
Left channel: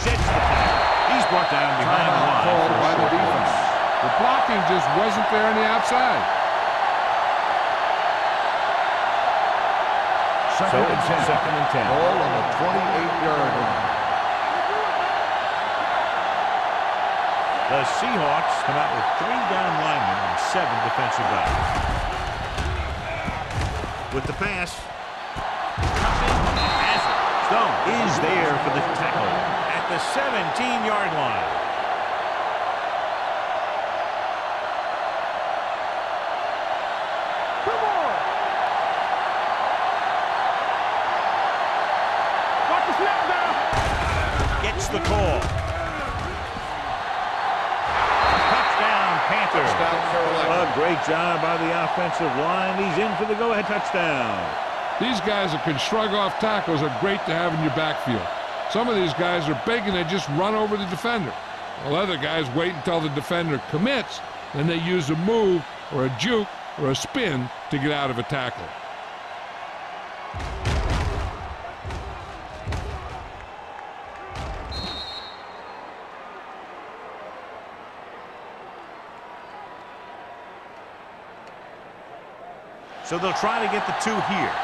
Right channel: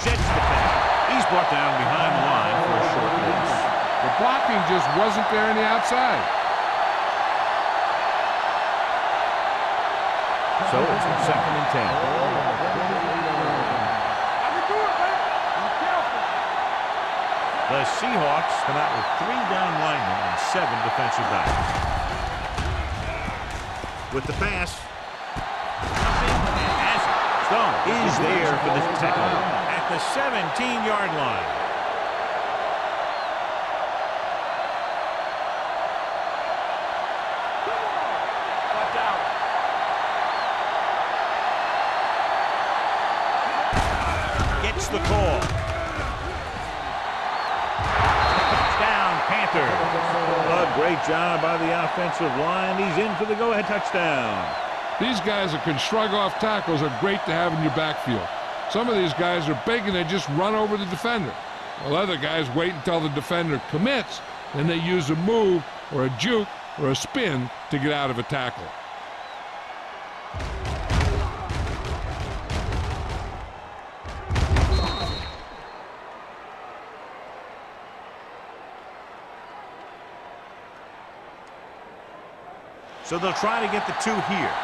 Sheds the tackle. He's brought down behind the line for a short loss. The blocking just wasn't there on the outside. So it's second and 10. Ball on the 28-yard line. I can do it, man. Be careful. The Seahawks come out with 3 down linemen and 7 defensive backs. With the pass. Nothing and has it. Stone is there for the tackle at the 17-yard line. Come on. Watch the snap, guys. Gets the call. Touchdown, Panthers. A great job by the offensive line. He's in for the go-ahead touchdown. These guys that can shrug off tackles are great to have in your backfield. Some of these guys are big and they just run over the defender. While other guys wait until the defender commits, then they use a move or a juke or a spin to get out of a tackle. So they'll try to get the 2 here.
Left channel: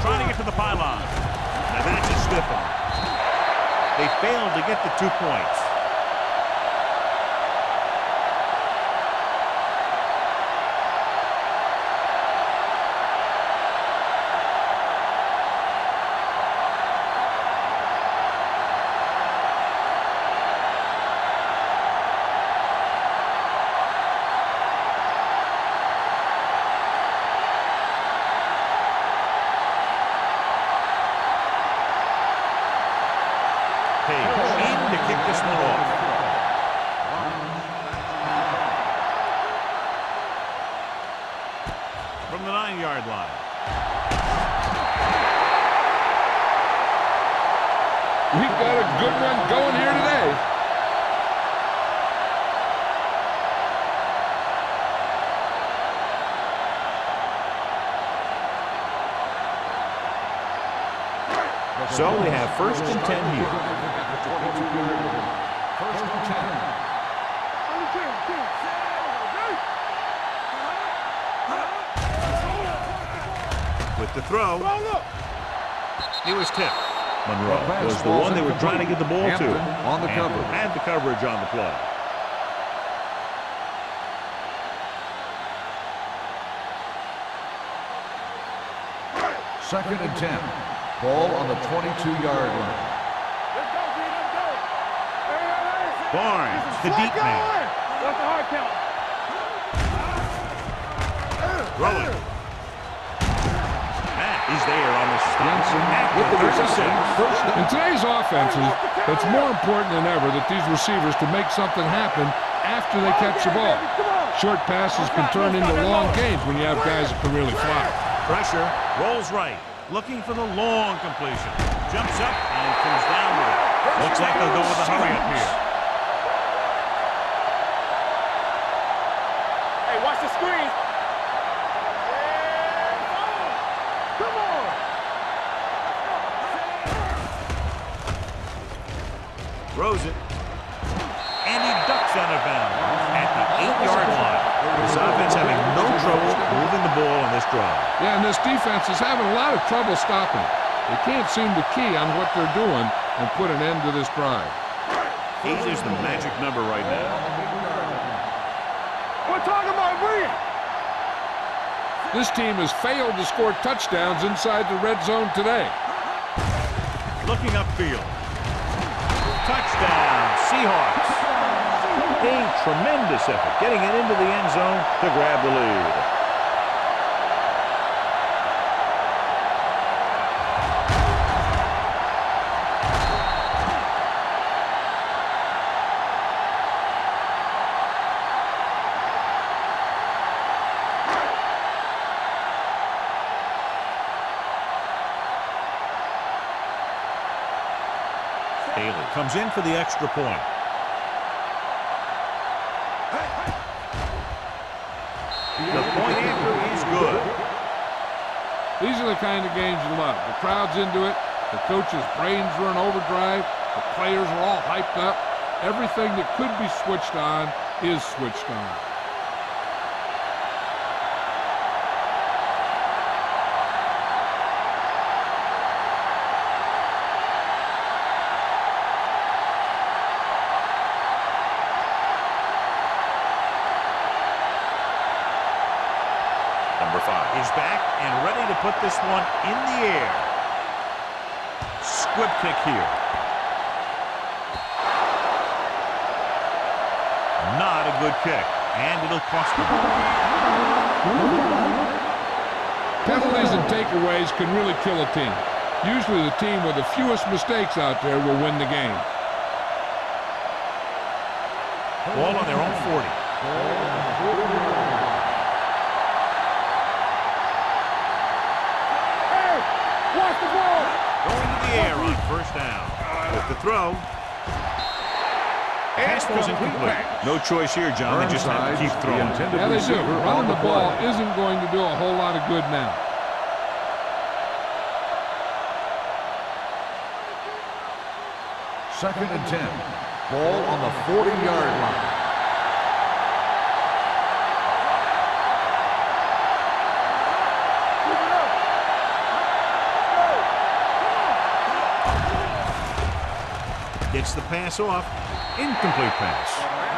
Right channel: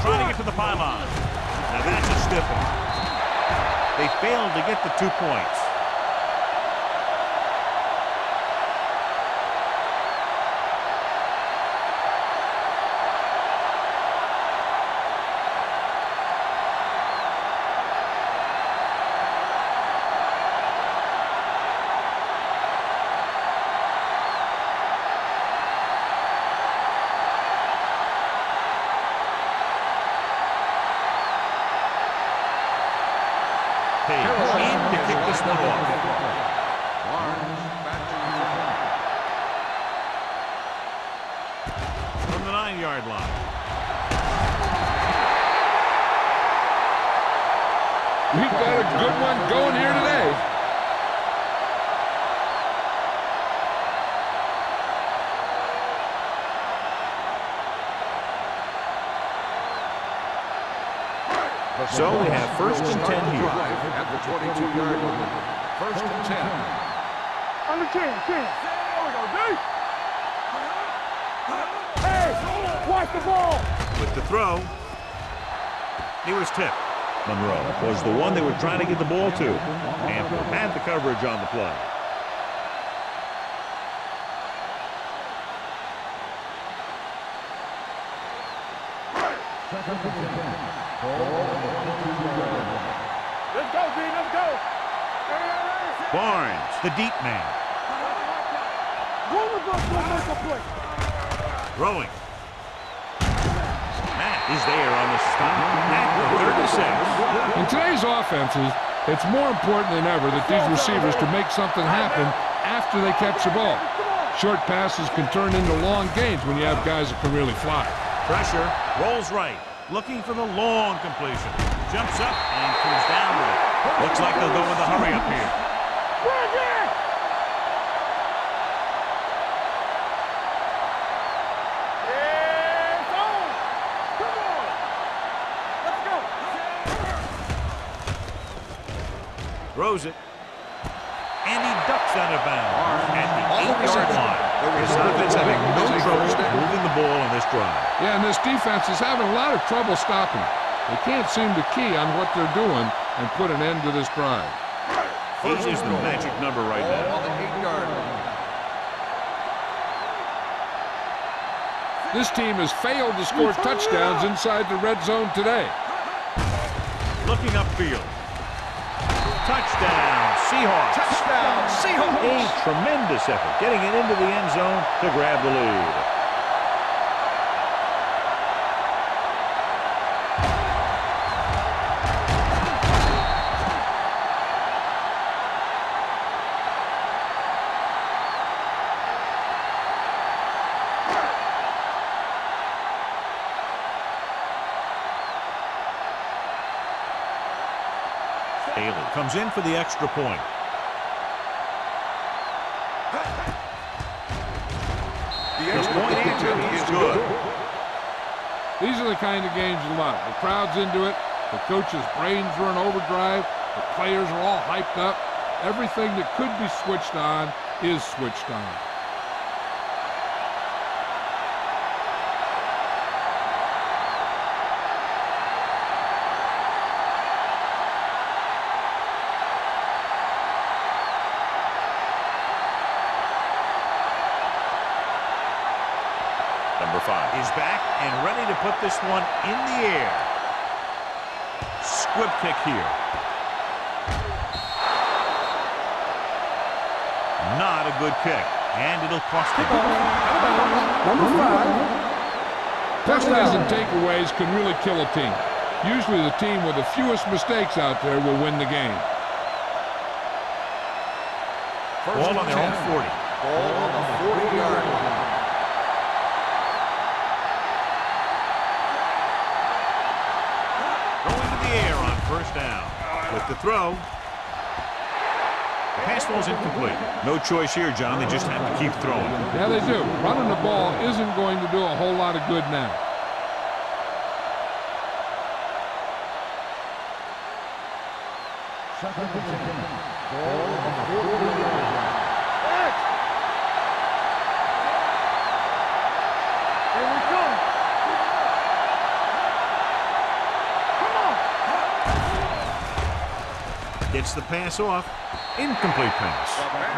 Trying to get to the pylon. Now that's a stiff arm. They failed to get the 2 points. Page in to kick this one off. Barnes back to From the 9-yard line. We've got a good one going here today. So we have first and 10 here. at the 22-yard line. First and 10. Under 10, 10. There we go, D. Hey, watch the ball. With the throw. He was tipped. Monroe was the one they were trying to get the ball to. On the And cover. had the coverage on the play. Second and 10. Ball on the 22-yard line. Let's go, B. Let's go. Hey. Barnes, the deep man. What's the hard count? Throwing. Matt is there on the stop at the 36. In today's offenses, it's more important than ever that these receivers to make something happen after they catch the ball. Short passes can turn into long gains when you have guys that can really fly. Pressure, rolls right, looking for the long completion. Jumps up and comes down with it. Looks like they'll go with a hurry up here. Hey, watch the screen. Yeah, it's on. Come on. Let's go. Throws it. And he ducks out of bounds at the 8-yard line. This offense having no trouble moving the ball on this drive. Yeah, and this defense is having a lot of trouble stopping it. They can't seem to key on what they're doing and put an end to this drive. 8 is the magic number right Ball now. on the 8-yard line. We're talking about bring it. This team has failed to score touchdowns inside the red zone today. Looking upfield. Touchdown, Seahawks. A tremendous effort getting it into the end zone to grab the lead. Haley Comes in for the extra point. The point answer is good. These are the kind of games you love. The crowd's into it. The coach's brains are in overdrive. The players are all hyped up. Everything that could be switched on is switched on. number 5. Is back and ready to put this one in the air. Squib kick here. Not a good kick, and it'll cost them. Penalties and takeaways can really kill a team. Usually the team with the fewest mistakes out there will win the game. Ball on their own 40. Ball on the 40-yard line. Going to the air on first down. With the throw. Pass ball's incomplete. No choice here, John. They just have to keep throwing. Yeah, they do. Running the ball isn't going to do a whole lot of good now. Second and 10. Ball on the 40-yard line. Gets the pass off. Incomplete pass.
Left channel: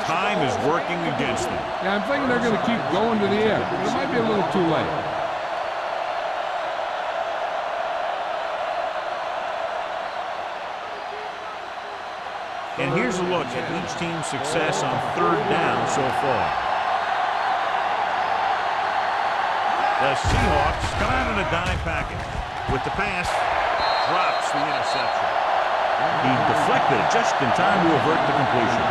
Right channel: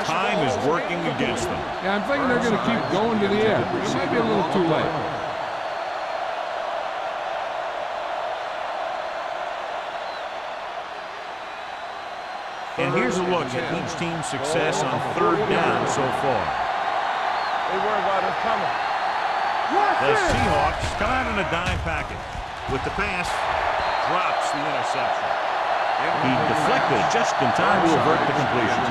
Time is working against them. Yeah, I'm thinking they're going to keep going to the air. It might be a little too late. And here's a look at each team's success on third down so far. The Seahawks come out in a dime package. With the pass, drops the interception. He deflected it just in time to avert the completion.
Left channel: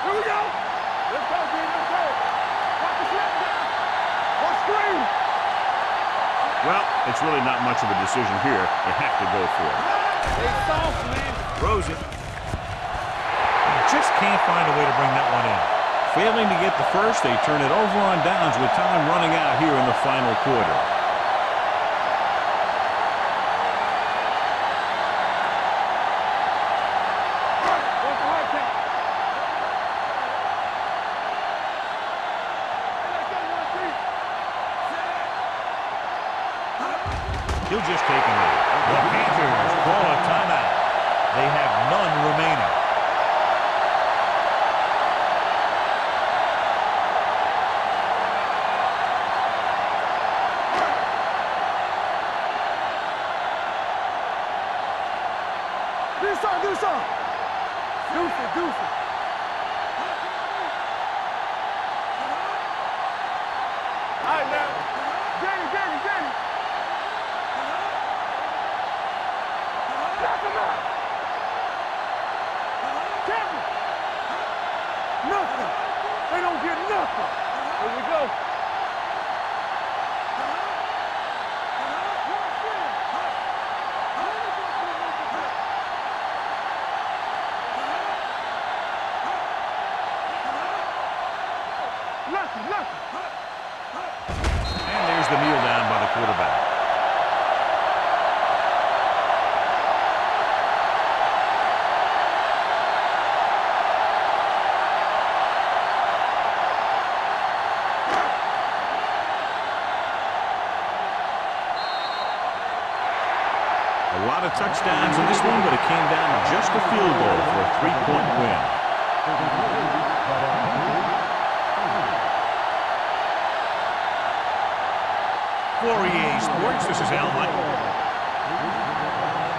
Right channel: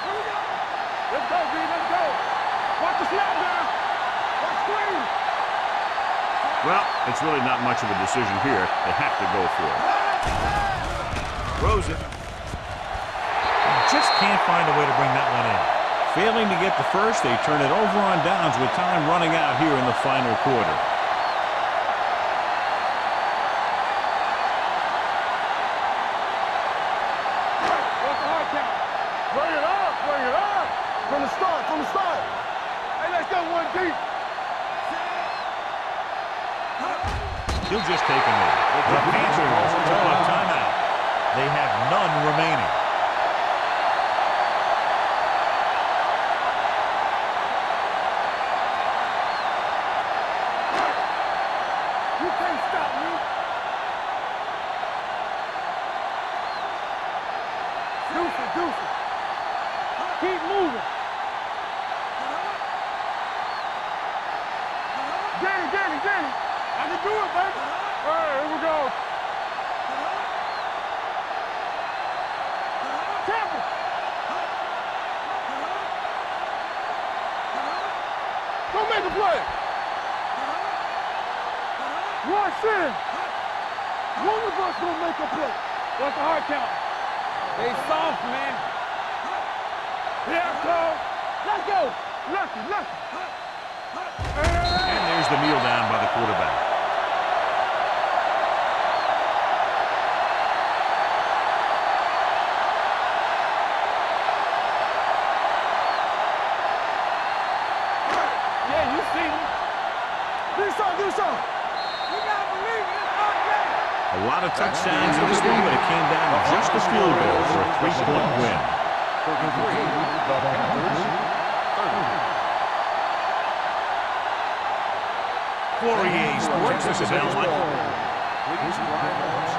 Here we go. Let's go, B. Let's go. Watch the snap down. Watch screen. Well, it's really not much of a decision here. They have to go for it. Throws it. Just can't find a way to bring that one in. Failing to get the first, they turn it over on downs with time running out here in the final quarter. What's the hard count? Bring it up. Bring it up. From the start, from the start. Hey, let's go one deep. He'll just take a knee. The Panthers call a timeout. They have none remaining. You can't stop me. Do something. Deuce it. Keep moving. All right, now. Danny. I can do it, baby. All right, here we go. Lock him up. Temple. Nothing. They don't get nothing. Here we go. Go make a play. One sin. One of us will make a play. What's the hard count? They soft, man. Yeah, let's go. Lucky. And there's the kneel down by the quarterback. Yeah, you see me. Do something. You gotta believe in this hard game. A lot of touchdowns in this one, but it came down to just a field goal for a 3-point win. 33, the Panthers 30. For EA Sports, this is Al Michael. Please drive on